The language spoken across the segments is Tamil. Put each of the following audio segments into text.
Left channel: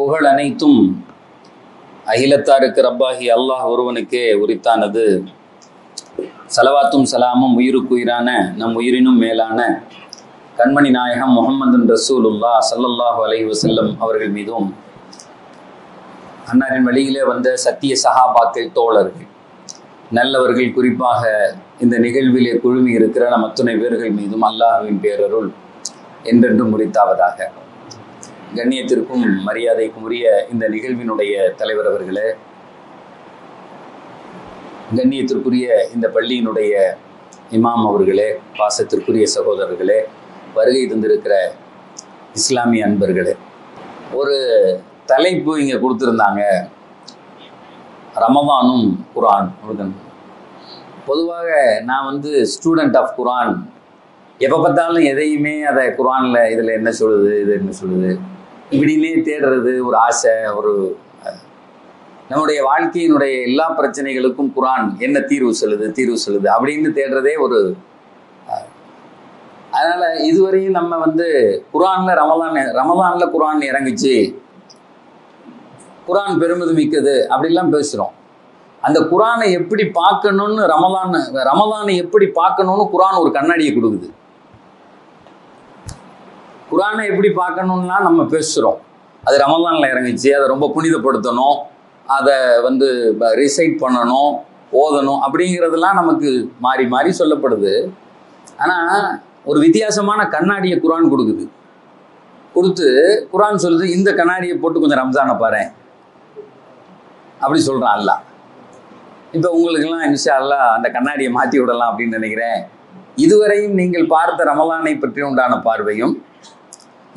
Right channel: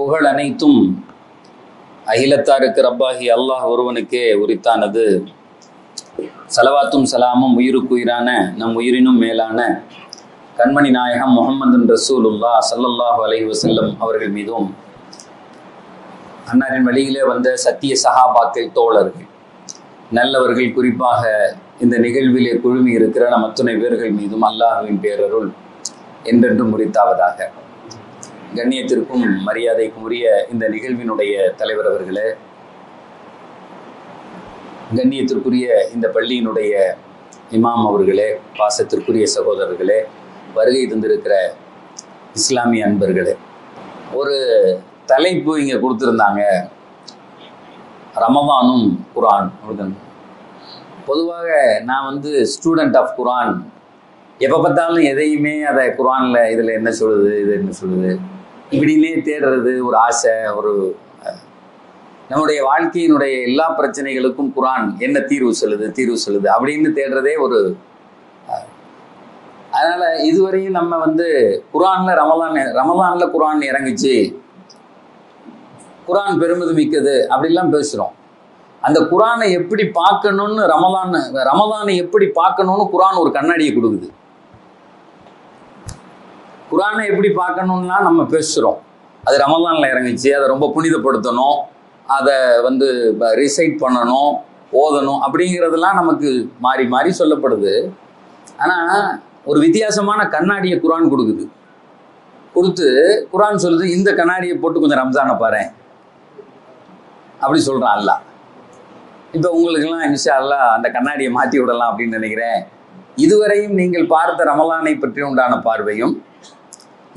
புகழ் அனைத்தும் அகிலத்தாருக்கு ரப்பாகி அல்லாஹ் ஒருவனுக்கே உரித்தானது. சலவாத்தும் சலாமும் உயிருக்குயிரான நம் உயிரினும் மேலான கண்மணி நாயகம் முஹம்மது ரசூலுல்லாஹ் ஸல்லல்லாஹு அலைஹி வஸல்லம் அவர்கள் மீதும், அன்னாரின் வழியிலே வந்த சத்திய சஹாபாக்கள், தோழர்கள், நல்லவர்கள், குறிப்பாக இந்த நிகழ்விலே குழுமி இருக்கிற நம் அத்துணை பேர்கள் மீதும் அல்லாஹ்வின் பேரருள் என்றென்றும் உரித்தாவதாக. கண்ணியத்திற்கும் மரியாதைக்கும் உரிய இந்த நிகழ்வினுடைய தலைவர் அவர்களே, கண்ணியத்திற்குரிய இந்த பள்ளியினுடைய இமாம் அவர்களே, பாசத்திற்குரிய சகோதரர்களே, வருகை தந்திருக்கிற இஸ்லாமிய அன்பர்களே, ஒரு தலைப்பு இங்கே கொடுத்துருந்தாங்க, ரமதானும் குரான். பொதுவாக நான் ஸ்டூடெண்ட் ஆஃப் குரான். எப்போ பார்த்தாலும் எதையுமே அதை குரானில் இதில் என்ன சொல்லுது, இது என்ன சொல்லுது, இப்படின்னே தேடுறது ஒரு ஆசை. நம்முடைய வாழ்க்கையினுடைய எல்லா பிரச்சனைகளுக்கும் குரான் என்ன தீர்வு சொல்லுது அப்படின்னு தேடுறதே ஒரு. அதனால் இதுவரையும் நம்ம குரானில் ரமதானில் குரான் இறங்குச்சு, குரான் பெருமிதம் மிக்கது அப்படிலாம் பேசுகிறோம். அந்த குரானை எப்படி பார்க்கணும்னு ரமதானை எப்படி பார்க்கணும்னு குரான் ஒரு கண்ணாடியை கொடுக்குது. குரானை எப்படி பார்க்கணும்லாம் நம்ம பேசுகிறோம். அது ரமதானில் இறங்குச்சு, அதை ரொம்ப புனிதப்படுத்தணும், அதை ரிசைட் பண்ணணும், ஓதணும் அப்படிங்கிறதெல்லாம் நமக்கு மாறி மாறி சொல்லப்படுது. ஆனால் ஒரு வித்தியாசமான கண்ணாடியை குரான் கொடுத்து குரான் சொல்லுது, இந்த கண்ணாடியை போட்டு கொஞ்சம் ரம்ஜானை பாரு அப்படி சொல்கிறான் அல்லாஹ். இப்போ உங்களுக்கெல்லாம் இன்ஷா அல்லாஹ் அந்த கண்ணாடியை மாற்றி விடலாம் அப்படின்னு நினைக்கிறேன். இதுவரையும் நீங்கள் பார்த்த ரமலானை பற்றி உண்டான பார்வையும்,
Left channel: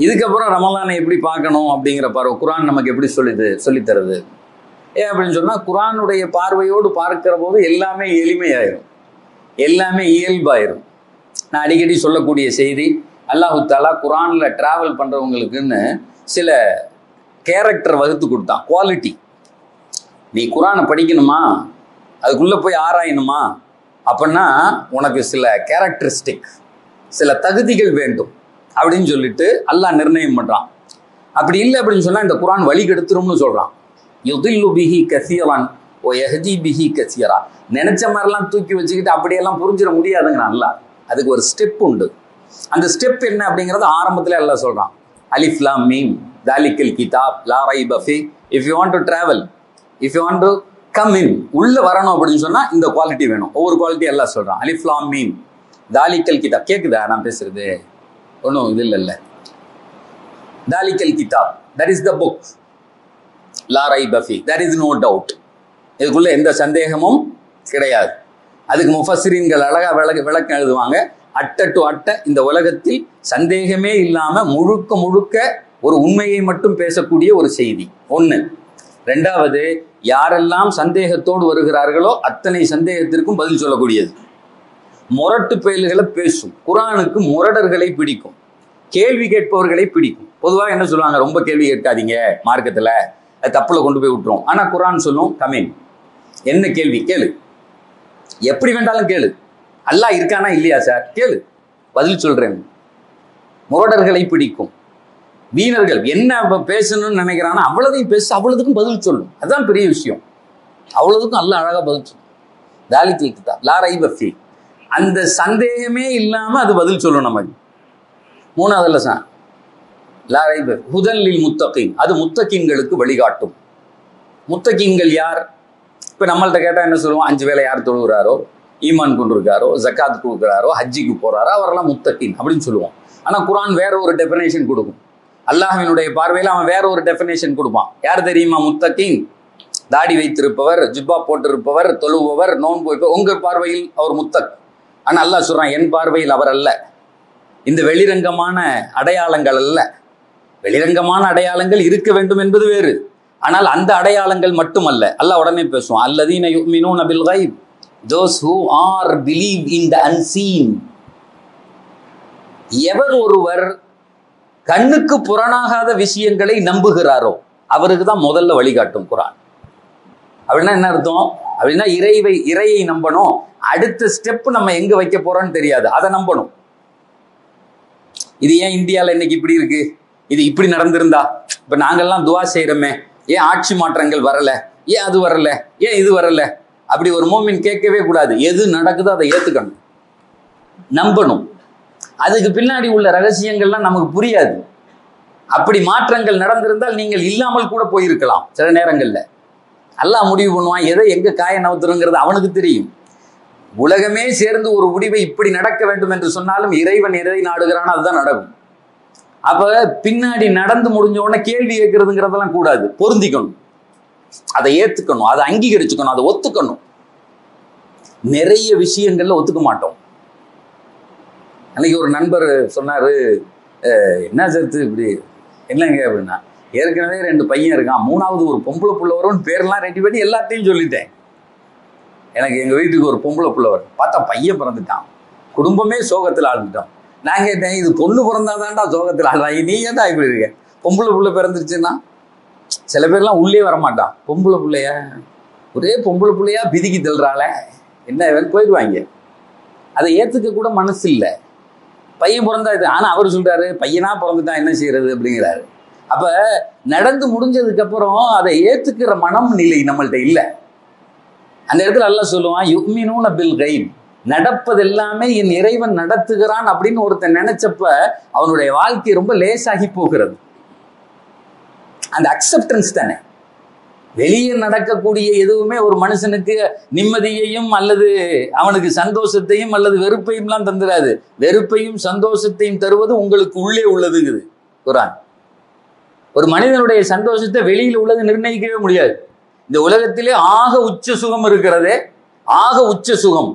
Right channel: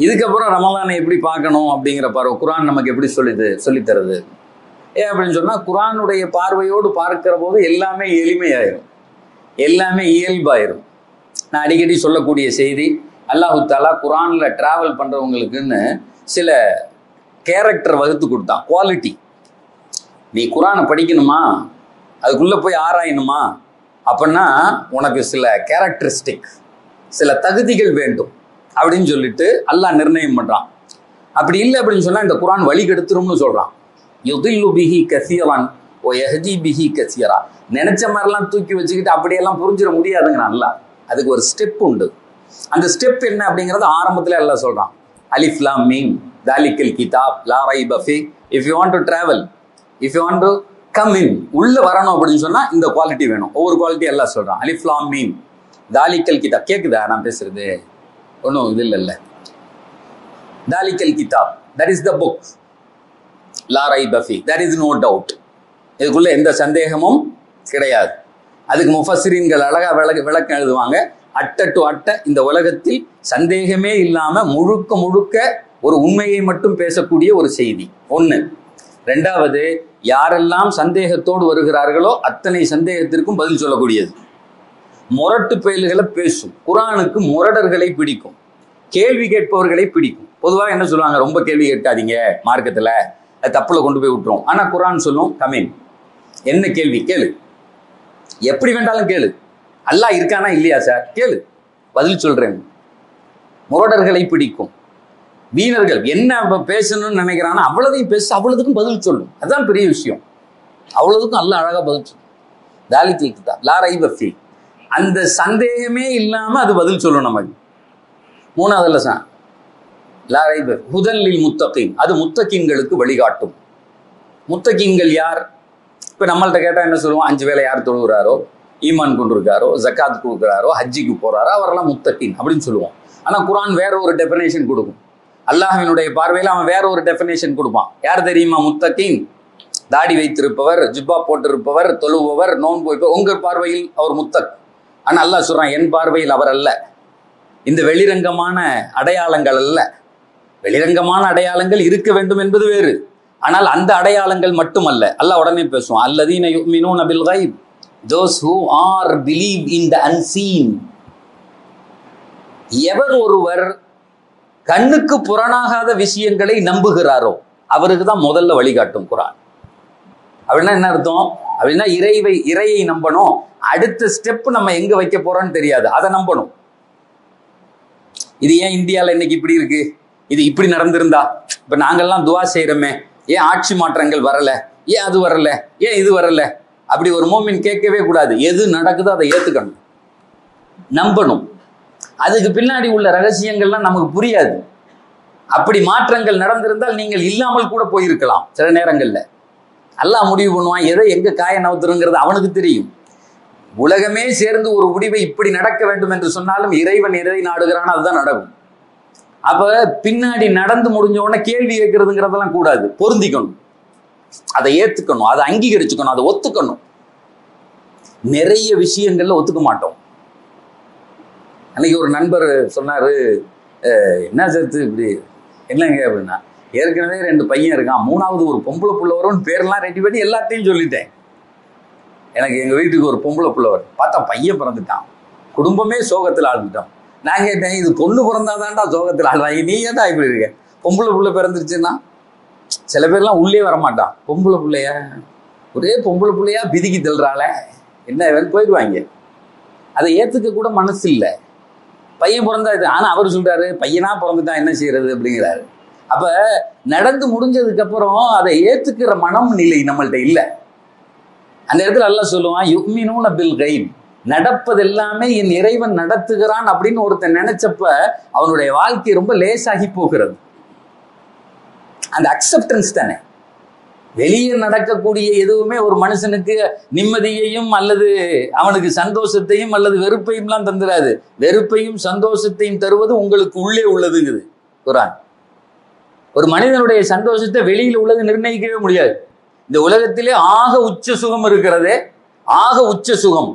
இதுக்கப்புறம் ரமலானை எப்படி பார்க்கணும் அப்படிங்கிற பார்வை குரான் நமக்கு எப்படி சொல்லித்தருது. ஏன் அப்படின்னு சொன்னால், குரானுடைய பார்வையோடு பார்க்கிற போது எல்லாமே எளிமையாயிரும், எல்லாமே இயல்பாயிரும். நான் அடிக்கடி சொல்லக்கூடிய செய்தி, அல்லாஹு தாலா குரானில் ட்ராவல் பண்ணுறவங்களுக்குன்னு சில கேரக்டர் வகுத்து கொடுத்தான், குவாலிட்டி. நீ குரானை படிக்கணுமா, அதுக்குள்ளே போய் ஆராயணுமா அப்படின்னா உனக்கு சில கேரக்டரிஸ்டிக், சில தகுதிகள் வேண்டும் அப்படின்னு சொல்லிட்டு அல்லாஹ் நிர்ணயம் பண்ணுறான். அப்படி இல்லை அப்படின்னு சொன்னால் இந்த குரான் வழி கெடுத்துரும்னு சொல்கிறான். யுதில்லு பிஹி கஸீரன் வ யஹ்தி பிஹி கஸீரா. நினச்ச மாதிரிலாம் தூக்கி வச்சுக்கிட்டு அப்படியெல்லாம் புரிஞ்சிட முடியாதுங்கிறான் அல்லாஹ். அதுக்கு ஒரு ஸ்டெப் உண்டு. அந்த ஸ்டெப் என்ன அப்படிங்கிறது ஆரம்பத்தில் அல்லாஹ் சொல்கிறான். அலிஃப் லாம் மீம் தாலிக்கல் கிதாப் லா ரைப ஃபீ. If you want to travel, if you want to come in, உள்ளே வரணும் அப்படின்னு சொன்னால் இந்த குவாலிட்டி வேணும். ஒவ்வொரு குவாலிட்டி எல்லாம் சொல்கிறான். அலிஃப் லாம் மீம் தாலிக்கல் கிதாப். கேட்குதா நான் பேசுறது? ஒன்றும் இது இல்லை. தாலிக்கல் கிதாப், தட் இஸ் த புக், லா ரைப ஃபீ, தட் இஸ் நோ டவுட். இதுக்குள்ளே எந்த சந்தேகமும் கிடையாது. அதுக்கு முஃபஸ்ஸிரீன்கள் அழகாக விளக்கம் எழுதுவாங்க. அட்ட டு அட்ட இந்த உலகத்தில் சந்தேகமே இல்லாமல் முழுக்க ஒரு உண்மையை மட்டும் பேசக்கூடிய ஒரு செய்தி ஒன்று. ரெண்டாவது, யாரெல்லாம் சந்தேகத்தோடு வருகிறார்களோ அத்தனை சந்தேகத்திற்கும் பதில் சொல்லக்கூடியது. முரட்டு பயல்களை பேசும். குரானுக்கு முரடர்களை பிடிக்கும், கேள்வி கேட்பவர்களை பிடிக்கும். பொதுவாக என்ன சொல்லுவாங்க, ரொம்ப கேள்வி கேட்காதீங்க மார்க்கத்தில், அது தப்பில் கொண்டு போய் விட்டுரும். ஆனால் குரான் சொல்லும், கமீன், என்ன கேள்வி கேளு, எப்படி வேண்டாலும் கேளு, அல்லாஹ் இருக்கானா இல்லையா சார் கேளு, பதில் சொல்கிறேன். முரடர்களை பிடிக்கும். வீணர்கள் என்ன பேசணும்னு நினைக்கிறான்னா அவ்வளோதையும் பேச, அவ்வளோதுக்கும் பதில் சொல்லும். அதுதான் பெரிய விஷயம். அவ்வளோதுக்கும் அல்லாஹ் அழகாக பதில் சொல்லும். தாலிக்கல் கிதாப் லா ரைப ஃபீ, அந்த சந்தேகமே இல்லாமல் அது பதில் சொல்லும் நமக்கு. மூணாவது லெசன் லா ரைப ஹுதல் லில் முத்தகீன், அது முத்தகீன்களுக்கு வழிகாட்டும். முத்தகீன்கள் யார்? இப்போ நம்மள்கிட்ட கேட்டால் என்ன சொல்லுவோம்? 5 வேளை யார் தொழுகிறாரோ, ஈமான் கொண்டிருக்காரோ, ஜக்காத் கொடுக்குறாரோ, ஹஜ்ஜிக்கு போகிறாரோ அவரெல்லாம் முத்தகீன் அப்படின்னு சொல்லுவோம். ஆனால் குரான் வேற ஒரு டெஃபினேஷன் கொடுக்கும். அல்லாஹ்வினுடைய பார்வையில் அவன் வேற ஒரு டெஃபினேஷன் கொடுப்பான். யார் தெரியுமா முத்தகீன்? தாடி வைத்திருப்பவர், ஜுப்பா போட்டிருப்பவர், தொழுபவர், நோன்பு வைப்பவர். உங்கள் பார்வையில் அவர் முத்தக். ஆனால் அல்லாஹ் சொல்கிறான், என் பார்வையில் அவர் அல்ல. இந்த வெளிரங்கமான அடையாளங்கள் அல்ல. வெளிரங்கமான அடையாளங்கள் இருக்க வேண்டும் என்பது வேறு. ஆனால் அந்த அடையாளங்கள் மட்டுமல்ல. அல்லாஹ் உடனே பேசுவான், அல்லதீன யுமினூன பில் கைப், those who are believe in the unseen. எவர் ஒருவர் கண்ணுக்கு புறனாகாத விஷயங்களை நம்புகிறாரோ அவருக்கு தான் முதல்ல வழிகாட்டும் குரான். அப்படின்னா என்ன அர்த்தம்? அப்படின்னா இறையை நம்பணும். அடுத்த ஸ்டெப் நம்ம எங்க வைக்க போறோம்னு தெரியாது, அதை நம்பணும். இது ஏன் இந்தியாவில் இன்னைக்கு இப்படி இருக்கு, இது இப்படி நடந்திருந்தா, இப்ப நாங்கெல்லாம் துவா செய்யறோமே, ஏன் ஆட்சி மாற்றங்கள் வரல, ஏன் அது வரல, ஏன் இது வரல, அப்படி ஒரு மோமின் கேட்கவே கூடாது. எது நடக்குதோ அதை ஏத்துக்கணும், நம்பணும். அதுக்கு பின்னாடி உள்ள ரகசியங்கள்லாம் நமக்கு புரியாது. அப்படி மாற்றங்கள் நடந்திருந்தால் நீங்கள் இல்லாமல் கூட போயிருக்கலாம். சில நேரங்கள்ல அல்லாஹ் முடிவு பண்ணுவான், எதை எங்க காய நவுத்துறங்கிறது அவனுக்கு தெரியும். உலகமே சேர்ந்து ஒரு முடிவை இப்படி நடக்க வேண்டும் என்று சொன்னாலும் இறைவன் எதை நாடுகிறானோ அதுதான் நடக்கும். அப்ப பின்னாடி நடந்து முடிஞ்ச உடனே கேள்வி கேட்கறதுங்கிறதெல்லாம் கூடாது. பொருந்திக்கணும், அதை ஏத்துக்கணும், அதை அங்கீகரிச்சுக்கணும், அதை ஒத்துக்கணும். நிறைய விஷயங்கள்ல ஒத்துக்க மாட்டோம். அன்னைக்கு ஒரு நண்பர் சொன்னாரு, என்ன சேர்த்து இப்படி என்னங்க அப்படின்னா, ஏற்கனவே 2 பையன் இருக்கான், 3வது ஒரு பொம்பளை புள்ள வரும்னு பேரெல்லாம் ரெடி பண்ணி எல்லாத்தையும் சொல்லிட்டேன். எனக்கு எங்கள் வீட்டுக்கு ஒரு பொம்பளை புள்ள வரும், பார்த்தா பையன் பிறந்துட்டான், குடும்பமே சோகத்தில் ஆழ்ந்துட்டோம். நான் கேட்டேன், இது பொண்ணு பிறந்தாதான்டா சோகத்தில் ஆழ்வாங்க, நீ ஏன்டா இப்படி இருக்க? பொம்பளை புள்ள பிறந்துருச்சுன்னா சில பேர்லாம் உள்ளே வரமாட்டான். பொம்பளை பிள்ளையா, ஒரே பொம்பளை பிள்ளையா பிதிக்கி தள்ளுறாளே, என்ன போயிடுவாங்க. அதை ஏற்றுக்க கூட மனசு இல்லை. பையன் பிறந்தா இது, ஆனால் அவர் சொல்றாரு பையனா பிறந்துட்டான் என்ன செய்யறது அப்படிங்கிறாரு. அப்ப நடந்து முடிஞ்சதுக்கு அப்புறம் அதை ஏத்துக்கிற மனம் நிலை நம்மள்ட்ட இல்லை. அந்த இடத்துல அல்லாஹ் சொல்லுவான், யுக்மினூன பில் கைப், நடப்பது எல்லாமே என் இறைவன் நடத்துகிறான் அப்படின்னு ஒருத்தன் நினைச்சப்ப அவனுடைய வாழ்க்கை ரொம்ப லேசாகி போகிறது. அந்த அக்செப்டன்ஸ் தானே. வெளியே நடக்கக்கூடிய எதுவுமே ஒரு மனுஷனுக்கு நிம்மதியையும் அல்லது அவனுக்கு சந்தோஷத்தையும் அல்லது வெறுப்பையும்லாம் தந்துடாது. வெறுப்பையும் சந்தோஷத்தையும் தருவது உங்களுக்கு உள்ளே உள்ளதுங்குது குர்ஆன். ஒரு மனிதனுடைய சந்தோஷத்தை வெளியில உள்ளது நிர்ணயிக்கவே முடியாது. இந்த உலகத்திலே ஆக உச்ச சுகம் இருக்கிறதே, ஆக உச்ச சுகம்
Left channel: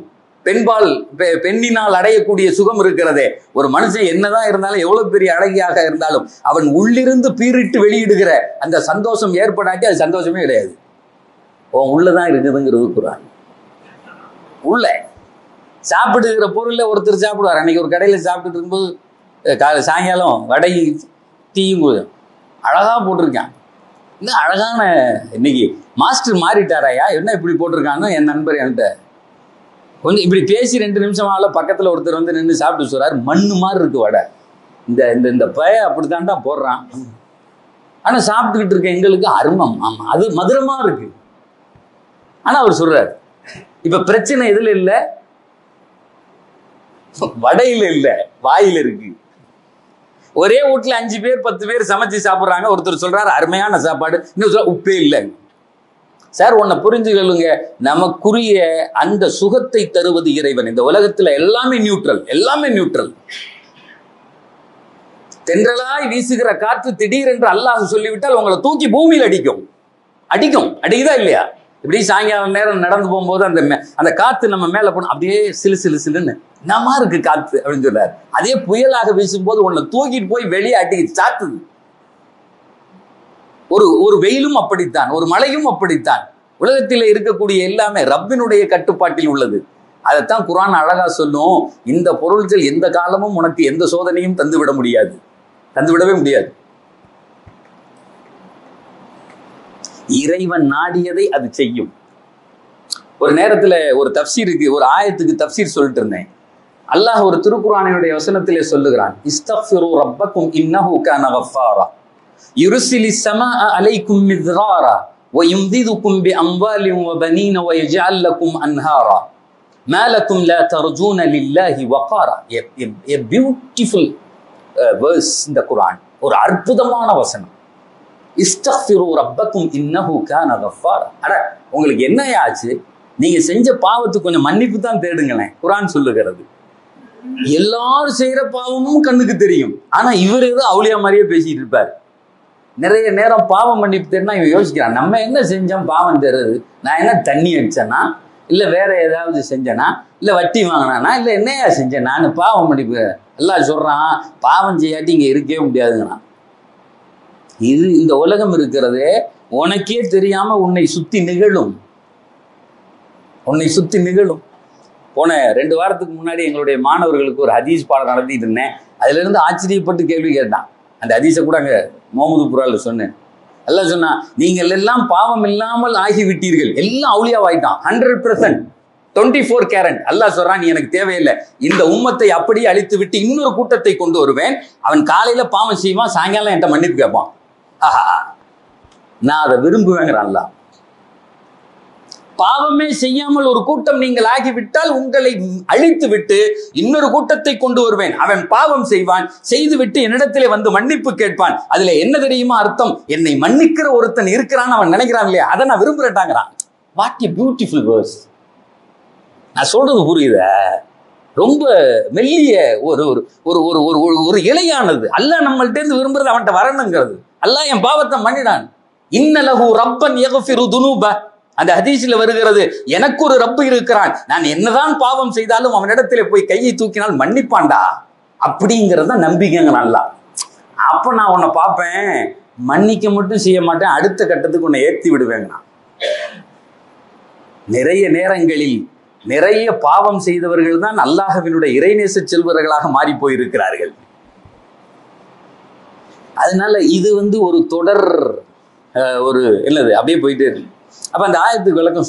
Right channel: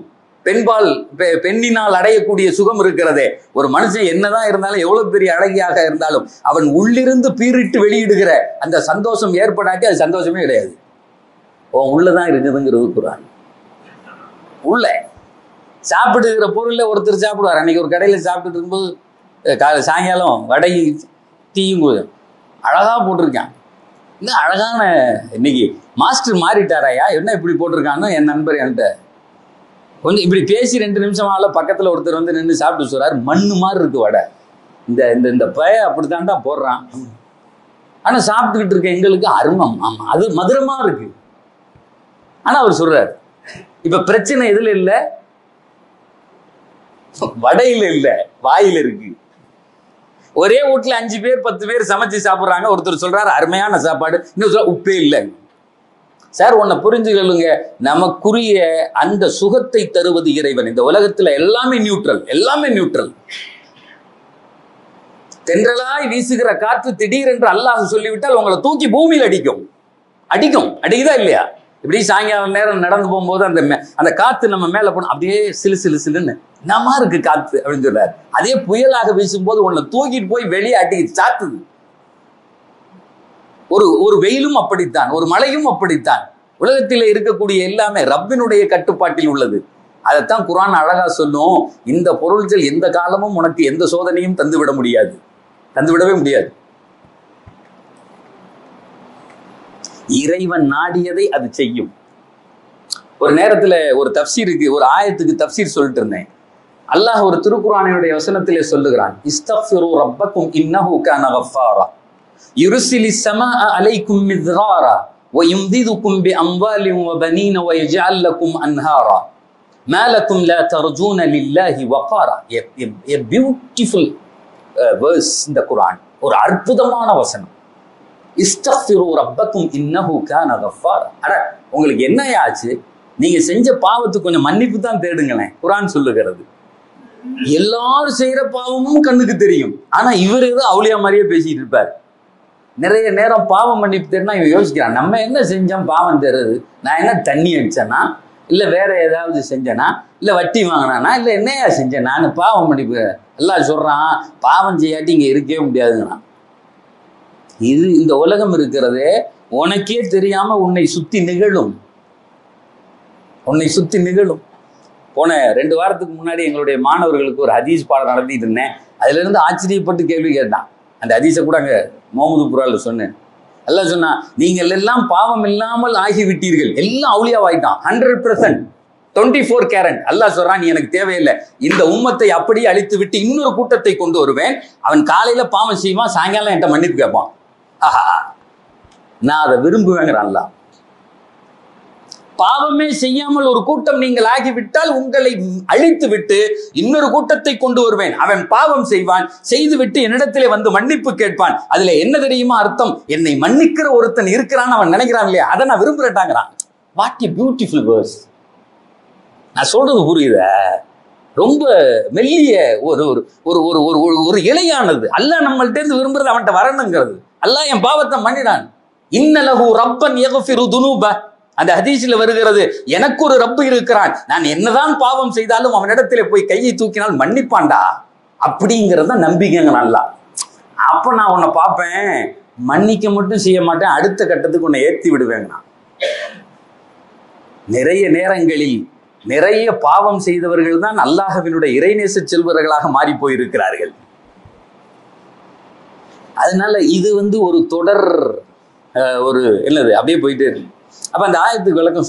பெண்ணினால் அடையக்கூடிய சுகம் இருக்கிறதே. ஒரு மனுஷன் என்னதான் இருந்தாலும், எவ்வளவு பெரிய அழகியாக இருந்தாலும், அவன் உள்ளிருந்து பீறிட்டு வெளியிடுகிற அந்த சந்தோஷம் ஏற்படாட்டி அது சந்தோஷமே கிடையாது. உள்ளதான் இருக்குதுங்கிறது குர்ஆன். உள்ள சாப்பிடுகிற பொருள்ல ஒருத்தர் சாப்பிடுவார். அன்னைக்கு ஒரு கடையில் சாப்பிட்டு இருக்கும்போது சாயங்காலம் வடை டீயும் அழகா போட்டிருக்கான். இன்னும் அழகான, இன்னைக்கு மாஸ்டர் மாறிட்டாராயா, என்ன இப்படி போட்டிருக்கான்னு என் நண்பர் என்கிட்ட கொஞ்சம் இப்படி பேசி 2 நிமிஷம் ஆகல, பக்கத்தில் ஒருத்தர் வந்து நின்று சாப்பிட்டு சொல்றாரு, மண்ணு மாதிரி இருக்கு வடை, இந்த இந்த பய அப்படித்தான்டா போடுறான். ஆனால் சாப்பிட்டுக்கிட்டு இருக்க எங்களுக்கு அருமம், ஆமா அது மதுரமா இருக்கு. ஆனால் அவர் சொல்றாரு, இப்ப பிரச்சனை எதுல இல்லை, வடையில இல்லை, வாயில இருக்கு. ஒரே வீட்டுல 5 பேர் 10 பேர் சமைச்சு சாப்பிட்றாங்க. ஒருத்தர் சொல்றாரு அருமையான சாப்பாடு, இன்னும் சொல்ல உப்பே இல்லை. சார் ஒன்ன புரிஞ்சுக்கலுங்க, நமக்குரிய அந்த சுகத்தை தருவது இறைவன். இந்த உலகத்துல எல்லாமே நியூட்ரல், எல்லாமே நியூட்ரல். தென்றலாய் வீசுகிற காற்று திடீரென்று அல்லாஹ் சொல்லிவிட்டால் உங்களை தூக்கி பூமியில் அடிக்கும். அடிக்குதா இல்லையா? இப்படி சாயங்காலம் நேரம் நடந்து போகும்போது அந்த காத்து நம்ம மேல போன அப்படியே சிலு சிலு சிலுன்னு என்னமா இருக்கு காத்து அப்படின்னு சொல்றாரு. அதே புயலாக வீசும்போது உன்னை தூக்கிட்டு போய் வெளியே அடி சாத்துது. ஒரு வெயிலும் அப்படித்தான், ஒரு மழையும் அப்படித்தான். உலகத்தில் இருக்கக்கூடிய எல்லாமே ரப்பினுடைய கட்டுப்பாட்டில் உள்ளது. அதைத்தான் குர்ஆன் அழகா சொல்லும், இந்த பொருள்கள் எந்த காலமும் உனக்கு எந்த சோதனையும் தந்துவிடவே முடியாது. இறைவன் நாடியதை அது செய்யும். ஒரு நேரத்துல ஒரு தப்சீருக்கு, ஒரு ஆயத்துக்கு தப்சீர் சொல்லிட்டு இருந்தேன். அல்லாஹ் ஒரு திருக்குர்ஆனினுடைய வசனத்திலே சொல்லுகிறான், இஸ்தக்ஃபிரு ரப்பக்கும் இன்னஹு கான கஃபாரா யுர்சிலிஸ் ஸமாஅ அலைக்கும் மித்ராரா வயும்திதுக்கும் பிஅம்வாலின் வபனீன வயஜஅல் லக்கும் அன்ஹாரா மா லக்கும் லா தர்ஜூன லில்லாஹி வகாரா. a beautiful verse in the Quran. ஒரு அற்புதமான வசனம். இஸ்தக்ஃபிரு ரப்பக்கும் இன்னஹு கான கஃபாரா. அட உங்களுக்கு என்ன ஆச்சு? நீங்க செஞ்ச பாவத்துக்கு கொஞ்சம் மன்னிப்பு தான் தேடுங்களேன். குர்ஆன் சொல்லுகிறது. எல்லாரும் செய்யற பாவமும் கண்ணுக்கு தெரியும். ஆனா இவர் ஏதோ அவுளியா மாதிரியே பேசிட்டு இருப்பார். நிறைய நேரம் பாவம் மன்னிப்பு தேடினா இவன் யோசிக்கிறான், நம்ம என்ன செஞ்சோம் பாவம் தருது? நான் என்ன தண்ணி அடிச்சேனா, இல்லை வேற ஏதாவது செஞ்சேனா, இல்லை வட்டி வாங்கினானா, இல்லை என்னையா செஞ்சேன் நான் பாவம் மன்னிப்பு? எல்லாம் சொல்றான், பாவம் செய்யாட்டி இங்க இருக்கவே முடியாதுங்கண்ணா. இது இந்த உலகம் இருக்கிறதே உனக்கே தெரியாம உன்னை சுத்தி நிகழும். போன 2 வாரத்துக்கு முன்னாடி எங்களுடைய மாணவர்களுக்கு ஒரு ஹதீஸ் பாடம் நடத்திட்டு இருந்தேன். அதுல இருந்து ஆச்சரியப்பட்டு கேள்வி கேட்டான். அந்த ஹதீஸை கூட அங்க முகமது புரால சொன்னேன். எல்லாம் சொன்னா, நீங்கள் எல்லாம் பாவம் இல்லாமல் ஆகிவிட்டீர்கள். எல்லாம் அவுலியாவாயிட்டான் 100%. 24 கேரட். அல்லாஹ் சொல்றான், நீ எனக்கு தேவையில்லை, இந்த உம்மத்தை அப்படியே அழித்து விட்டு இன்னொரு கூட்டத்தை கொண்டு வருவேன். அவன் காலையில பாவம் செய்வான், சாயங்காலம் என்கிட்ட மன்னிப்பு கேட்பான். ஆஹா, நான் அதை விரும்புவேங்கிறான் அல்லாஹ். பாவமே செய்யாமல் ஒரு கூட்டம் நீங்கள் ஆகிவிட்டால் உங்களை அழித்து விட்டு இன்னொரு கூட்டத்தை கொண்டு வருவேன். அவன் பாவம் செய்வான், செய்துவிட்டு என்னிடத்திலே வந்து மன்னிப்பு கேட்பான். அதுல என்ன தெரியுமா அர்த்தம்? என்னை மன்னிக்கிற ஒருத்தன் இருக்கிறான்னு அவன் நினைக்கிறான் இல்லையா, அதை நான் விரும்புறேன்டாங்கிறான். What a beautiful verse. நான் சொல்றது புரியுத? ரொம்ப மெல்லிய ஒரு ஒரு ஒரு ஒரு ஒரு இலையானது. அல்லாஹ் நம்மள்ட்ட இருந்து விரும்புறது அவன்கிட்ட வரணுங்கிறது. அல்லாஹ் என் பாவத்தை மன்னிடான். இன்னலஹு ரப்பன் யக்ஃபிரு துனூப. அந்த ஹதீஸ்ல வருகிறது, எனக்கு ஒரு ரப்பு இருக்கிறான், நான் என்னதான் பாவம் செய்தாலும் அவனிடத்திலே போய் கையை தூக்கினால் மன்னிப்பான்டா. அப்படிங்கிறது தான் நம்பிக்கைங்க. நல்லா அப்ப நான் உன்னை பார்ப்பேன், மன்னிக்க மட்டும் செய்ய மாட்டேன், அடுத்த கட்டத்துக்கு உன்னை ஏற்றி விடுவேங்க. நான் நிறைய நேரங்களில் நிறைய பாவம் செய்தவர்கள் தான் அல்லாஹ்வினுடைய இறைநேச செல்வர்களாக மாறி போயிருக்கிறார்கள். அதனால இது ஒரு தொடர் ஒரு என்னது அப்படியே போயிட்டு இருக்கு. அப்ப அந்த ஆயத்துக்கு விளக்கம்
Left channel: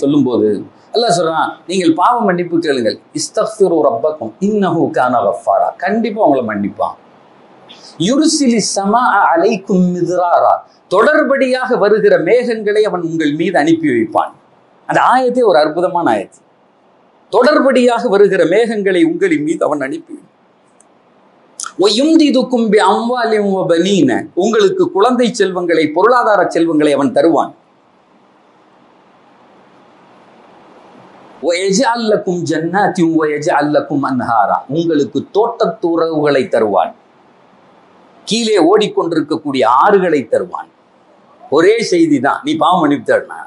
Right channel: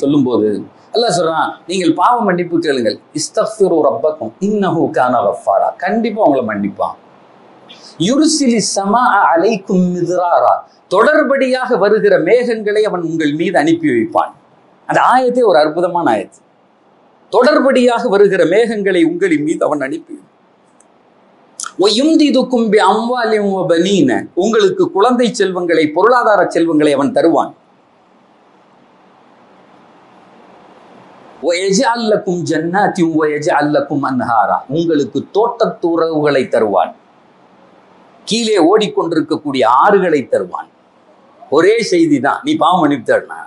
சொல்லும்போது அல்லாஹ் சொல்றான், நீங்கள் பாவ மன்னிப்பு கேளுங்கள். இஸ்தக்ஃபிரு ரப்பக்கும் இன்னஹு கான கஃபாரா. கண்டிப்பா உங்களை மன்னிப்பான். யுர்சிலி ஸமாஅ அலைக்கும் மித்ராரா. தொடர்படியாக வருகிற மேகங்களை அவன் உங்கள் மீது அனுப்பி வைப்பான். அந்த ஆயத்தே ஒரு அற்புதமான ஆயத்து. தொடர்படியாக வருகிற மேகங்களை உங்களின் மீது அவன் அனுப்பி உங்களுக்கு குழந்தை செல்வங்களை, பொருளாதார செல்வங்களை அவன் தருவான். உங்களுக்கு தோட்டத்துறவுகளை தருவான். கீழே ஓடிக்கொண்டிருக்கக்கூடிய ஆறுகளை தருவான். ஒரே செய்தி தான், நீ பாவம் மன்னிப்புனா.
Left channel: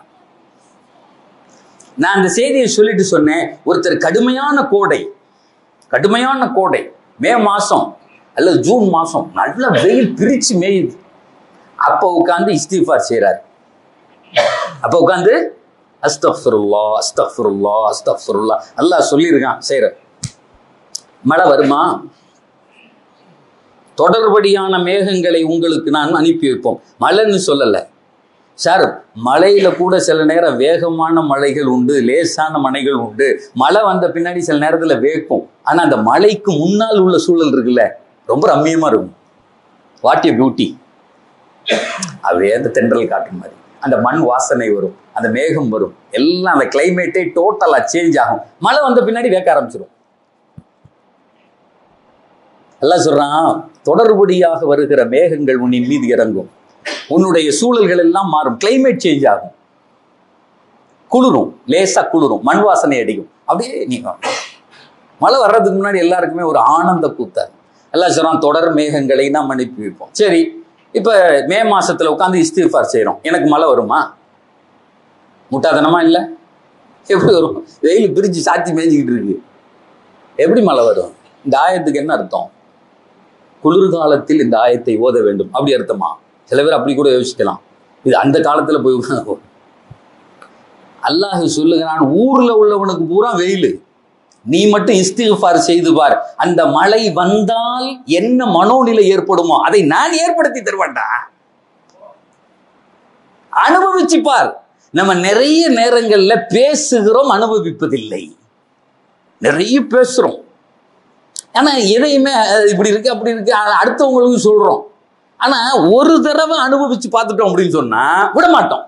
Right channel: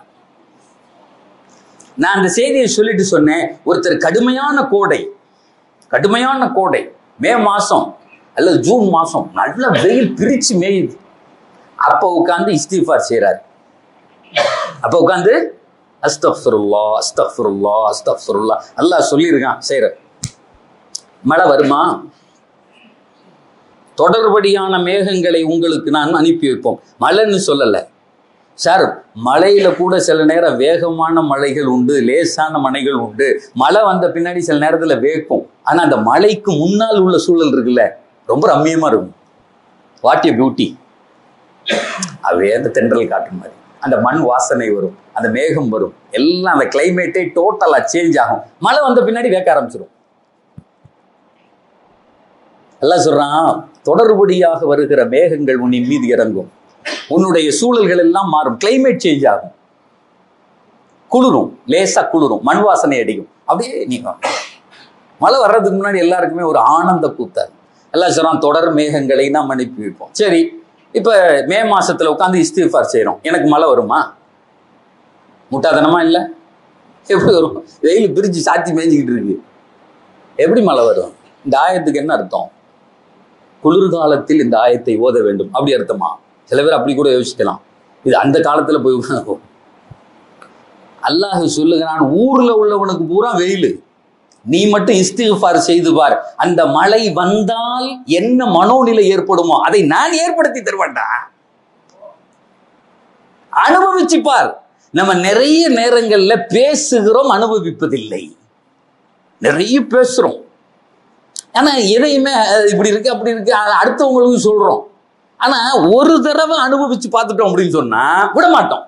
நான் அந்த செய்தியை சொல்லிட்டு சொன்னேன், ஒருத்தர் கடுமையான கோடை மே மாசம் அல்லது ஜூன் மாசம் நல்ல வெயில் பிரிச்சு மேயுது. அப்ப உட்கார்ந்து இஸ்திஃபார் செய்யறாரு. அப்ப உட்கார்ந்து அஸ்தக்ஃபிருல்லாஹ் அஸ்தக்ஃபிருல்லாஹ் அஸ்தக்ஃபிருல்லாஹ் அல்லாஹ் சொல்லியிருக்கான் செய்யற. மழை வருமா? தொடர்படியான மேகங்களை உங்களுக்கு நான் அனுப்பி வைப்போம். மழைன்னு சொல்லலை சார், மழையில கூட சில நேரம் வேகமான மழைகள் உண்டு, லேசான மழைகள் உண்டு. மழை வந்த பின்னாடி சில நேரத்துல வேக்கும். ஆனா அந்த மழைக்கு முன்னால் உள்ள சூழல் இருக்குல்ல, ரொம்ப ரம்மியமா இருக்கும். What a beauty. அப்படியே அந்த தென்றல் காட்டு மாதிரி அந்த மண் வாசனை வரும், அந்த மேகம் வரும், எல்லாம் அந்த கிளைமேட்டே டோட்டலா சேஞ்ச் ஆகும். மழை வந்த பின்னாடி வேக்க ஆரம்பிச்சிடும். எல்லாம் சொல்றான், தொடர்படியாக வருகிற மேகங்கள் உன்னின் மீது இறங்கும். உன்னுடைய சூழல்கள் எல்லாம் மாறும், கிளைமேட் சேஞ்ச் ஆகும், குளிரும், லேசா குளிரும், மண் வாசனை அடிக்கும். அப்படியே நீங்க மழை வர்றதுக்கு முன்னாடி எல்லாருக்குமே ஒரு ஆனந்த கூத்தாரு. எல்லாம் சொல்றான், தொடர் மேகங்களை நாம் அனுப்பி வைப்போம். சரி, இப்ப மே மாசத்துல உட்காந்து இஸ்திஃபார் செய்யறோம், எனக்கு மழை வருமா? முட்டாதனமா இல்லை? எப்படி வரும்? வெயில் பிரிச்சு சாத்தி மேய்ஞ்சிக்கிட்டு இருக்கு, எப்படி மழை வரும்? இந்த ஆயத்துக்கு என்ன அர்த்தம்? குளிர்காலத்தில் இந்த ஆயத்தை ஓத வேண்டும் அப்படி அர்த்தமா? சில பேர் அப்படி கூட யோசிக்கலாம். இது அந்த காலத்துல போய் அல்லாஹ் சொல்லுகிறான், ஊர்ல உள்ளவனுக்கு பூரா வெயில், நீ மட்டும் இஸ்திஃபார் செய்து பார், அந்த மழை வந்தால் என்ன மனோநிலை ஏற்படுமோ அதை நான் ஏற்படுத்தி தருவேன்டா. அனுபவிச்சு பார். நம்ம நிறைய நேரங்கள்ல பேசுகிறோம், அனுபவிப்பதில்லை. நிறைய பேசுறோம், ஆனா எதையுமே இப்படி இருக்கு அப்படி இருக்கு அடுத்தவங்களுக்கு சொல்றோம். ஆனா ஒரு தடவை அனுபவிச்சு பார்த்துட்டோம் அப்படின்னு சொன்னா விட மாட்டோம்.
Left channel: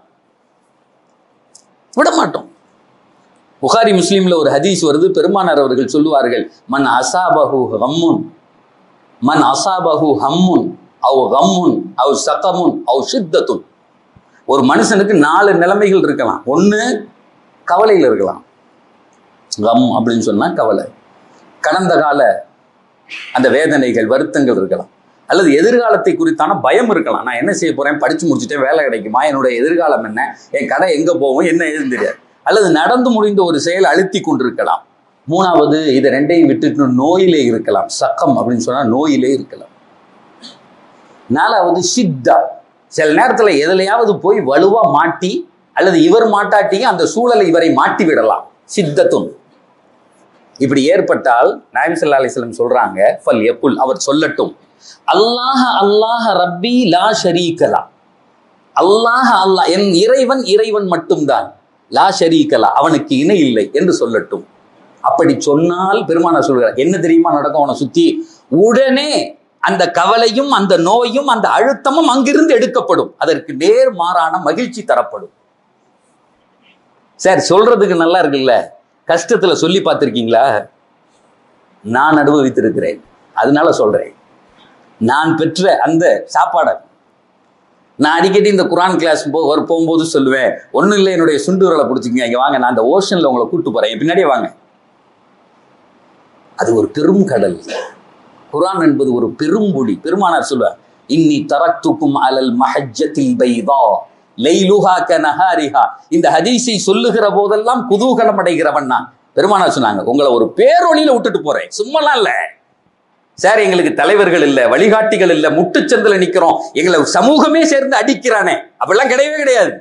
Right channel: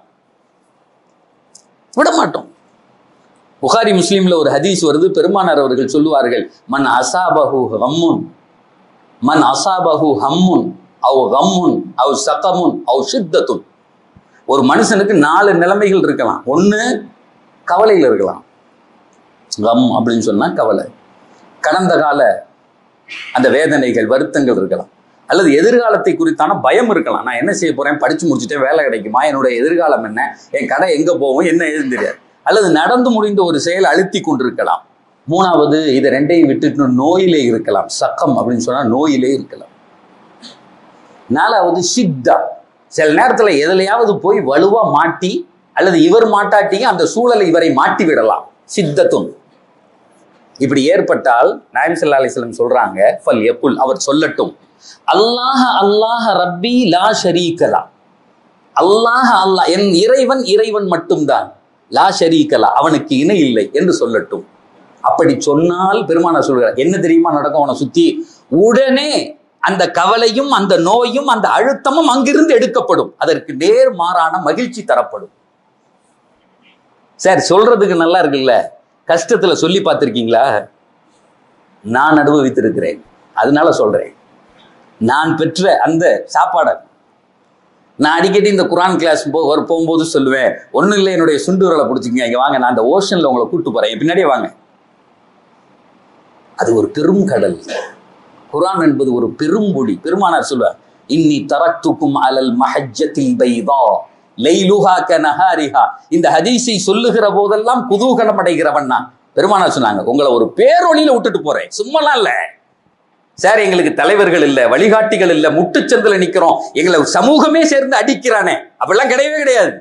புகாரி முஸ்லீம்ல ஒரு ஹதீஸ் வருது, பெருமானார் அவர்கள் சொல்லுவார்கள், மன் அசாபஹு ஹம்முன் அவ் கம்முன் அவ் சகமுன் அவ் ஷித்தத்துன். ஒரு மனுஷனுக்கு 4 நிலைமைகள் இருக்கலாம். ஒண்ணு, கவலையில் இருக்கலாம். கம் அப்படின்னு சொன்னா கவலை, கடந்த கால அந்த வேதனைகள், வருத்தங்கள் இருக்கலாம். அல்லது எதிர்காலத்தை குறித்தான பயம் இருக்கலாம். நான் என்ன செய்ய போறேன், படிச்சு முடிச்சுட்டேன், வேலை கிடைக்குமா, என்னுடைய எதிர்காலம் என்ன, என் கடை எங்க போவோம், என்ன ஏதுன்னு தெரியாது. அல்லது நடந்து முடிந்த ஒரு செயல் அழுத்தி கொண்டிருக்கலாம். 3வது, இதை 2ஐயும் விட்டுட்டு நோயிலே இருக்கலாம். சக்கம் அப்படின்னு சொன்னா நோயிலே இருக்கலாம். 4வது ஷித்தா, சில நேரத்துல எதுலையாவது போய் வலுவா மாட்டி, அல்லது இவர் மாட்டாட்டியும் அந்த சூழலை இவரை மாட்டி விடலாம். சித்தத்தும். இப்படி ஏற்பட்டால் நாயகம் ஸல்லல்லாஹு அலைஹி வஸல்லம் சொல்றாங்க, ஃபல் யகுல், அவர் சொல்லட்டும், அல்லாஹ் அல்லாஹ் ரப்பி லா ஷரீக லா. அல்லாஹ் அல்லாஹ், என் இறைவன் இறைவன் மட்டும்தான். லா ஷரீக லஹ், அவனுக்கு இணை இல்லை என்று சொல்லட்டும். அப்படி சொன்னால் பெருமானார் சொல்கிறார், என்ன தெரியுமா நடக்கும் அவனை சுத்தி? உடனே அந்த கவலையும் அந்த நோயும் அந்த அழுத்தமும் அங்கிருந்து எடுக்கப்படும். அதற்கு நேர்மாறான மகிழ்ச்சி தரப்படும். சார் சொல்றதுக்கு நல்லா இருக்குல்ல, கஷ்டத்துல சொல்லி பார்த்திருக்கீங்களா? நான் அனுபவித்திருக்கிறேன், அதனால சொல்றேன். நான் பெற்ற அந்த சாப்பாடை நான் அடிக்கடி இந்த குரான் கிளாஸ் போகும்போது சொல்லுவேன், ஒன்றும் இல்லை, என்னுடைய சுண்டு விரலை பிடிச்சிங்க, இங்கே வாங்க, நான் அந்த ஓஷன்ல உங்களை கூப்பிட்டு போறேன், பின்னாடியே வாங்க. அது ஒரு பெரும் கடல். குரான் என்பது ஒரு பெரும்பொடி. பெருமானார் சொல்வார், இன்னி தரக்துக்கும் அலல் மஹஜ்ஜத்தில் பைதா லைலுஹா கனஹாரிஹா. இந்த ஹதீஸை சொல்லுகிற போதெல்லாம் குதூகலம் அடைகிறவன் நான். பெருமானார் சொன்னாங்க, உங்களை ஒரு பேரொளியில விட்டுட்டு போறேன், சும்மாலாம் இல்ல சார். எங்களுக்கு தலைவர்கள் இல்ல, வழிகாட்டிகள் இல்ல, முட்டுச்சந்தில நிக்கிறோம், எங்களை சமூகமே சேர்ந்து அடிக்கிறானே, அப்படிலாம் கிடையவே கிடையாது.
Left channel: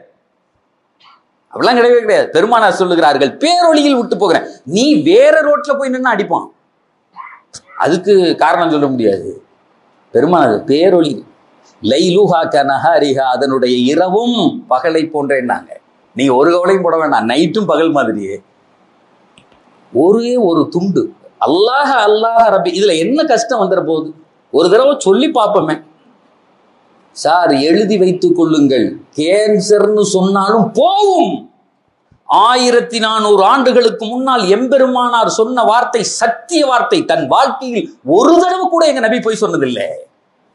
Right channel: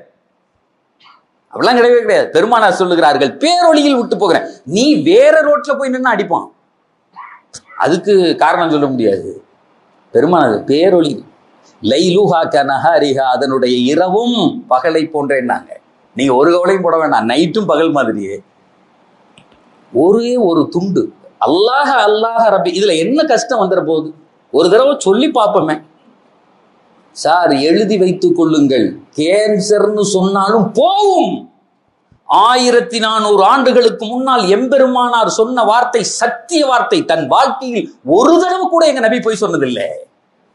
அப்படிலாம் கிடையவே கிடையாது. பெருமானார் சொல்லுகிறார்கள், பேரொளியில் விட்டு போகிறேன். நீ வேற ரோட்ல போய் நின்று அடிப்பான், அதுக்கு காரணம் சொல்ல முடியாது. பெருமானார் பேரொளி, லைலுஹா கனஹாரிஹா, அதனுடைய இரவும் பகலை போன்றேன்னாங்க. நீங்க ஒரு கவலையும் போட வேண்டாம், நைட்டும் பகல் மாதிரியே. ஒரே ஒரு துண்டு அல்லாஹ் அல்லாஹ் ரப்பி. இதுல என்ன கஷ்டம் வந்துட போகுது? ஒரு தடவை சொல்லி பார்ப்போமே சார். எழுதி வைத்துக் கொள்ளுங்கள், கேன்சர்னு சொன்னாலும் போகும். 1400 ஆண்டுகளுக்கு முன்னால் எம்பெருமானார் சொன்ன வார்த்தை சத்திய வார்த்தை. தன் வாழ்க்கையில் ஒரு தடவை கூட எங்க நபி போய் சொன்னதில்லை,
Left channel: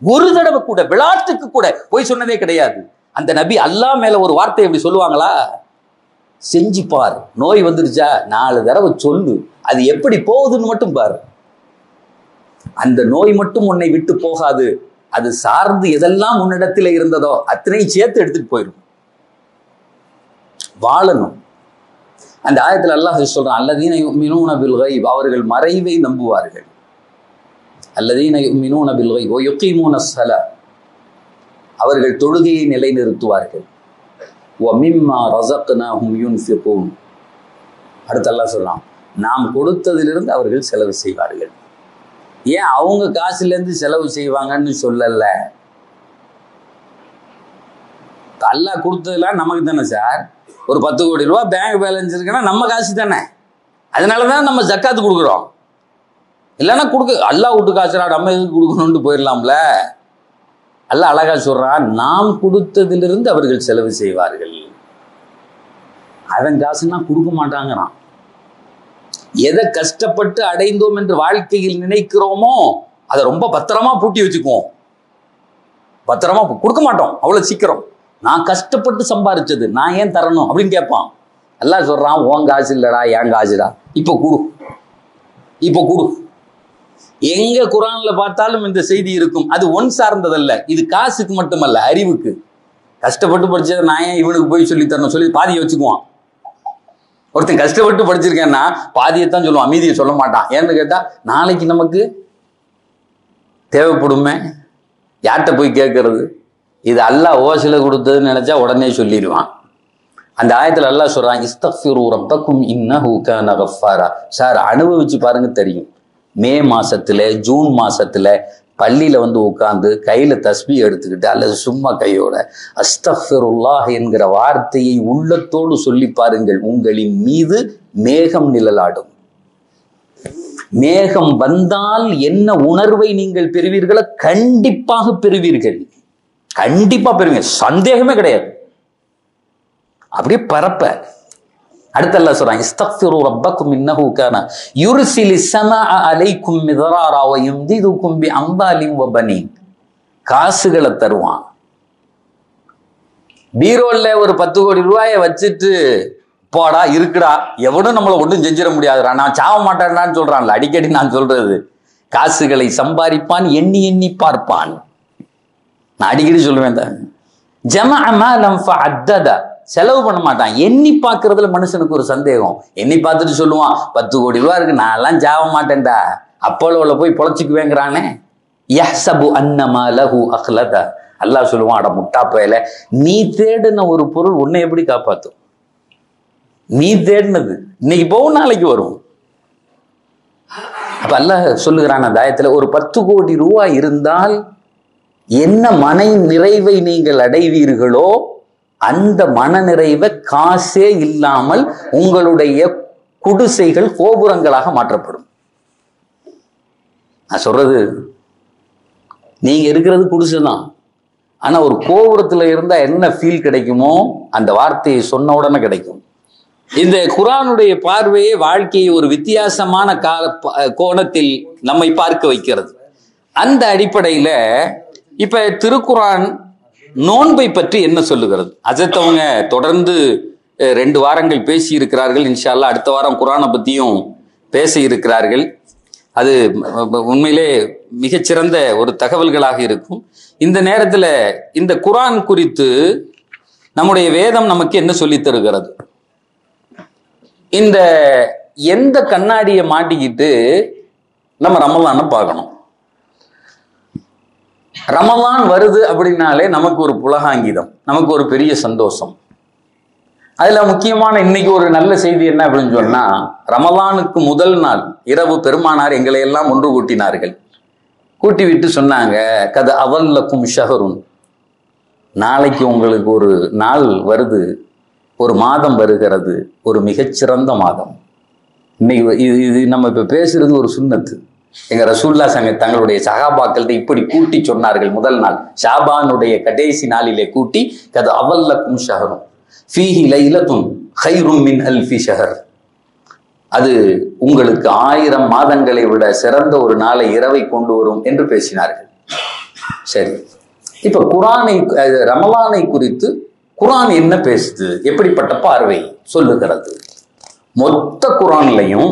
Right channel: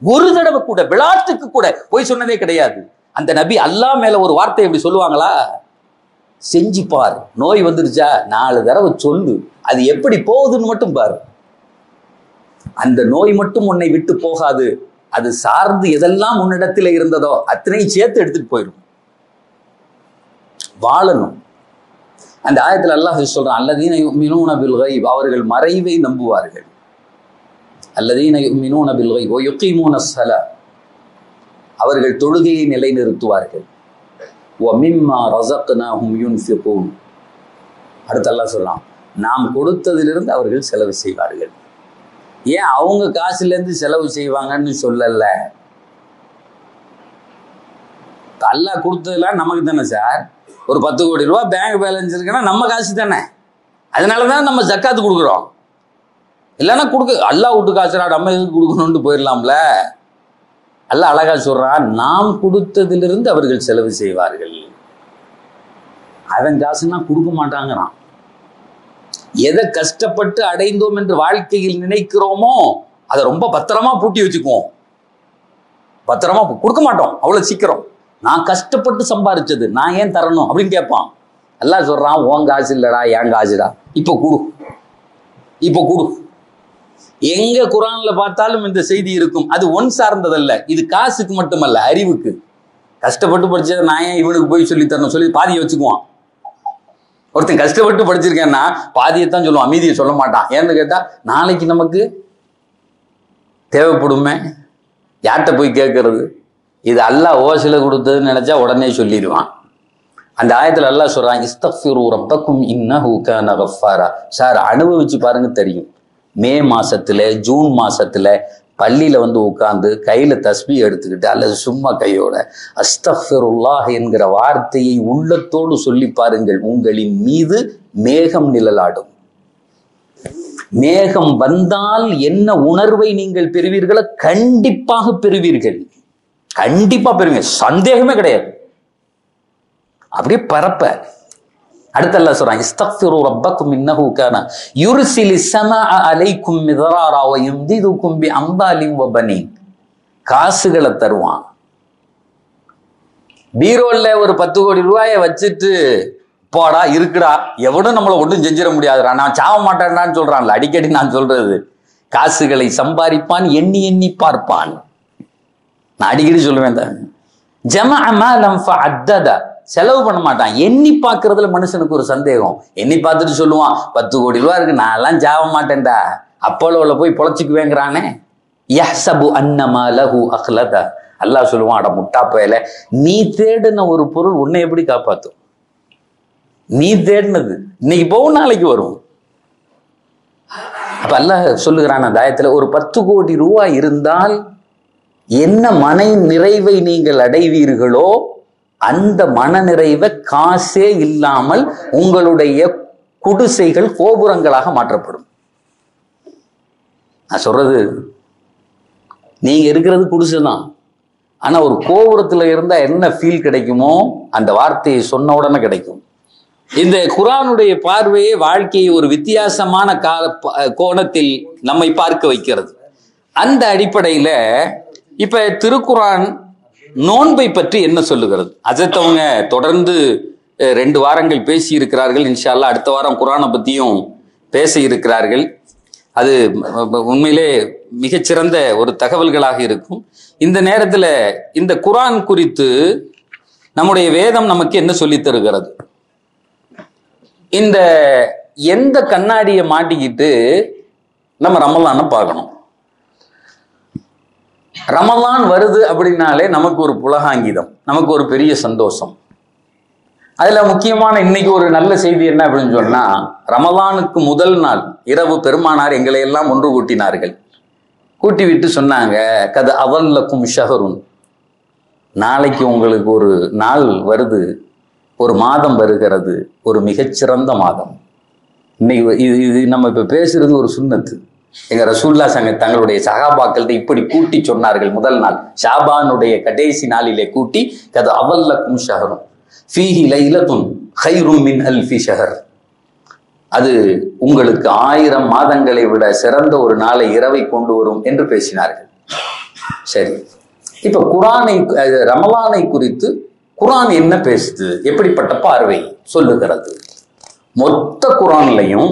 ஒரு தடவை கூட, விளையாட்டுக்கு கூட போய் சொன்னதே கிடையாது. அந்த நபி அல்லாஹ் மேல ஒரு வார்த்தை எப்படி சொல்லுவாங்களா? செஞ்சு பார், நோய் வந்துருச்சா 4 தடவை சொல்லு, அது எப்படி போகுதுன்னு மட்டும் பாரு. அந்த நோய் மட்டும் உன்னை விட்டு போகாது, அது சார்ந்து எதெல்லாம் உன்னிடத்தில் இருந்ததோ அத்தனை சேர்த்து எடுத்துட்டு போயிடும். வாழணும். அந்த ஆயத்தில் அல்லாஹ் சொல்றான், அல்லதீன யுமினூன பில் கைப், அவர்கள் மறைவை நம்புவார்கள். அல்லதீன யுமினூன பில் கைப் வ யுகீமூன ஸலாத், அவர்கள் தொழுகையை நிலைநிறுத்துவார்கள். வ மிம்மா ரஸக்னாஹும் யுன்ஃபிகூன், அடுத்து அல்லாஹ் சொல்றான், நாம் கொடுத்ததிலிருந்து அவர்கள் செலவு செய்வார்கள். ஏன் அவங்க காசுலேருந்து செலவு செய்வாங்கன்னு சொல்லல, அல்லாஹ் கொடுத்ததெல்லாம் நமக்கு தானே சார். ஒரு 10 கோடி ரூபா பேங்க் பேலன்ஸ் இருக்குன்னா நம்ம காசு தானே, அதனால தான் நம்ம ஜக்காத்து கொடுக்குறோம். இல்லைன்னா அல்லாஹ் விட்டு காசுடா, நம்ம எதுக்கு கொடுக்கணும்னு போயிடலாம்ல. அல்லாஹ் அழகா சொல்றான், நாம் கொடுத்ததிலிருந்து அவர்கள் செலவு செய்வார்கள். அவன் காசுன்னா கொடுக்க மாட்டாங்கிறான். எதை கஷ்டப்பட்டு அடைந்தோம் என்று வாழ்க்கையில் நினைக்கிறோமோ அதை ரொம்ப பத்திரமா பூட்டி வச்சுக்குவோம். பத்திரமா கொடுக்க மாட்டோம் அவ்வளவு சீக்கிரம். நான் கஷ்டப்பட்டு சம்பாதிச்சது நான் ஏன் தரணும் அப்படின்னு கேட்பான். அல்லாஹ் சொல்றான், உன் காசு இல்லடா, என் காசுடா, இப்போ கொடு, இப்போ கொடு. எங்க குரான்ல பார்த்தாலும் இந்த செய்தி இருக்கும். அது ஒன் சார்ந்ததல்ல, இது காசுக்கு மட்டுமல்ல, அறிவுக்கு. கஷ்டப்பட்டு படிச்சதை நான் ஏன் இவனுக்கு போய் சொல்லி தரணும் சொல்லி பாதியை வச்சுக்குவான். ஒருத்தன் கஷ்டப்பட்டு படிச்சிருக்கேன்னா பாதியைத்தான் சொல்லுவான், மீதியை சொல்ல மாட்டான். ஏன்னு கேட்டா நாளைக்கு நமக்கு தேவைப்படுமே, யார்கிட்ட போய் கேட்கறது? இது அல்லாஹ் ஓசில கொடுத்ததுன்னு நினைச்சா உடனே சொல்லிடுவான். அந்த ஆயத்துல அல்லாஹ் சொல்றான், இஸ்தக்ஃபிரு ரப்பக்கும் இன்னஹு கான கஃபாரா. சார் அனுபவிச்சு பாருங்க தெரியும். மே மாசத்துல, ஜூன் மாசத்துல பள்ளியில வந்து உட்கார்ந்து கையில தஸ்பீ எடுத்துக்கிட்டு அல்லது சும்மா கையோட அஸ்தக்ஃபிருல்லாஹ் என்கிற வார்த்தையை உள்ளத்தோடு சொல்லி பாருங்கள், உங்களின் மீது மேகம் நிழலாடும். மேகம் வந்தால் என்ன உணர்வை நீங்கள் பெறுவீர்களோ கண்டிப்பாக பெறுவீர்கள், கண்டிப்பா பெறுவீங்க, சந்தேகமே கிடையாது. அப்படியே பரப்ப. அடுத்து அல்லாஹ் சொல்றான், இஸ்தக்ஃபிரு ரப்பக்கும் இன்னஹு கான யுர்சிலிஸ் ஸமாஅ அலைக்கும் மிதராரா வ யும்திதுக்கும் பி அம்வாலின் வ பனீன். காசுகளை தருவான். பீரோல்ல ஒரு 10 கோடி ரூபாயை வச்சுட்டு போடா இருக்குடா, எவனும் நம்மளை ஒன்றும் செஞ்சிட முடியாதுடா, நான் சாவ மாட்டேன்டான்னு சொல்றான்ல. அடிக்கடி நான் சொல்றது, காசுகளை சம்பாதிப்பான், எண்ணி எண்ணி பார்ப்பான். நான் அடிக்கடி சொல்லுவேன் தான், ஜமஅ மாலம் ஃபஅத்தத, செலவு பண்ண மாட்டான். எண்ணி பார்க்கறதுல மனுஷனுக்கு ஒரு சந்தேகம். எண்ணி பார்த்துட்டு சொல்லுவான், 10 கோடி ரூபா இருக்கு, நான் எல்லாம் சாவ மாட்டேன்டா, அப்போலோவில் போய் பொழைச்சிக்குவேங்கிறானே. யஹ்சபு அன்னமா லஹு அக்லத. அல்லாஹ் சொல்லுவான், அட முட்டா பயல, நீ தேடின ஒரு பொருள் உன்னை எப்படி காப்பாற்றும்? நீ தேடினது இன்னைக்கு போகும், நாளைக்கு வரும். அப்ப அல்லாஹ் சொல்லுகிறான் அந்த ஆயத்துல, ஒரு 10 கோடி ரூபாய் இருந்தால் என்ன மனை நிறைவை நீங்கள் அடைவீர்களோ அந்த மனநிறைவை காசே இல்லாமல் உங்களுடைய குடிசைகள் கோபுரங்களாக மாற்றப்படும். நான் சொல்றது, நீங்க இருக்கிறது குடிசை தான், ஆனா ஒரு கோபுரத்துல இருந்தா என்ன ஃபீல் கிடைக்குமோ அந்த வார்த்தையை சொன்ன உடனே கிடைக்கும். இந்த குர்ஆனுடைய பார்வையை வாழ்க்கையை ஒரு வித்தியாசமான கோணத்தில் நம்மை பார்க்க வைக்கிறது. அந்த அடிப்படையில இப்ப திருக்குர்ஆன் நோன்பை பற்றி என்ன சொல்லுகிறது? ஹஜ்ரத் அவங்க தொடர்ந்து 2 வாரங்கள் பேசி இருக்கிறார்கள். இன்ஷா அல்லாஹ் அடுத்த வாரம் குர்ஆனை பத்தியும் பேச இருக்கிறார்கள். அது உண்மையிலே மிகச்சிறந்த ஒரு தகவல்களாக இருக்கும். இந்த நேரத்தில் இந்த குர்ஆன் குறித்து நம்முடைய வேதம் நமக்கு என்ன சொல்லி தருகிறது? இந்த எந்த கண்ணாடியை மாட்டிக்கிட்டு நம்ம ரமலானை பார்க்கணும்? ரமலான் வருது அப்படின்னாலே நமக்கு ஒரு புலகாங்கிதம், நமக்கு ஒரு பெரிய சந்தோஷம். அதுல முக்கியமான இன்னைக்கு ஒரு நல்ல செய்தி என்ன அப்படின்னு சொன்னா, ரமலானுக்கு முதல் நாள் இரவு பெருமானார் எங்களை எல்லாம் ஒன்று கூட்டினார்கள். கூட்டி விட்டு சொன்னாங்க, கது அவல்லக்கும் ஷஹருன், நாளைக்கு உங்களுக்கு ஒரு நாள் வருது, ஒரு மாதம் வருகிறது, ஒரு மிகச்சிறந்த மாதம். இன்னைக்கு இது நம்ம இப்ப பேசுறது ஒரு சுன்னத்து. எங்க ரசூல்லா தங்களுடைய சஹாபாக்கள்கிட்ட இப்படி கூட்டி சொன்னார்கள். முதல் நாள் ஷாபானுடைய கடைசி நாளிலே கூட்டி, கது அவல்லக்கும் ஷஹருன் ஃபீஹி லைலத்துன் கைரும் மின் அல்ஃபி ஷஹர், அது உங்களுக்கு 1000 மாதங்களை விட சிறந்த ஒரு நாளை இரவை கொண்டு வரும் என்று பேசினார்கள். சரி, இப்ப குர்ஆனை ரமலானை குறித்து குர்ஆன் என்ன பேசுது, எப்படிப்பட்ட பார்வை சொல்லுகிறது? மொத்த குர்ஆன்லையும்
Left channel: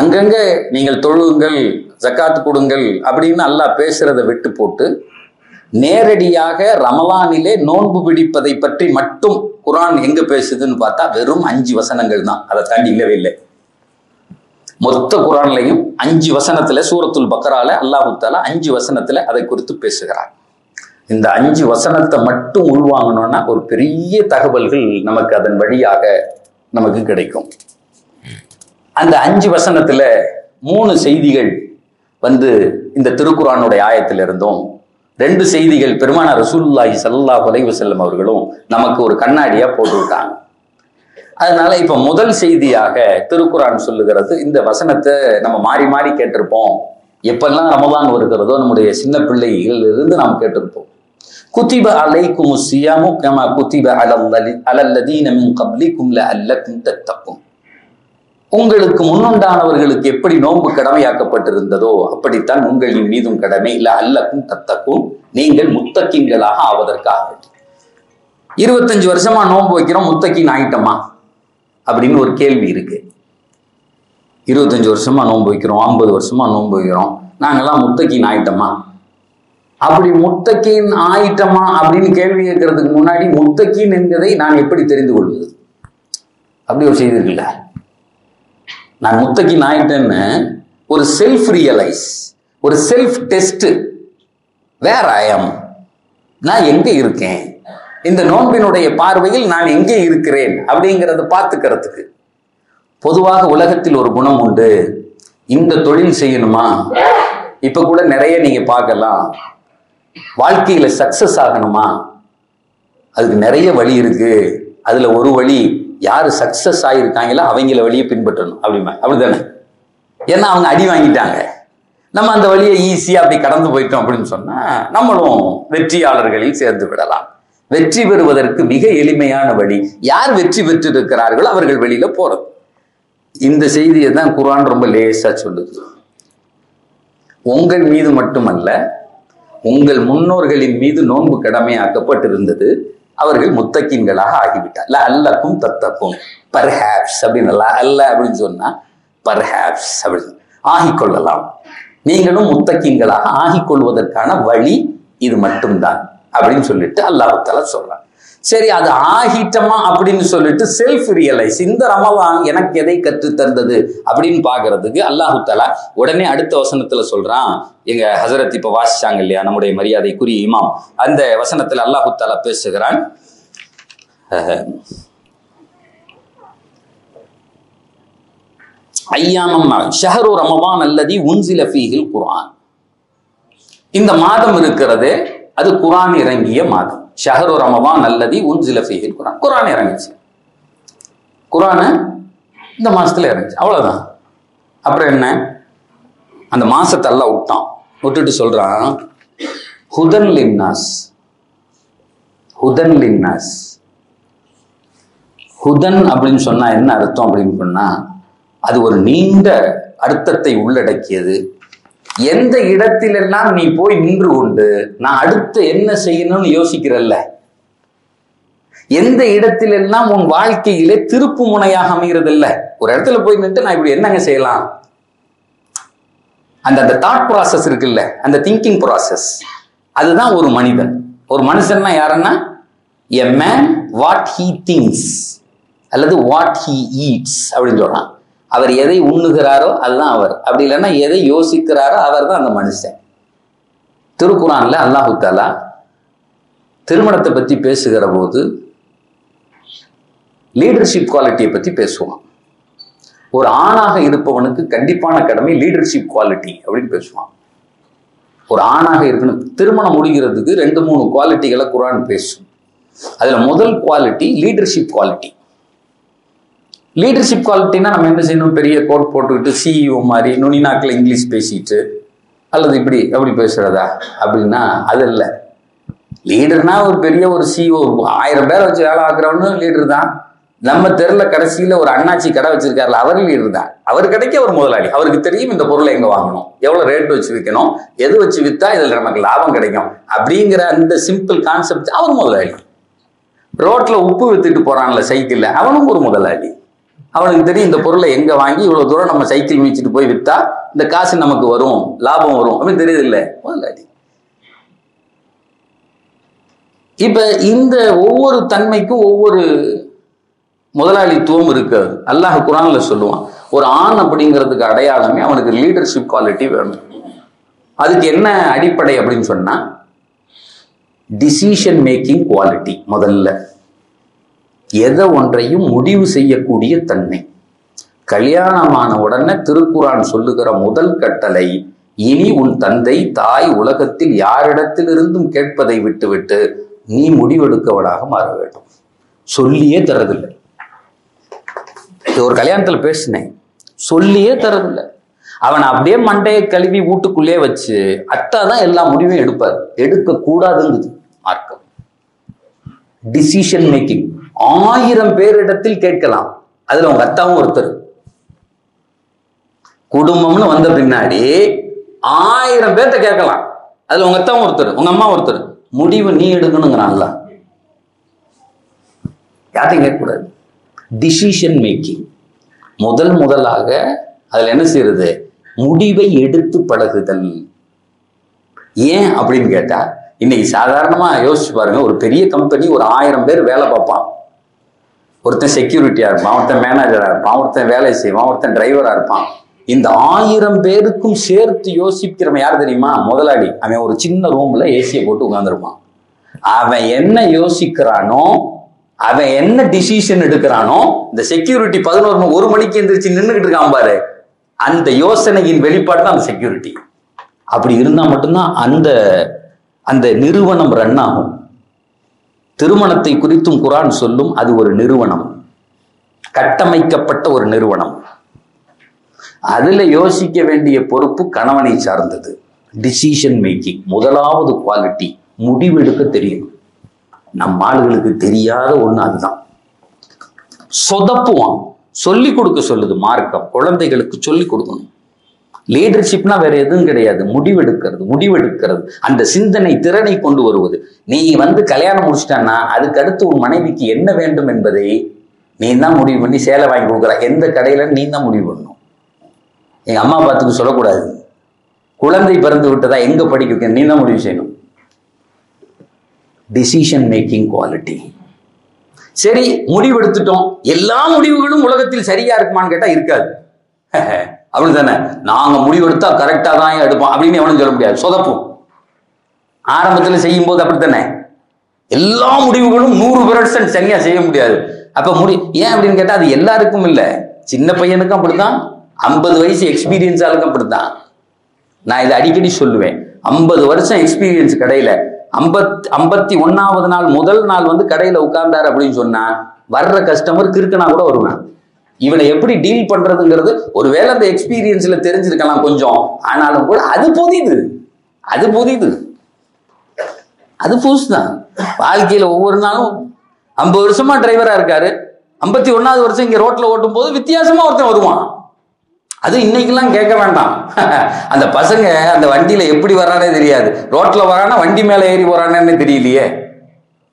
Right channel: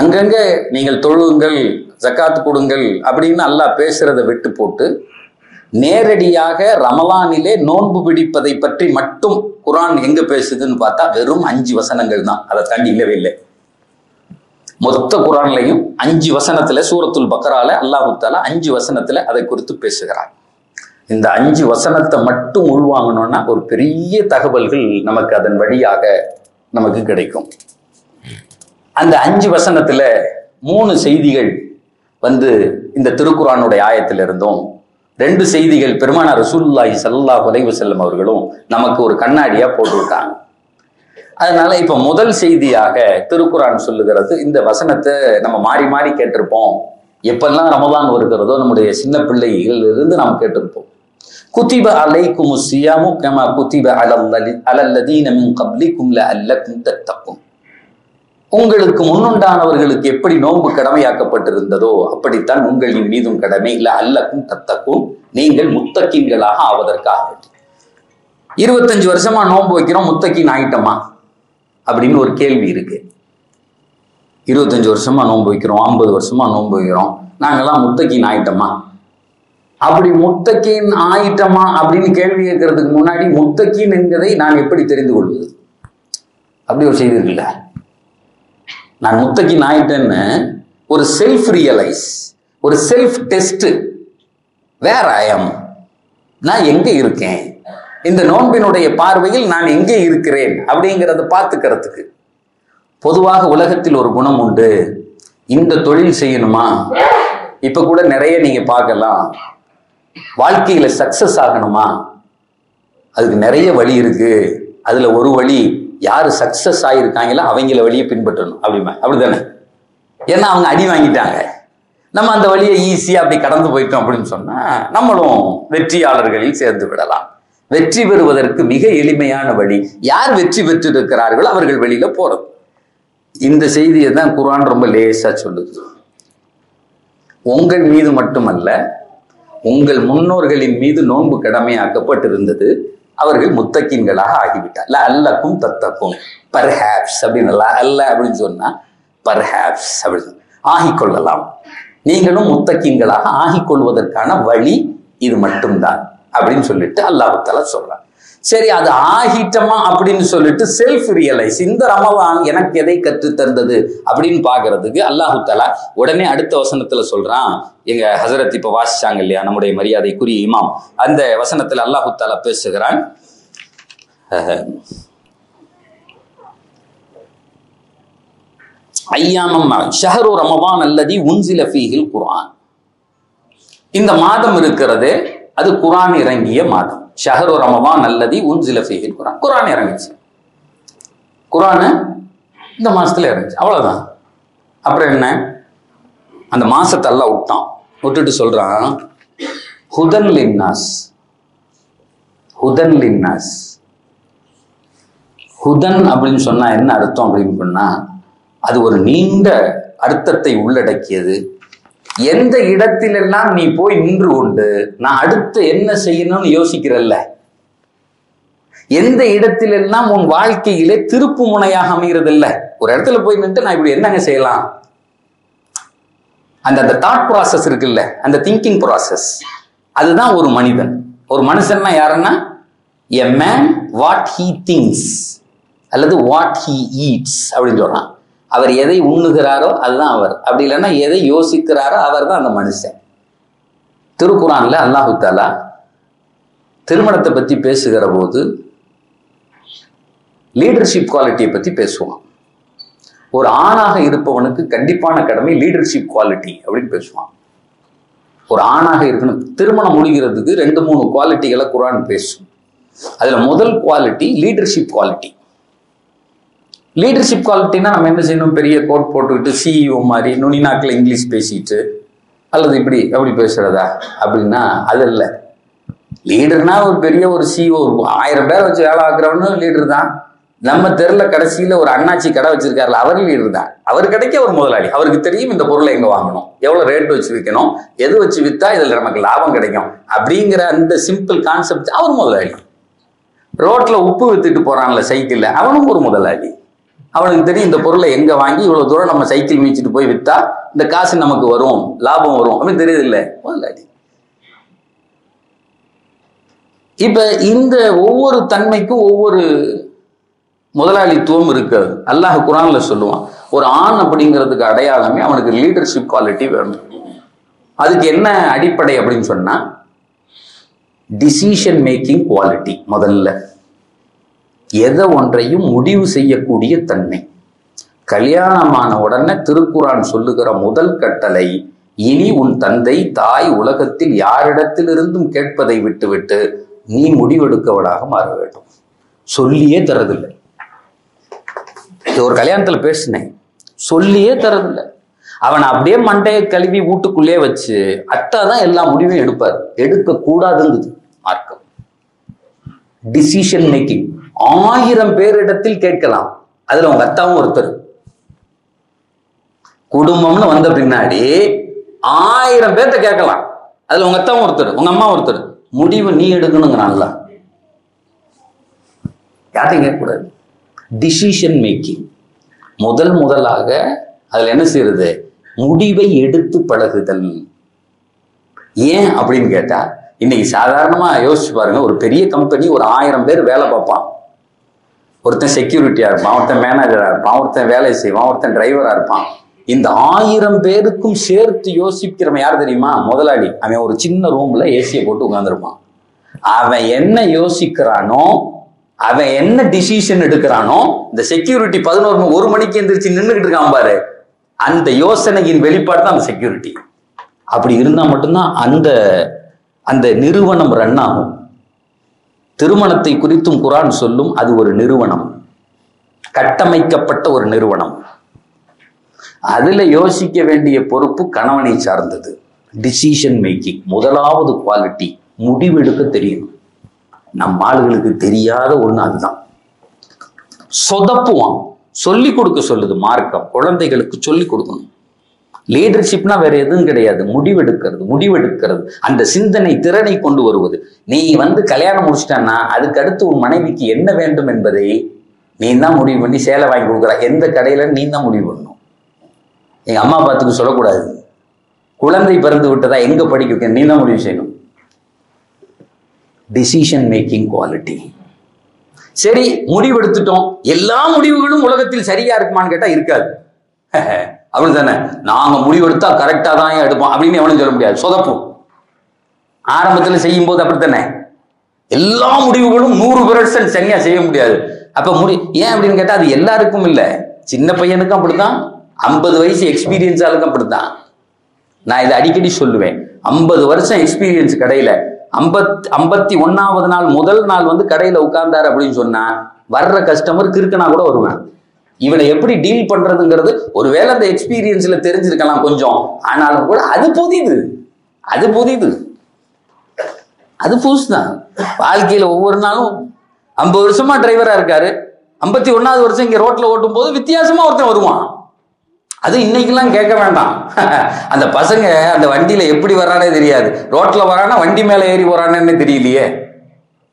அங்கங்க நீங்கள் தொழுங்கள், ஜக்காத் கொடுங்கள் அப்படின்னு அல்லாஹ் பேசுறதை விட்டு போட்டு நேரடியாக ரமலானிலே நோன்பு பிடிப்பதை பற்றி மட்டும் குர்ஆன் எங்க பேசுதுன்னு பார்த்தா வெறும் 5 வசனங்கள் தான். அதை தாண்டி இல்லவே இல்லை. மொத்த குர்ஆன்லையும் 5 வசனத்துல, சூரத்துல் பக்ரால அல்லாஹ் தஆலா 5 வசனத்துல அதை குறித்து பேசுகிறார். இந்த 5 வசனத்தை மட்டும் உள்வாங்கணும்னா ஒரு பெரிய தகவல்கள் நமக்கு அதன் வழியாக நமக்கு கிடைக்கும். அந்த 5 வசனத்துல 3 செய்திகள் இந்த திருக்குர்ஆனுடைய ஆயத்திலிருந்தும், 2 செய்திகள் பெருமானார் ரசூலுல்லாஹி ஸல்லல்லாஹு அலைஹி வஸல்லம் அவர்களும் நமக்கு ஒரு கண்ணாடியா போட்டு விட்டாங்க. அதனால இப்ப முதல் செய்தியாக திருக்குர்ஆன் சொல்லுகிறது, இந்த வசனத்தை நம்ம மாறி மாறி கேட்டிருப்போம். எப்பெல்லாம் ரமலான் வருகிறதோ நம்முடைய சின்ன பிள்ளைகள் இருந்து நாம் கேட்டிருப்போம். குதிப அலைக்குமுஸ் ஸியாமு கமா குதிப அலல்லதீன மின் கப்லிக்கும் லஅல்லக்கும் தத்தகும், உங்களுக்கு முன்னுண்டானவர்களுக்கு எப்படி நோன்பு கடமையாக்கப்பட்டிருந்ததோ அப்படித்தான் உங்களின் மீதும் கடமை, லஅல்லக்கும் தத்தகும், நீங்கள் முத்தகீன்களாக ஆவதற்காக. 25 வருஷமா நோன்பு வைக்கிறோம், முத்தகீன் ஆயிட்டோமா அப்படின்னு ஒரு கேள்வி இருக்கு. 25 வருஷமா நோன்பு வைக்கிறோம், 50 வருஷமா நோன்பு வைக்கிறோம், நாங்கெல்லாம் முத்தகீன் ஆயிட்டோமா? அப்படி முத்தகீன் ஆயிட்டோமா அப்படின்னு கேள்வி கேட்கறதுக்கு முன்னாடி முத்தகீன் என்பதை நான் எப்படி தெரிந்து கொள்வது? அப்படி ஒரு செய்தி இருக்குல்ல, நான் முத்தகீன் ஆயிட்டேன்னு ஒரு செல்ஃப் ரியலைஸ், ஒரு செல்ஃப் டெஸ்ட், வேர் ஐ அம், நான் எங்க இருக்கேன், இந்த நோன்பினுடைய பார்வையில் நான் எங்கே இருக்கிறேன் அப்படிங்கிறத பார்த்துக்கிறதுக்கு. பொதுவாக உலகத்தில் ஒரு குணம் உண்டு, இந்த தொழில் செய்யணுமா, இப்ப கூட நிறைய நீங்க பார்க்கலாம், வாழ்க்கையில சக்சஸ் ஆகணுமா, அதுக்கு நிறைய வழி இருக்கு, அதுல ஒரு வழி யாரு சக்சஸ் ஆகியிருக்காங்களோ அவங்கள வழியை பின்பற்றணும், அப்படிதானே? ஏன்னா அவங்க அடி வாங்கிட்டாங்க, நம்ம அந்த வழியை ஈஸியா அப்படி கடந்து போயிட்டோம் அப்படின்னு சொன்னா நம்மளும் வெற்றியாளர்களில் சேர்ந்து விடலாம். வெற்றி பெறுவதற்கு மிக எளிமையான வழி, யார் வெற்றி பெற்று இருக்கிறார்களோ அவர்கள் வெளியில போறது. இந்த செய்தியை தான் குர்ஆன் ரொம்ப லேசா சொல்லுது. உங்கள் மீது மட்டுமல்ல, உங்கள் முன்னோர்களின் மீது நோன்பு கடமையாக்கப்பட்டிருந்தது, அவர்கள் முத்தகீன்களாக ஆகிவிட்டார். லஅல்லக்கும் தத்தகும், பர்ஹாப்ஸ் அப்படின்னு அல்ல அப்படின்னு சொன்னா பர்ஹாப்ஸ் அப்படின்னு ஆகிக்கொள்ளலாம், நீங்களும் முத்தகீன்களாக ஆகிக்கொள்வதற்கான வழி இது மட்டும்தான் அப்படின்னு சொல்லிட்டு அல்லாஹ் தஆலா சொல்றான். சரி, அது ஆகிட்டமா அப்படின்னு சொல்லிட்டு செல்ஃப் ரியலைஸ், இந்த ரமலான் எனக்கு எதை கற்று தந்தது அப்படின்னு பாக்குறதுக்கு அல்லாஹ் தஆலா உடனே அடுத்த வசனத்துல சொல்றான். எங்க ஹஸரத் இப்ப வாசிச்சாங்க இல்லையா, நம்முடைய மரியாதைக்குரிய இமாம், அந்த வசனத்துல அல்லாஹ் தஆலா பேசுகிறான். ஐயாமம் ஷஹரு ரமலான் அல்லதி உன்சில ஃபீஹில் குர்ஆன், இந்த மாதம் இருக்கிறதே அது குர்ஆன் இறங்கிய மாதம். ஷஹரு ரமதான் அல்லதி உன்சில ஃபீஹில் குர்ஆன். குர்ஆன் இறங்குச்சு. குர்ஆன் இந்த மாசத்துல இறங்குச்சு. அவ்வளவுதான். அப்புறம் என்ன, அந்த மாசத்தை எல்லாம் விட்டுட்டு சொல்றான் ஹுதன் லின்னாஸ். ஹுதன் லின்னாஸ். ஹுதன் அப்படின்னு சொன்னா என்ன அர்த்தம் அப்படின்னு சொன்னா, அது ஒரு நீண்ட அர்த்தத்தை உள்ளடக்கியது. எந்த இடத்திலெல்லாம் நீ போய் நின்று கொண்டு நான் அடுத்து என்ன செய்யணும்னு யோசிக்கிறல்ல, எந்த இடத்திலெல்லாம் உன் வாழ்க்கையிலே திருப்பு முனையாக அமைகிறது இல்ல, ஒரு இடத்துல போய் நின்று நான் இப்படி என்னங்க செய்யலாம், அந்த தாட் ப்ராசஸ் இருக்குல்ல, அந்த திங்கிங் ப்ராசஸ், அதுதான் ஒரு மனிதன். ஒரு மனுஷன்னா யாருன்னா, a man what he things அல்லது வாட் ஹீ ஈட்ஸ் அப்படின்னு சொல்றான். அவர் எதை உண்ணுகிறாரோ அதுதான் அவர். அப்படி இல்லைன்னா எதை யோசிக்கிறாரோ அவர் தான் அந்த மனுஷன். திருக்குர்ஆன்ல அல்லாஹு தஆலா திருமணத்தை பத்தி பேசுகிற போது லீடர்ஷிப் குவாலிட்டியை பத்தி பேசுவான். ஒரு ஆணாக இருப்பவனுக்கு கண்டிப்பான கடமை லீடர்ஷிப் குவாலிட்டி அப்படின்னு பேசுவான். ஒரு ஆணாக இருக்கணும். திருமணம் முடிகிறதுக்கு 2-3 குவாலிட்டிகளை குர்ஆன் பேசும். அதுல முதல் குவாலிட்டி லீடர்ஷிப் குவாலிட்டி. லீடர்ஷிப் குவாலிட்டினா நம்ம என்ன செய்யணும், பெரிய கோட் போட்டுக்கிட்டு சிஇஓ மாதிரி நுனிநாக்கில் இங்கிலீஷ் பேசிட்டு அல்லது இப்படி அப்படி பேசுறதா அப்படின்னா அது இல்லை. லீடர்னா ஒரு பெரிய ஒரு சிஇஓ 1000 பேரை வச்சு வேலை ஆக்குறவனு லீடர் தான். நம்ம தெருல கடைசியில ஒரு அண்ணாச்சி கடை வச்சிருக்காருல, அவர் லீடர் தான். அவர் கடைக்கு அவர் முதலாளி. அவருக்கு தெரியும் இந்த பொருளை எங்க வாங்கணும், எவ்வளவு ரேட் வச்சு விற்கணும், எது வச்சு வித்தா இதுல நமக்கு லாபம் கிடைக்கும் அப்படிங்கிற அந்த சிம்பிள் கான்செப்ட் அவர் முதலாளி. ரோட்ல உப்பு வித்துட்டு போறான்ல சைக்கிள்ல, அவனும் ஒரு முதலாளி. அவனுக்கு தெரியும் இந்த பொருளை எங்க வாங்கி இவ்வளவு தூரம் நம்ம சைக்கிள் மீச்சிட்டு போய் வித்தா இந்த காசு நமக்கு வரும், லாபம் வரும் அப்படின்னு தெரியுது இல்ல, முதலாளி. இப்ப இந்த ஒவ்வொரு தன்மைக்கும் ஒவ்வொரு முதலாளித்துவம் இருக்காது. அல்லாஹ் குர்ஆன்ல சொல்லுவான், ஒரு ஆண் அப்படிங்கிறதுக்கு அடையாளமே அவனுக்கு லீடர்ஷிப் குவாலிட்டி வேணும். அதுக்கு என்ன அடிப்படை அப்படின்னு சொன்னா டிசிஷன் மேக்கிங் குவாலிட்டி. முதல்ல எதை ஒன்றையும் முடிவு செய்யக்கூடிய தன்மை. கல்யாணமான உடனே திருக்குர்ஆன் சொல்லுகிற முதல் கட்டளை, இனி உன் தந்தை தாய் உலகத்தில் யாரிடத்திலிருந்தும் கேட்பதை விட்டுவிட்டு நீ முடிவெடுக்கவனாக மாற வேண்டும். சொல்லியே தரதில்லை. ஒரு கல்யாணத்துல பேசினேன், சொல்லியே தரதில்லை. அவனை அப்படியே மண்டையை கழுவி வீட்டுக்குள்ளே வச்சு அத்தாதான் எல்லா முடிவையும் எடுப்பார். எடுக்க கூடாதுங்குது மார்க்கம். டிசிஷன் மேக்கிங் 1000 பேரிடத்தில் கேட்கலாம், அதுல உங்க அத்தாவும் ஒருத்தர். குடும்பம்னு வந்த பின்னாடி 1000 பேர்த்த கேட்கலாம், அதுல உங்க அத்தாவும் ஒருத்தர், உங்க அம்மா ஒருத்தர். முடிவு நீ எடுக்கணுங்கிறான்ல, யாரையும் கேட்கக்கூடாது. டிசிஷன் மேக்கிங் முதலாக அதுல என்ன செய்யறது, முடிவை எடுத்து பழகுதல். ஏன் அப்படின்னு கேட்டா, இன்னைக்கு சாதாரணமா யோசிச்சு பாருங்க, ஒரு பெரிய கம்பெனி ஒரு 1000 பேர் வேலை பார்ப்பான். ஒருத்தன் செக்யூரிட்டியா இருப்பான், ஒருத்தன் மேனேஜரா இருப்பான், ஒருத்தன் வேலை செய்வான், ஒருத்தன் டிரைவரா இருப்பான். இந்த 1000 பேருக்கும் சேர்த்து யோசிக்கிறவன் யார் தெரியுமா, முதலாளி. அவன் ஒரு சின்ன ரூம்ல ஏசியை போட்டு உட்கார்ந்துருப்பான். அவன் என்ன யோசிக்கிறானோ, அவன் என்ன டிசிஷன் எடுக்கிறானோ, இந்த செக்யூரிட்டி 1 மணிக்கு எந்திரிச்சு நின்றுகிட்டு இருக்கான் பாரு, அந்த யோசனையின் வெளிப்பாடு தான் அந்த செக்யூரிட்டி. அப்படி இருந்தா மட்டும்தான் அந்த நிறுவனம் ரன் ஆகும். திருமணத்தை குறித்தும் குர்ஆன் சொல்லும், அது ஒரு நிறுவனம், கட்டமைக்கப்பட்ட ஒரு நிறுவனம். அதுல யோசிக்க வேண்டிய பொறுப்பு கணவனை சார்ந்தது. டிசிஷன் மேக்கிங் முதலாவது குவாலிட்டி, முடிவெடுக்க தெரியும். நம்ம ஆளுகளுக்கு தெரியாத ஒண்ணு அதுதான். சொதப்புவான். சொல்லிக் கொடுக்க சொல்லுது மார்க்கம், குழந்தைகளுக்கு சொல்லிக் கொடுக்கணும். லீடர்ஷிப்னா வேற எதுவும் கிடையாது, முடிவெடுக்கிறது, அந்த சிந்தனை திறனை கொண்டு வருவது. நீ கல்யாணம் முடிச்சிட்டான்னா அதுக்கு அடுத்து உன் மனைவிக்கு என்ன வேண்டும் என்பதை நீ தான் முடிவு பண்ணி சேலை வாங்கி கொடுக்குற. எந்த கடையில நீ தான் முடிவு பண்ணணும். எங்க அம்மா அப்பாத்துக்கு சொல்லக்கூடாது. குழந்தை பிறந்து விட்டதா எங்க படிக்க வைக்க நீ தான் முடிவு செய்யணும். Decision making quality. சரி, முடிவெடுத்துட்டோம். எல்லா முடிவுகளும் உலகத்தில் சரியா இருக்குமான்னு கேட்டா இருக்காது. அப்படி தானே, நாங்க முடிவெடுத்தா கரெக்டா தான் எடுப்போம் அப்படின்னு எவனும் சொல்ல முடியாது. சொதப்பும். ஆரம்பத்துல செய்யும் போது அப்படித்தானே, எல்லா முடிவுகளும் 100% சரியா செய்ய முடியாது. அப்ப ஏன் அப்படின்னு கேட்டா அது எல்லாருக்கும் இல்லை. சின்ன பையனுக்கும் அப்படித்தான், 50 வயசு எக்ஸ்பீரியன்ஸ் ஆளுக்கும் அப்படித்தான். நான் இதை அடிக்கடி சொல்லுவேன். 50 வருஷம் எக்ஸ்பீரியன்ஸ் கடையில 51வது நாள் முதல் நாள் வந்து கடையில உட்கார்ந்தாரு அப்படின்னு சொன்னா வர்ற கஸ்டமர் கிறுக்கனா கூட வருவேன். இவனை எப்படி டீல் பண்றதுங்கிறது ஒருவேளை அந்த எக்ஸ்பீரியன்ஸ்ல தெரிஞ்சிருக்கலாம் கொஞ்சம், ஆனாலும் கூட அது புதிது, அது புதிது, அது புதுசுதான். வாழ்க்கையில ஒவ்வொரு நாளும் 50 வருஷமா டிரைவரா இருக்காரு, 51வது வருஷம் இங்க ரோட்ல ஓட்டும் போது வித்தியாசமா ஒருத்தன் வருவான். அது இன்னைக்கெல்லாம் கேட்க வேண்டாம். அந்த பசங்க அந்த வண்டியில எப்படி வர்றானே தெரியாது, ரோட்ல வரானா வண்டி மேல ஏறி வரானே தெரியலையே,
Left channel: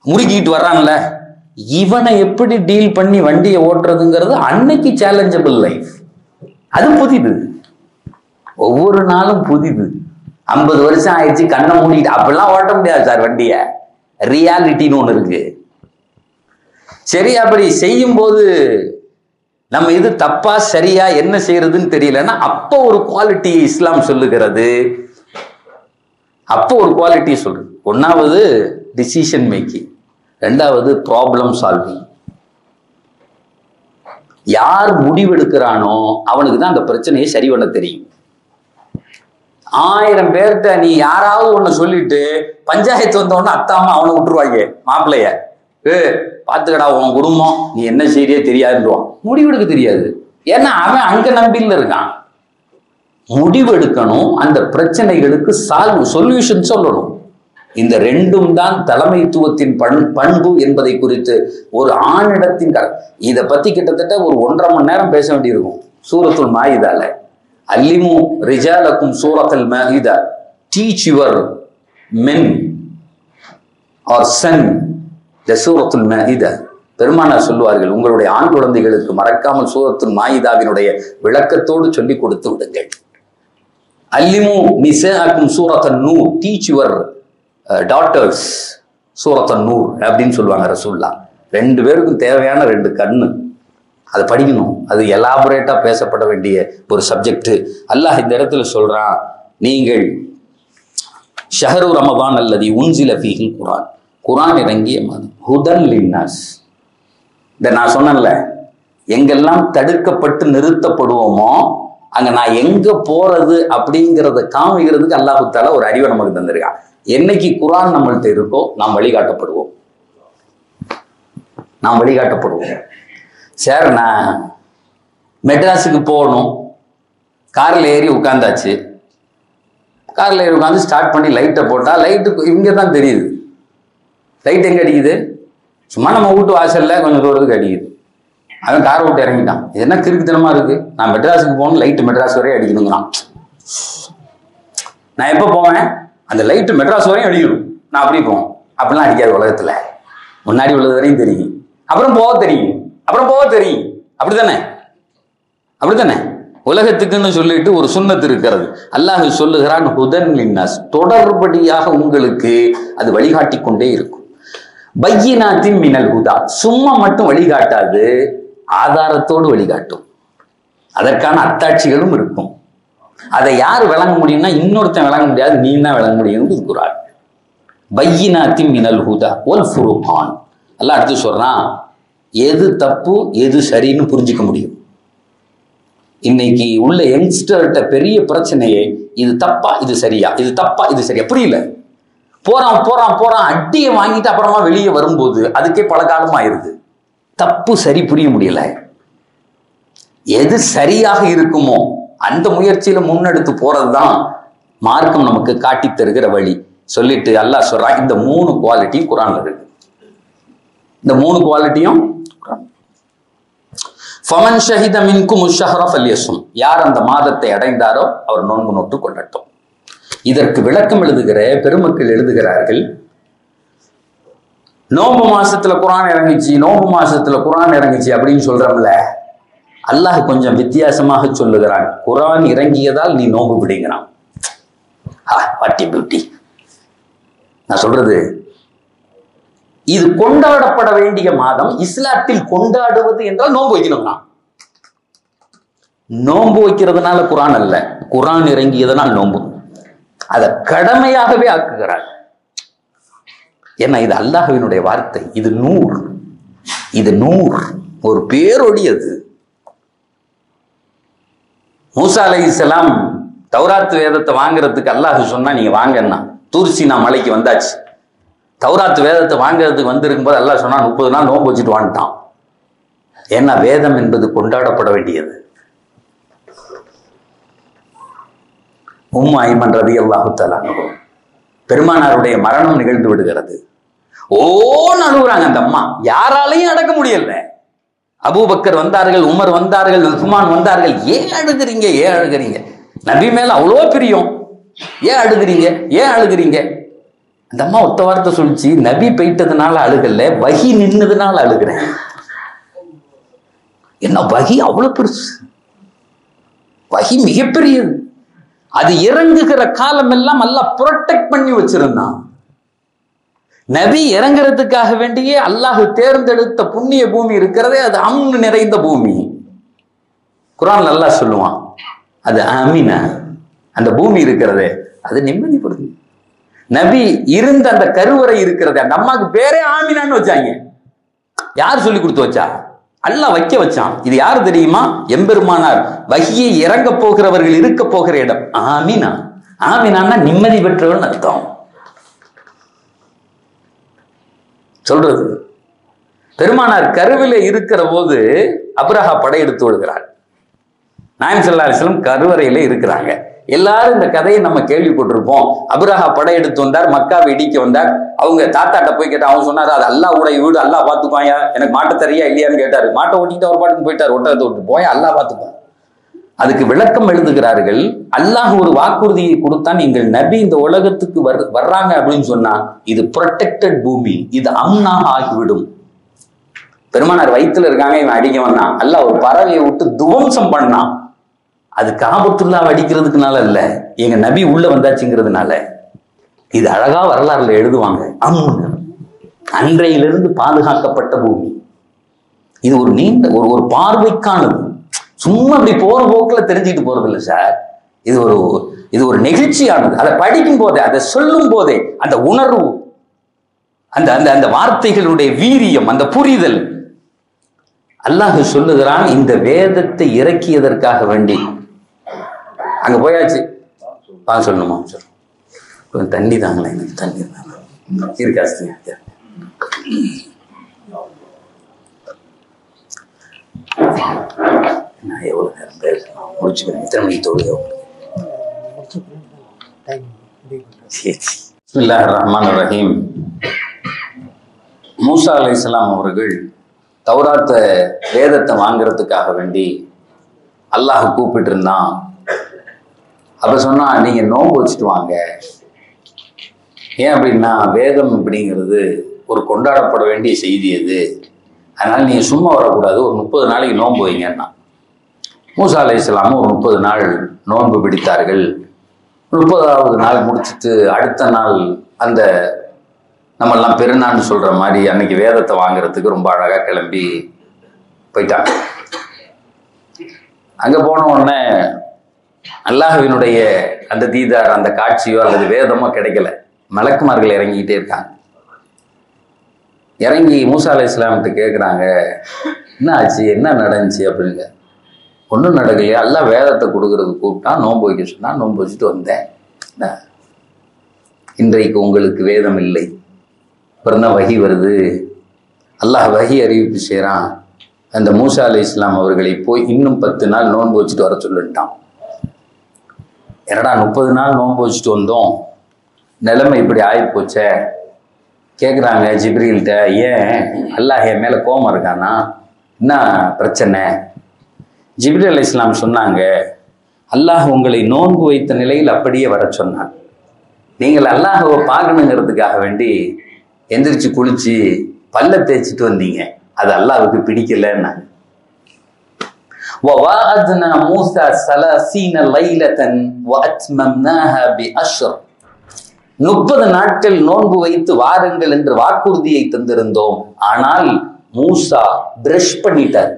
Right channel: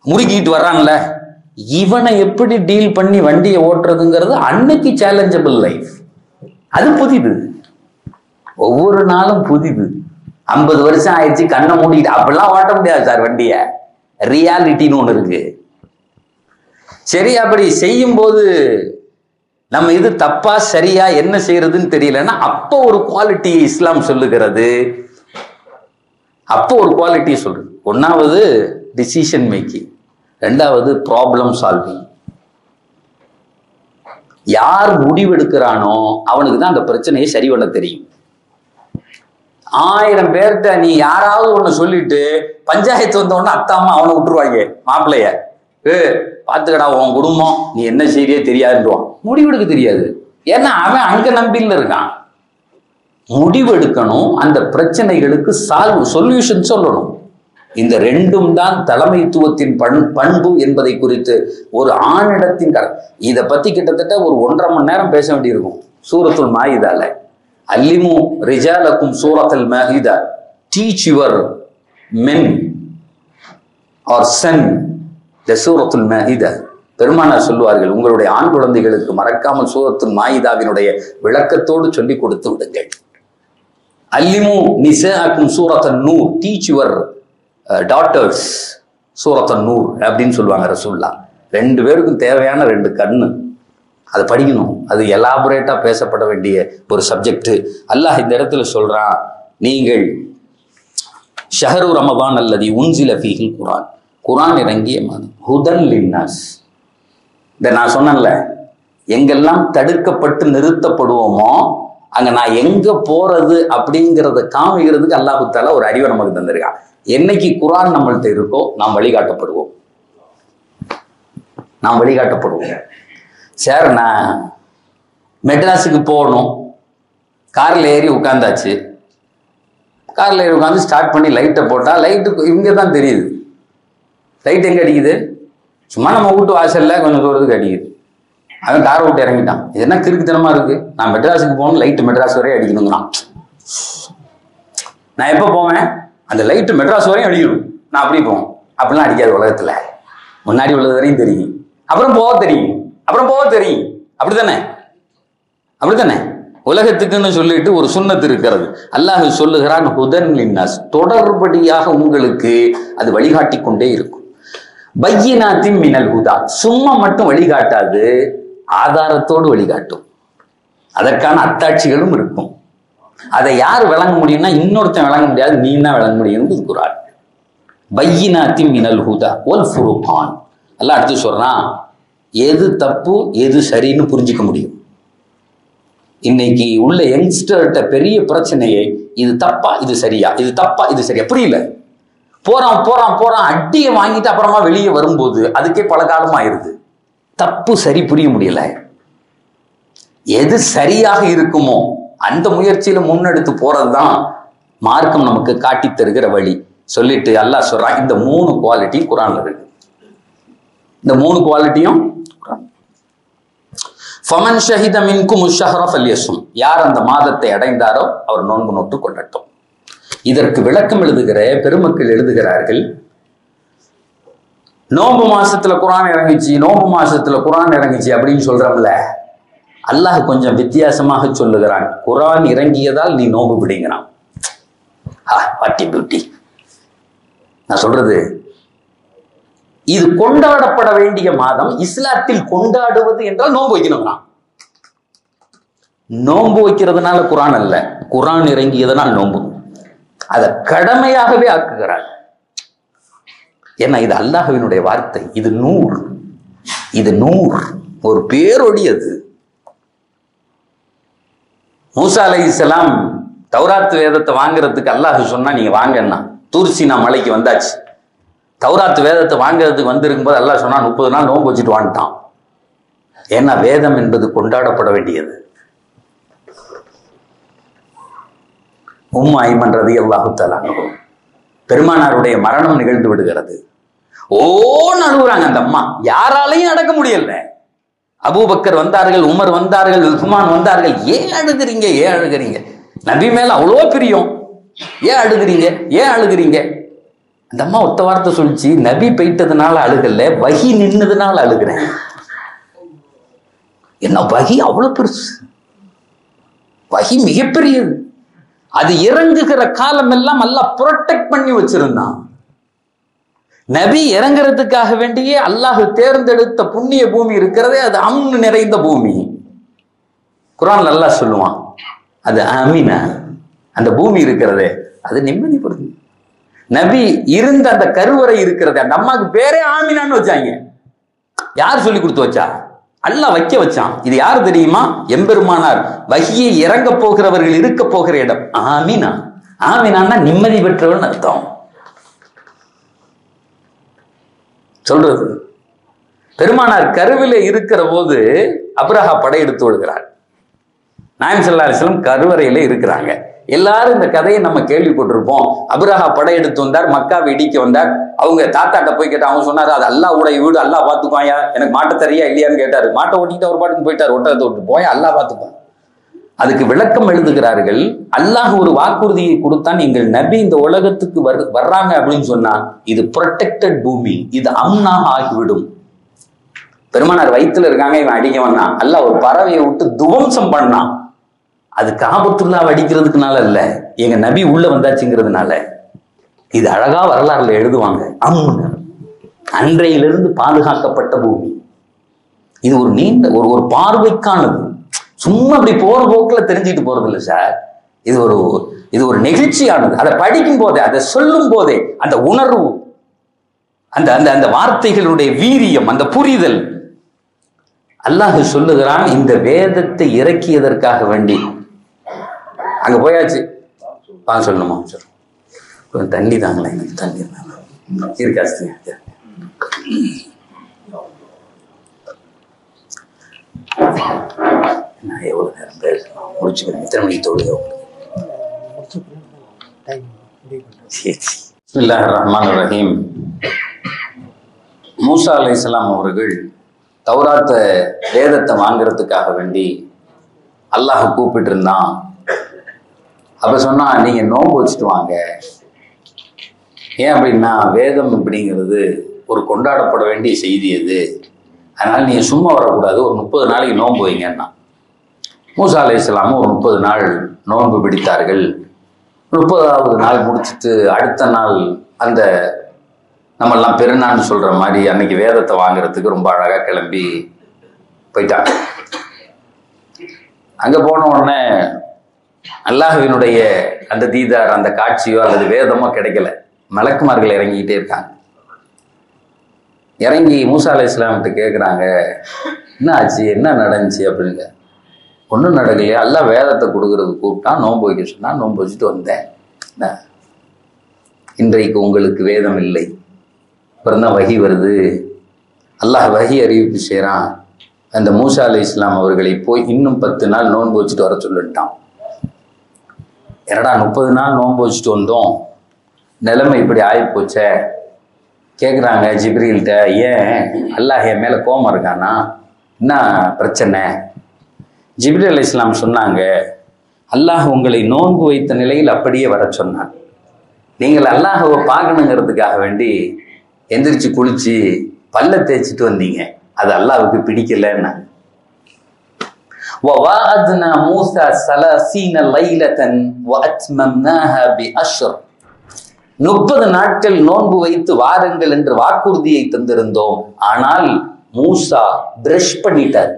முறுக்கிட்டு வர்றான்ல. இவனை எப்படி டீல் பண்ணி வண்டியை ஓட்டுறதுங்கிறது அன்னைக்கு சேலஞ்சபிள் லைஃப். அது புதிது, ஒவ்வொரு நாளும் புதிது. 50 வருஷம் ஆயிடுச்சு கண்ணை மூடிட்டு அப்படிலாம் ஓட்ட முடியாது சார் வண்டியை. ரியாலிட்டின்னு ஒன்று இருக்கு. சரி, அப்படி செய்யும் போது நம்ம இது தப்பா சரியா என்ன செய்யறதுன்னு தெரியலன்னா அப்போ ஒரு குவாலிட்டி இஸ்லாம் சொல்லுகிறது. அப்போ ஒரு குவாலிட்டி சொல்றது. 1வது டிசிஷன் மேக்கிங், 2வது ப்ராப்ளம் சால்விங். யார் முடிவெடுக்கிறானோ அவனுக்கு தான் அந்த பிரச்சனையை சரி பண்ண தெரியும். 1000 பேர்கிட்ட நீ யாராவது ஒண்ணு சொல்லிட்டு பஞ்சாயத்து வந்தவொன்னு அத்தாமா அவனை விட்டுருவாங்க. மாப்பிள்ளைய பார்த்துக்கடா உன் குடும்பம் நீ என்ன செய்யறியே தெரியாதுன்றான். முடிவெடுக்க தெரியாது, ஏன்னா அவன் அங்க நம்பில இருக்கான். முடிவெடுக்கணும், அந்த பிரச்சனைகளுக்கு சொல்யூஷன் சொல்லணும். இந்த 2ம் தான் தலைமைத்துவத்தின் பண்பு என்பதை குறித்து ஒரு ஆணிடத்தின் இதை பத்தி கிட்டத்தட்ட ஒரு 1.5 மணி நேரம் பேச வேண்டியிருக்கும். சூரத்துல் மாயிதால அல்லிமு ரிஜாலக்கும் சூரத்துல் மாயிதா, teach your men or son the சூரத்துல் மாயிதா. பெருமானார் சொல்லுவார்கள், உங்களுடைய ஆண் குழந்தைகளுக்கு மறக்காமல் சூரத்துல் மாயிதாவினுடைய விளக்கத்தோடு சொல்லி கொடுத்து விடுங்கள். அல்லிமு நிசாஅக்கும் சூரத்துன் நூர், டீச் யுவர் டாட்டர்ஸ் சூரத்துன் நூர் அப்படின்னு சொல்லுவாங்க ரசூலுல்லாஹ். 2 பேருக்கும் தேவையான 2 கண்ணு, அதை படிக்கணும். அது எலாபரேட்டா பேசப்பட வேண்டிய ஒரு சப்ஜெக்ட். அல்லாஹ் இந்த இடத்துல சொல்றான், நீங்கள் ஷஹரு ரமதான் அல்லதி உன்சில ஃபீஹில் குர்ஆன், குர்ஆன் இறங்கிய மாதம், ஹுதன் லின்னாஸ். இந்த நான் சொன்னேன்ல, எங்கெல்லாம் தடுக்கப்பட்டு நிறுத்தப்படுவோமோ அங்க நான் எங்க போறது அப்படிங்கிறத காமிக்கிறதுக்கு அல்லாஹ் தஆலா ஒரு அறிவை நமக்கு தந்திருக்கான். என்னைக்கு குர்ஆன் நம்மள்ட்ட இருக்கோ நாம் வழிகாட்டப்படுவோம், நாம் வழிகாட்டப்படுவோம். சார் நான் மெட்ராஸுக்கு போகணும், காரில் ஏறி உட்காந்தாச்சு. காரில் ஏறி உட்காந்து ஸ்டார்ட் பண்ணி லைட்டை போட்டால் லைட்டு இங்கே தான் தெரியுது. லைட் எங்கே அடிக்குது? சும்மா நம்ம வீட்டு வாசலில் கொஞ்சம் தூரத்துக்கு அடிக்குது. அவன் காரை விட்டு இறங்கிட்டான். இது என்ன கிறுக்குத்தனமா இருக்கு? நான் மெட்ராஸுக்கு போகணும், லைட்டு மெட்ராஸ் வரையும் அடிக்கணுங்கிறான். நான் எப்போ போவேன்? அந்த லைட்டு மெட்ராஸ் வரையும் அடிக்கணும், நான் அப்படி போவேன். அப்படிலாம் அடிக்காது உலகத்தில். முன்னாடி உள்ளது வரையும் தெரியும், அப்புறம் போக தெரியும், அப்புறம் போக தெரியும். அப்படித்தானே? அப்படித்தானே? உலகத்துக்குன்னு சொல்லிட்டு ஒரு சுன்னத்து இருக்கிறது. அல்லாஹ் சொல்லுகிறான், ஹுதன் லின்னாஸ், தொடர்படியாக உங்களுக்கு அது வழிகாட்டி கொண்டே இருக்கும். பையினாத்தின் மினல் ஹுதா, சும்மா மட்டும் வழிகாட்டாது, ஆதாரத்தோடு வழிகாட்டும். அதற்கான அத்தாட்சிகளும் இருக்கும். அதை யார் விளங்க முடியும்னா இன்னொருத்தன் விளங்க முடியாது, நீ தான் விளங்க முடியும். குர்ஆன் பையினாத்தின் மினல் ஹுதா வல் ஃபுர்கான். அல்லாஹ் அடுத்து சொல்றான், எது தப்பு எது சரின்னு புரிஞ்சிக்க முடியும். இன்னைக்கு உள்ள யங்ஸ்டர்கிட்ட பெரிய பிரச்சனையே இது தப்பா இது சரியா, இது தப்பா இது சரியா புரியல. போறான் போறான் போறான், அடியை வாங்கிட்டு அப்புறமா வெளியே வரும்போது அதுக்கே பல காலம் ஆயிருது. தப்பு சரி புரிய முடியல. எது சரியாக இருக்குமோ அந்த முயற்சியில முன்னெடுத்து போறதுதான் மார்க்கம் நமக்கு காட்டி தருகிற வழி. சொல்லிட்டு அல்லாஹ் சொல்றான், இந்த 3 குவாலிட்டி குர்ஆன்ல இருக்கு. இந்த 3 குவாலிட்டியும் ஃபமன் ஷஹித மின்கும் ஷஹர ஃபல்யஸும், யார் அந்த மாதத்தை அடைந்தாரோ அவர் நோன்பு நோட்டு கொள்ளட்டும். இதற்கு விளக்கம் எழுதுகிற பெருமக்கள் எழுதுகிறார்கள், நோன்பு மாசத்துல குர்ஆன் இறங்குச்சு, நோன்பு மாசத்துல குர்ஆன் இறங்குச்சு அப்படின்னு சொல்றோம்ல, அல்லாஹ் கொஞ்சம் வித்தியாசமாக சொல்லுகிறான். குர்ஆன் இறங்கியதால் நீ நோன்பு பிடிக்கிறான். What a beauty. நான் சொல்றது, இது கொண்டாடப்பட வேண்டிய மாதம். இஸ்லாத்தில் கொண்டாடுவது என்றால் நோன்பு வைக்கணும்னா, நோன்பு வைக்கிறதுனால குர்ஆன் அல்ல, குர்ஆன் இறங்கியதனால் நோன்பு. அதை கடமையாகவே ஆக்குகிறார். ஏன்னா இது அல்லாஹ்வினுடைய வார்த்தை, இது நூர், இது நூர், ஒரு பேரொடி. அது மூசா அலைஹிஸ்ஸலாம் தௌராத் வேதத்தை வாங்குறதுக்கு அல்லாஹ் சொன்னா நீங்க வாங்கன்னா, தூர் சீனா மலைக்கு வந்தாச்சு. தௌராத்து வேதத்தை வாங்கிறதுக்கு வந்திருக்கும் போது அல்லாஹ் சொன்னா 30 நாள் நோன்பு வச்சுட்டு வந்துட்டான். ஏன்னா வேதம் என்பது கொண்டாடப்பட வேண்டியது. ஐமன் ரலியல்லாஹு தஆலா பெருமானாருடைய மரணம் நிகழ்ந்து விடுகிறது. ஓன்னு அழுகுறாங்க அந்த அம்மா. யாராலையும் அடக்க முடியல. அபூபக்கர் வந்தார்கள், உமர் வந்தார்கள், உஸ்மான் வந்தார்கள். ஏன் அழுகிறீங்க, ஏன் அழுகிறீங்க? நபி மேல அவ்வளோ பிரியம், ஏன் அழுகிறீங்க, ஏன் அழுகிறீங்க? அந்த அம்மா ஒத்த வார்த்தை சொல்லிச்சு, நபி போயிட்டதுனால அழுகல, வஹி நின்னதுனால அழுகிறேன். என்ன வஹி அவ்வளவு பெருசு, வஹி மிகப்பெரியது. அது இறங்குகிற காலம் எல்லாம் அல்லாஹ் புரொடெக்ட் பண்ணி வச்சிருந்தான். நபி இறங்குறதுக்காக வேண்டியே அல்லாஹ் தேர்ந்தெடுத்த புண்ணிய பூமி இருக்கிறதே அது அம்னு நிறைந்த பூமி. குர்ஆன்ல அல்லாஹ் சொல்லுவான், அது ஆமீனா, அந்த பூமி இருக்கிறதே அது நிம்மதிப்படுது. நபி இருந்த அந்த கருவறை இருக்கிறது, அந்த அம்மாவுக்கு பேரே ஆமீனான்னு வச்சாங்க. யார் சொல்லி கொடுத்து வச்சா? அல்லாஹ் வைக்க வச்சான். இது யாரு தெரியுமா? எம்பெருமானார் வஹியை இறங்க போகிறவர்கள் இருக்க போகிற இடம் ஆமீனா. ஆமீனான்னா நிம்மதி பெற்றவன் அர்த்தம். சொல்றது பெருமானார் கருவிலே இருக்கிற போது அப்ரஹா படையெடுத்து விடுகிறார். நாயகம் ஸல்லல்லாஹு அலைஹி வஸல்லம் கருவறையில இருக்கிறாங்க. எல்லாரும் இந்த கதையை நம்ம கேள்விப்பட்டிருப்போம். அப்ரஹா படையெடுத்து வந்தார், மக்காவை இடிக்க வந்தார். அவங்க தாத்தாட்ட போய் கேட்டா, அவங்க சொன்னாரு, அது அல்லாஹ்வுடைய வீடு, அல்லாஹ் பார்த்துக்குவாயா, எனக்கு மாட்ட தெரியா இல்லையான்னு கேட்டாரு. மாட்டை ஓட்டிட்டு அவர் பாட்டுக்கு போயிட்டார், ஒட்டகத்தை விட்டு போய் அல்லாஹ் பார்த்துக்குவான். அதுக்கு விளக்கம் எழுதுகிறார்கள். அல்லாஹ் ஒரு வாக்குறுதியை கொடுத்தான், எங்கள் நபி இந்த உலகத்துக்கு வர்றாங்க அப்படின்னு சொன்னா இது புரொடெக்டட் பூமி, இது அம்னாக ஆகிவிடும். பெருமானார் வயிற்றுல இருக்காங்க, இவன் அடிக்க வந்தான். அல்லாஹ் ஒரு பறவையை விட்டு துவம்சம் பண்ணான். அது காபத்துல்லாஹ் அடிக்கிறதுக்குனால இல்ல, எங்க நபி உள்ள வந்தாச்சுங்கிறதுனால. இது அழகா வரலாறுல எழுதுவாங்க. அன்றையிலிருந்து பாதுகாக்கப்பட்ட பூமி. இது ஒரு நீண்ட ஒரு பார்வைக்கானது. சும்மா அப்படி போற போக்குல தெரிஞ்சுட்டு போறது இல்லை சார். இது ஒரு நெகிழ்ச்சியானது. அதை படிக்கும் போதே, அதை சொல்லும் போதே அந்த உணர்வு, அந்த அந்த அந்த வார்த்தைகளுடைய வீரியம், அந்த புரிதல். அல்லாஹ் சொல்லுகிறான், இந்த வேதத்தை இறக்கியதற்காக வேண்டி அங்க போயாச்சு. சொல்லணுமா? கொஞ்சம் தண்ணி தாங்களே, எனக்கு தண்ணி இருக்காச்சு. நான் எவ்வளவு நேரம் பேசணும், முடிச்சுக்கிறேன். எத்தனை மணிக்கு தொழுது? பிஸ்மில்லாஹிர் ரஹ்மானிர் ரஹீம். மூசா அலைஹிஸ்ஸலாம் அவர்கள் தௌராத்த வேதத்தை வாங்குறதுக்காக வேண்டி அல்லாஹ் கூப்பிட்டு இருந்தான். அப்ப சொன்னா, நீங்க நோன்பு வச்சுட்டு வாங்க. ஏன் அப்படின்னா வேதம் அப்படிங்கிறது ஒரு கொண்டாடப்பட வேண்டிய செய்தி அது. அதனால நீங்க சும்மா வரக்கூடாது, ஒரு 30 நாளைக்கு நோன்பு வைங்கன்னா. மூசா அலைஹிஸ்ஸலாம் ஒரு 30 நாள் நோன்பு பிடித்தார்கள். 30வது நாள் முடிச்சுட்டு அடுத்த நாள் அந்த நம்மெல்லாம் பெருநாள்னு சொல்ற மாதிரி அன்னைக்கு வேதத்தை வாங்குறதுக்கு ரொம்ப அழகா கிளம்பி போயிட்டாங்க. அங்க போன உடனே அல்லாஹ்வினுடைய அந்த தீதார், அந்த காட்சியோ அல்லது வேதமோ கிடைக்கல. மலக்குமார்கள் இறங்கிக்கிட்டே இருக்காங்க. இறங்கி மூசா அலைஹிஸ்ஸலாம்கிட்ட கேட்குறாங்க, என்ன ஆச்சு, என்ன நடந்துச்சு அப்படின்னு. ஒன்றும் நடக்கலையா, அல்லாஹ் வேதத்தை கொடுக்கறதுக்கு கூப்பிட்டான், நோன்பு வைக்க சொன்னான், நோன்பு வச்சுட்டு வந்தேன். இன்றைக்கு உங்களுக்கு வேதம் இல்லை. அப்புறம் தான் வஹி வருது. அல்லாஹ் வஹி அறிவிப்பு செய்கிறான், அந்த மூசா அலைஹிஸ்ஸலாம் அவர்களை போய் இன்னும் 10 நாள் நோன்பு வச்சுட்டு வர சொல்லிட்டான். என்னடா 30 நாள் நோன்பு வச்சுட்டு வந்தோம், நிலைமை இப்படி ஆகிப்போச்சே. கேட்குறாங்க ஜிப்ரீல்கிட்ட, ஏன் அல்லாஹ் என் மேலே கோபம் இருக்கானா, என்ன பிரச்சனை? ஜிப்ரீல் அலைஹிஸ்ஸலாம் சொன்னாங்க, அல்லாஹ் உங்களை நோன்பு வைத்த நிலையில் அப்படியே வர சொன்னான். நீங்கள் அல்லாஹ்வை பார்க்கணுங்கிறதுக்காக வேண்டி எந்திரிச்சு குளிச்சு பல்ல தேய்ச்சிட்டு வந்தீங்க, அது அல்லாஹ்வுக்கு பிடிக்கலன்னா. وَوَعَدْنَا مُوسَى 30 لَيْلَةً وَأَتْمَمْنَاهَا بِعَشْرٍ. 30 நாட்கள் நோன்பு வைத்து வாருங்கள் என்று வாக்குறுதியை தந்திருந்தோம். ஆனால் மூசா பிரஷ் பண்ணிட்டார்.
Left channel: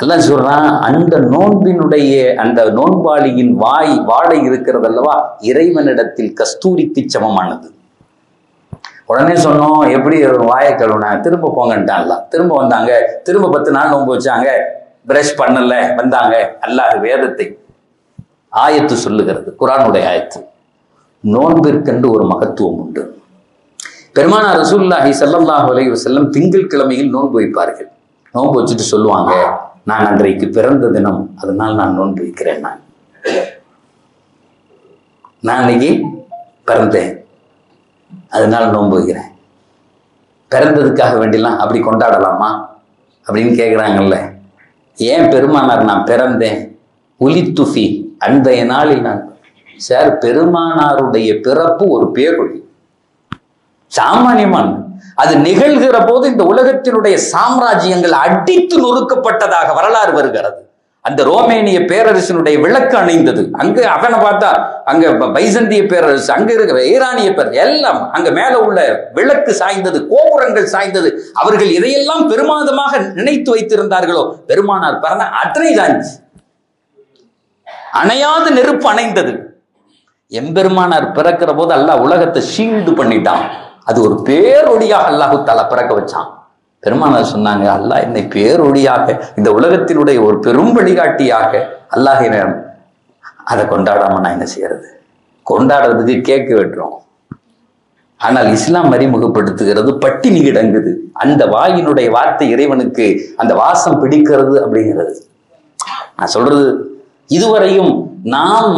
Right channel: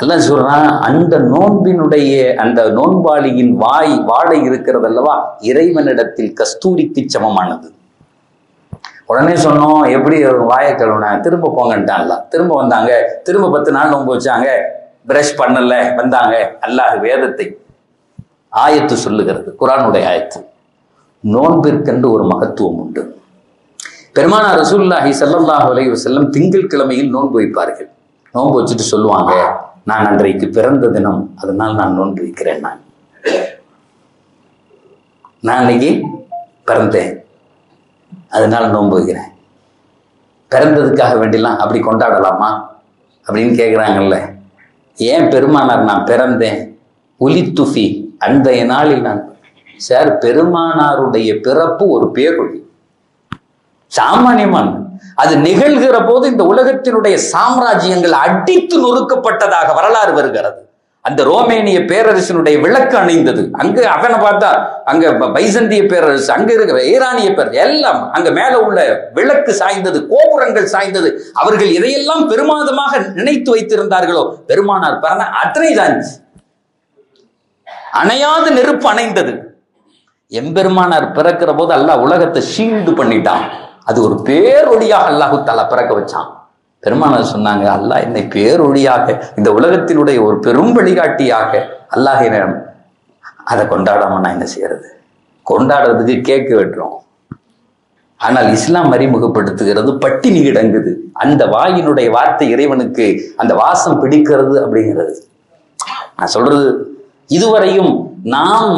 அல்லாஹ் சொல்றான், அந்த நோன்பினுடைய அந்த நோன்பாளியின் வாடை இருக்கிறது அல்லவா, இறைவனிடத்தில் கஸ்தூரிக்கு சமமானது. உடனே சொன்னோம், எப்படி வாயை கழுவுன, திரும்ப போங்கன்ட்டான்ல. திரும்ப வந்தாங்க, திரும்ப 10 நாள் நோன்பு வச்சாங்க, பிரஷ் பண்ணல, வந்தாங்க. அல்லாஹ் வேதத்தை ஆயத்து சொல்லுகிறது, குர்ஆனுடைய ஆயத்து. நோன்பிற்கென்று ஒரு மகத்துவம் உண்டு. பெருமானார் ரசூலுல்லாஹி ஸல்லல்லாஹு அலைஹி வஸல்லம் திங்கள் கிழமையில் நோன்பு வைப்பார்கள். நோன்பு வச்சுட்டு சொல்லுவாங்க, நான் அன்றைக்கு பிறந்த தினம், அதனால் நான் நோன்பு வைக்கிறேன். நான் அன்னைக்கு பிறந்தேன், அதனால நோன்பு வைக்கிறேன். பிறந்ததுக்காக வேண்டிலாம் அப்படி கொண்டாடலாமா அப்படின்னு கேட்குறாங்கல்ல. ஏன் பெருமானார் நான் பிறந்தேன், உலித்துஃபி, அந்த நாளில் நான் சார், பெருமானாருடைய பிறப்பு ஒரு பேரொழி, சாமானியமான. அது நிகழ்கிற போது இந்த உலகத்தினுடைய சாம்ராஜ்யங்கள் அடித்து நொறுக்கப்பட்டதாக வரலாறு வருகிறது. அந்த ரோமேனிய பேரரசினுடைய விளக்கு அணைந்தது. அங்க அவனை பார்த்தா அங்க பைசந்திய பேரரசு, அங்க இருக்கிற ஈரானிய பேரரசு எல்லாம் அங்க மேல உள்ள விளக்கு சாய்ந்தது, கோபுரங்கள் சாய்ந்தது. அவர்கள் எதையெல்லாம் பெருமாதமாக நினைத்து வைத்திருந்தார்களோ பெருமானார் பிறந்த அத்தனை சாய்ந்துச்சு. அணையாத நெருப்பு அணைந்தது. எம்பெருமானார் பிறக்கிற போது அல்லாஹ் உலகத்தை ஷீல்டு பண்ணிட்டான். அது ஒரு பேரொழியாக அல்லாஹு தஆலா பிறக்க வச்சான். பெருமானார் சொன்னாங்க, அல்லாஹ் என்னை பேரொழியாக, இந்த உலகத்தினுடைய ஒரு பெரும் வழிகாட்டியாக அல்லாஹ் அதை கொண்டாடாம நான் என்ன செய்யறது? கொண்டாடுறதுக்கு கேக்கு வெட்டுறோம். ஆனால் இஸ்லாம் அறிமுகப்படுத்துகிறது பட்டினி கிடங்குது. அந்த வாயினுடைய வார்த்தை இறைவனுக்கு அந்த வாசம் பிடிக்கிறது அப்படிங்கிறது. நான் சொல்றது, இதுவரையும் நாம்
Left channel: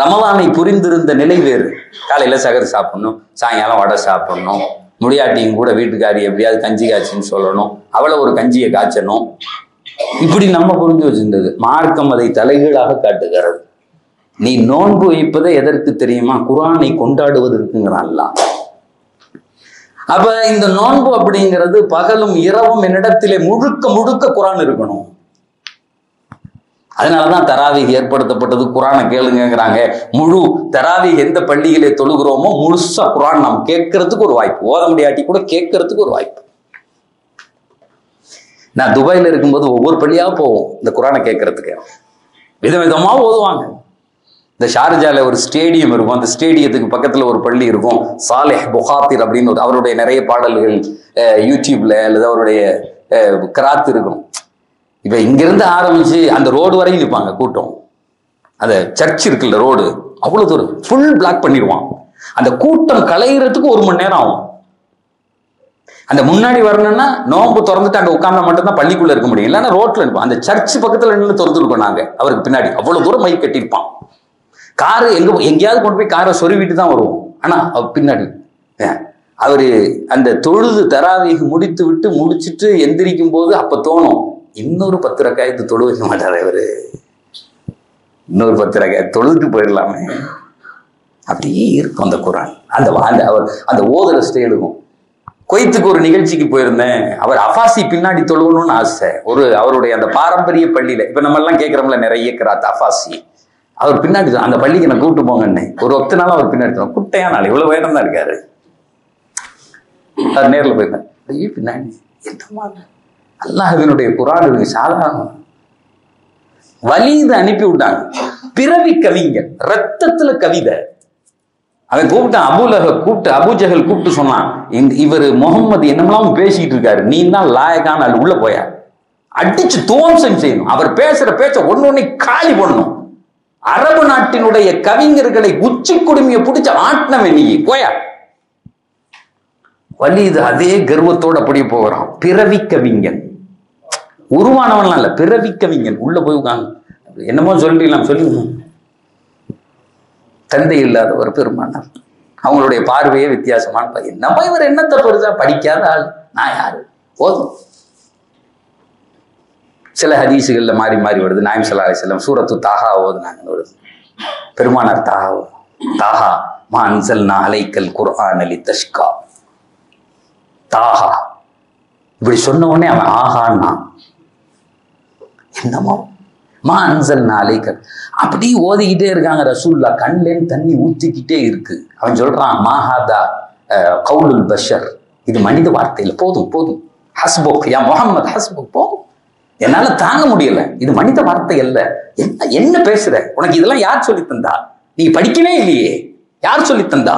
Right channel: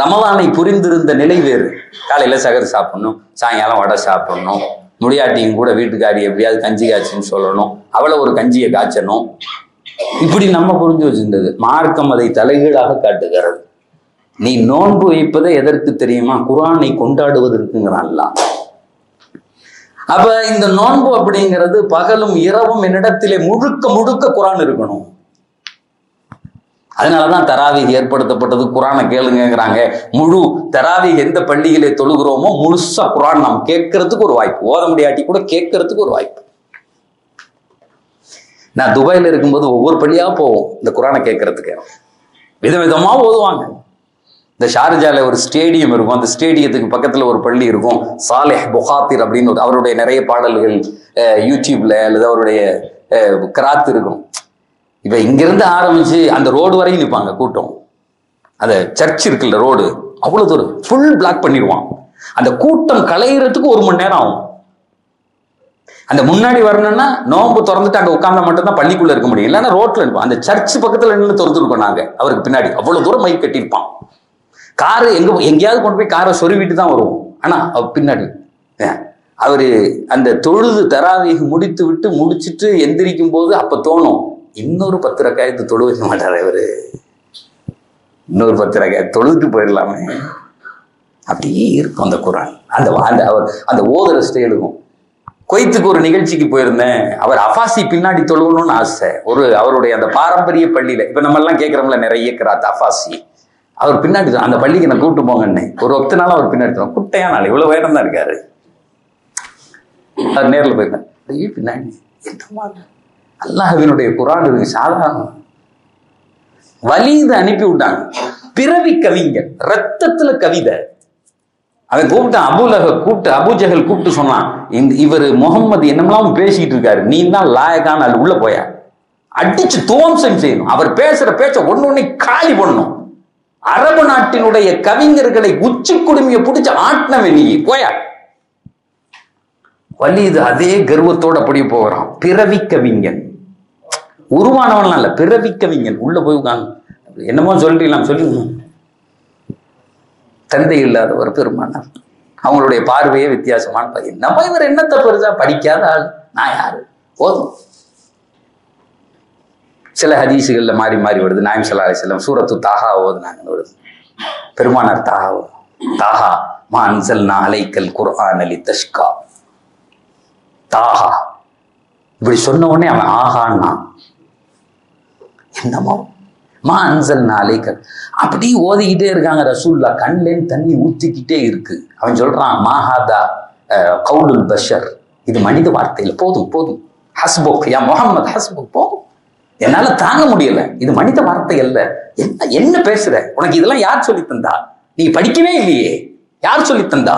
ரமலானை புரிந்திருந்த நிலை வேறு. காலையில சகர் சாப்பிடணும், சாயங்காலம் வடை சாப்பிடணும், முடியாட்டியும் கூட வீட்டுக்காரி எப்படியாவது கஞ்சி காய்ச்சின்னு சொல்லணும், அவளை ஒரு கஞ்சியை காய்ச்சணும், இப்படி நம்ம புரிஞ்சு வச்சிருந்தது. மார்க்கம் அதை தலைகீழாக காட்டுகிறது. நீ நோன்பு வைப்பதை எதற்கு தெரியுமா? குர்ஆனை கொண்டாடுவதற்குங்கிறான்ல. அப்ப இந்த நோன்பு அப்படிங்கிறது பகலும் இரவும் என்னிடத்திலே முழுக்க முழுக்க குர்ஆன் இருக்கணும். அதனாலதான் தராவீஹ் ஏற்படுத்தப்பட்டது. குர்ஆனை கேளுங்கிறாங்க. முழு தராவீஹ் எந்த பள்ளியிலே தொழுகிறோமோ முழுசா குர்ஆன் நாம் கேட்கறதுக்கு ஒரு வாய்ப்பு, ஓத முடியாட்டி கூட கேட்கறதுக்கு ஒரு வாய்ப்பு. நான் துபாயில இருக்கும்போது ஒவ்வொரு பள்ளியா போவோம் இந்த குர்ஆனை கேட்கறதுக்கு. விதவிதமா ஓதுவாங்க. இந்த ஷார்ஜால ஒரு ஸ்டேடியம் இருக்கும், அந்த ஸ்டேடியத்துக்கு பக்கத்துல ஒரு பள்ளி இருக்கும், சாலிஹ் புகாத்திர் அப்படின்னு அவருடைய நிறைய பாடல்கள் யூடியூப்ல அல்லது அவருடைய கிராத் இருக்கும். இப்ப இங்கிருந்து ஆரம்பிச்சு அந்த ரோடு வரையும் நிற்பாங்க கூட்டம். அந்த சர்ச் இருக்குல்ல ரோடு, அவ்வளவு தூரம் ஃபுல் பிளாக் பண்ணிடுவான். அந்த கூட்டம் கலையிறதுக்கு 1 மணி நேரம் ஆகும். அந்த முன்னாடி வரணும்னா நோம்பு திறந்துட்டு அங்க உட்கார்ந்தா மட்டும்தான் பள்ளிக்குள்ள இருக்க முடியும், இல்லைன்னா ரோட்ல இருப்பான். அந்த சர்ச் பக்கத்துல நின்று திறந்துருக்கோம் நாங்க. அவருக்கு பின்னாடி அவ்வளவு தூரம் மைக் கட்டியிருப்பான். காரு எங்கேயாவது கொண்டு போய் காரை சொருவிட்டு தான் வருவோம். ஆனா பின்னாடி அவரு அந்த தொழுது தராவீஹ் முடிச்சுட்டு எந்திரிக்கும் போது அப்ப தோணும், இன்னொரு 10 ரக்காயத்து தொழு வைக்க மாட்டாரு அவரு, இன்னொரு 10 ரக்காயத்து தொழுதுட்டு போயிடலாமே. அப்படியே இருக்கும் அந்த குர்ஆன். அந்த ஓதுற ஸ்டைலுக்கும். குவைத்துக்கு ஒரு நிகழ்ச்சிக்கு போயிருந்தேன். அவர் அஃபாசி பின்னாடி தொழுவணும்னு ஆசை. அவருடைய அந்த பாரம்பரிய பள்ளியில இப்ப நம்ம எல்லாம் கேட்கிறோம்ல நிறைய கிராத் அஃபாசி, அவர் பின்னாடி அந்த பள்ளிக்கு நான் கூப்பிட்டு போங்கன்னு ஒரு 10 நாள் அவர் பின்னாடி குட்டையா நாள் இவ்வளவு வேடம் தான் இருக்காரு. அவர் நேரில் போயிருந்தேன். பின்னாடி அல்லாஹ்வினுடைய குர்ஆன் இருக்கு, சாதாரண வலிது அனுப்பி விட்டாங்க. பிறவி கவிஞர், ரத்தத்துல கவிதை. அவன் கூப்பிட்டான், அபூஜஹல் கூப்பிட்டு சொன்னான், இவர் முகம்மது என்னமெல்லாம் பேசிக்கிட்டு இருக்காரு, நீ தான் லாயக்கான அது உள்ள போய அடிச்சு துவம்சம் செய்யணும். அவர் பேசுற பேச்ச ஒன்னொன்னே காலி பண்ணணும். அரபு நாட்டினுடைய கவிஞர்களை உச்சி குடுமையை பிடிச்ச ஆட்டினவன் நீ போயா. வலிது அதே கர்வத்தோடு அப்படியே போகிறான். பிறவி கவிஞன், உருவானவன்லாம் இல்ல, பிறவி கவிஞன். உள்ள போய் உட்காந்து என்னமோ சொல்லிடலாம் சொல்லி தந்தை இல்லாத ஒரு பெருமானார். அவங்களுடைய பார்வையே வித்தியாசமான பையன். நம்ம இவர் என்னத்தை பெருசா படிக்காத ஆள், நான் யாரு போதும். சில ஹதீசுகள்ல மாறி மாறி வருது. நாயம் ஸல்லல்லாஹு அலைஹி வஸல்லம் சூரத்து தாஹா ஓதுனாங்கன்னு வருது. பெருமானார் தாஹா மா அன்ஸல்னா அலைக்கல் குர்ஆன லிதஷ்கா. தாஹா இப்படி சொன்ன உடனே அவன் ஆஹான்னா என்னமோ மா அன்ஸல்னா அலைக்கல் அப்படி ஓதிக்கிட்டே இருக்காங்க. ரசூல்லா கண்லேன்னு தண்ணி ஊத்திக்கிட்டே இருக்கு. அவன் சொல்றான், மாஹாதா கவுலுல் பஷர், இது மனித வார்த்தையில போதும் போதும், ஹஸ்புக் யா முஹம்மத் ஹஸ்புக், போதும், என்னால தாங்க முடியல, இது மனித வார்த்தை அல்ல. என்ன பேசுற, உனக்கு இதெல்லாம் யார் சொல்லி தந்தா, நீ படிக்கவே இல்லையே, யார் சொல்லி தந்தா,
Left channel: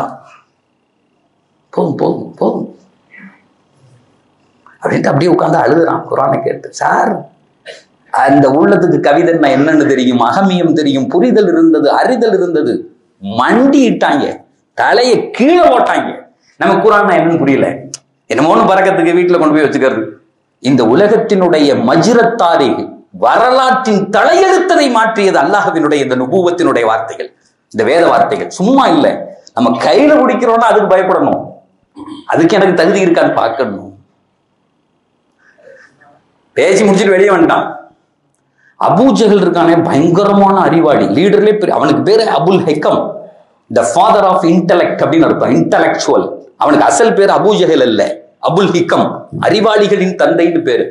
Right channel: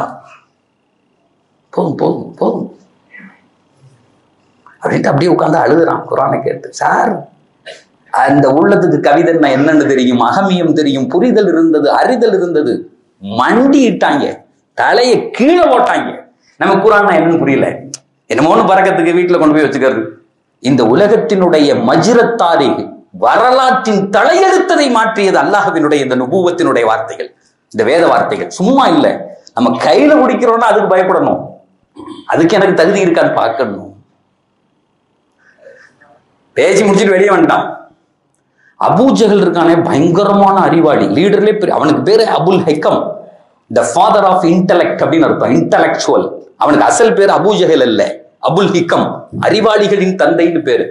போதும் போதும் போதும் அப்படின்ட்டு அப்படியே உட்காந்து அழுகுறான் குர்ஆனை கேட்டு. சார், அந்த உள்ளத்துக்கு கவிதைன்னா என்னன்னு தெரியும், அகமியம் தெரியும், புரிதல் இருந்தது, அறிதல் இருந்தது. மண்டிட்டாங்க. தலையை கீழே போட்டாங்க. நம்ம குர்ஆன் என்னன்னு புரியல, என்னமோன்னு பறக்கத்துக்கு வீட்டுல கொண்டு போய் வச்சுக்கிறது. இந்த உலகத்தினுடைய மஜ்ரத்தாரி வரலாற்றின் தலையெழுத்ததை மாற்றியது அல்லாஹ்வினுடைய இந்த நுபுவத்தினுடைய வார்த்தைகள், இந்த வேத வார்த்தைகள். சும்மா இல்லை, நம்ம கையில குடிக்கிறோம்னா அதுக்கு பயப்படணும், அதுக்கு எனக்கு தகுதி இருக்கான்னு பார்க்கணும். பேசி முடிச்சுட்டு வெளியே வந்துட்டான். அபூஜஹல் இருக்கானே, பயங்கரமான அறிவாளி, லீடர்லே பெரிய. அவனுக்கு பேரு Abul ஹிகம், the father of intellect அப்படின்னு அர்த்தம், இன்டலெக்சுவல். அவனுக்கு அசல் பேர் அபூஜஹல் அல்ல, அபுல் ஹிகம், அறிவாளிகளின் தந்தைன்னு பேரு.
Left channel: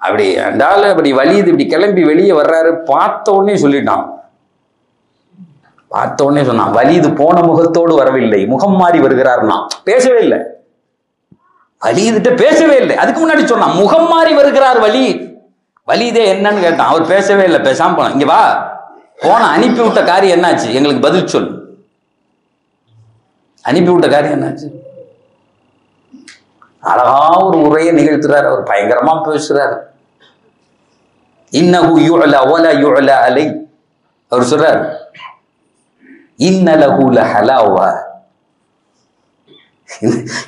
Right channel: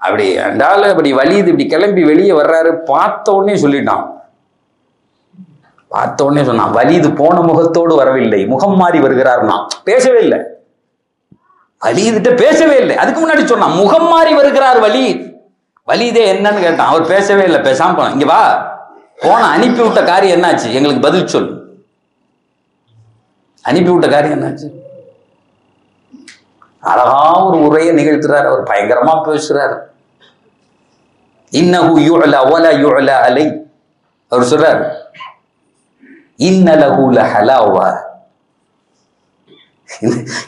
அப்படி அண்டால அப்படி வலியுது, இப்படி கிளம்பி வெளியே வர்றாரு. பார்த்த உடனே சொல்லிட்டான், பார்த்த உடனே சொன்னான், வலிது போன முகத்தோடு வரவில்லை, முகம் மாறி வருகிறார்னா. பேசவே இல்லை, வலிதுட்ட பேசவே இல்லை. அதுக்கு முன்னாடி சொன்னான் முகம் மாறி வருகிறார் வலீத். வலிதே என்னன்னு கேட்டான், அவர் பேசவே இல்லை, பேசாம போனான். இங்க வா, போன அனுப்பி விட்ட காரியம் என்னாச்சு, எங்களுக்கு பதில் சொல். அனுப்பி விட்ட காரியம் என்னாச்சு? அழகா ஒரு உரையை நிகழ்த்துறாரு, அவர் பயங்கரமா பேசுறாரு. இன்னஹு யுஅலா வலா யுஅலா அலை. அவர் சொல்றாரு, இன்னலஹு லஹலாவா.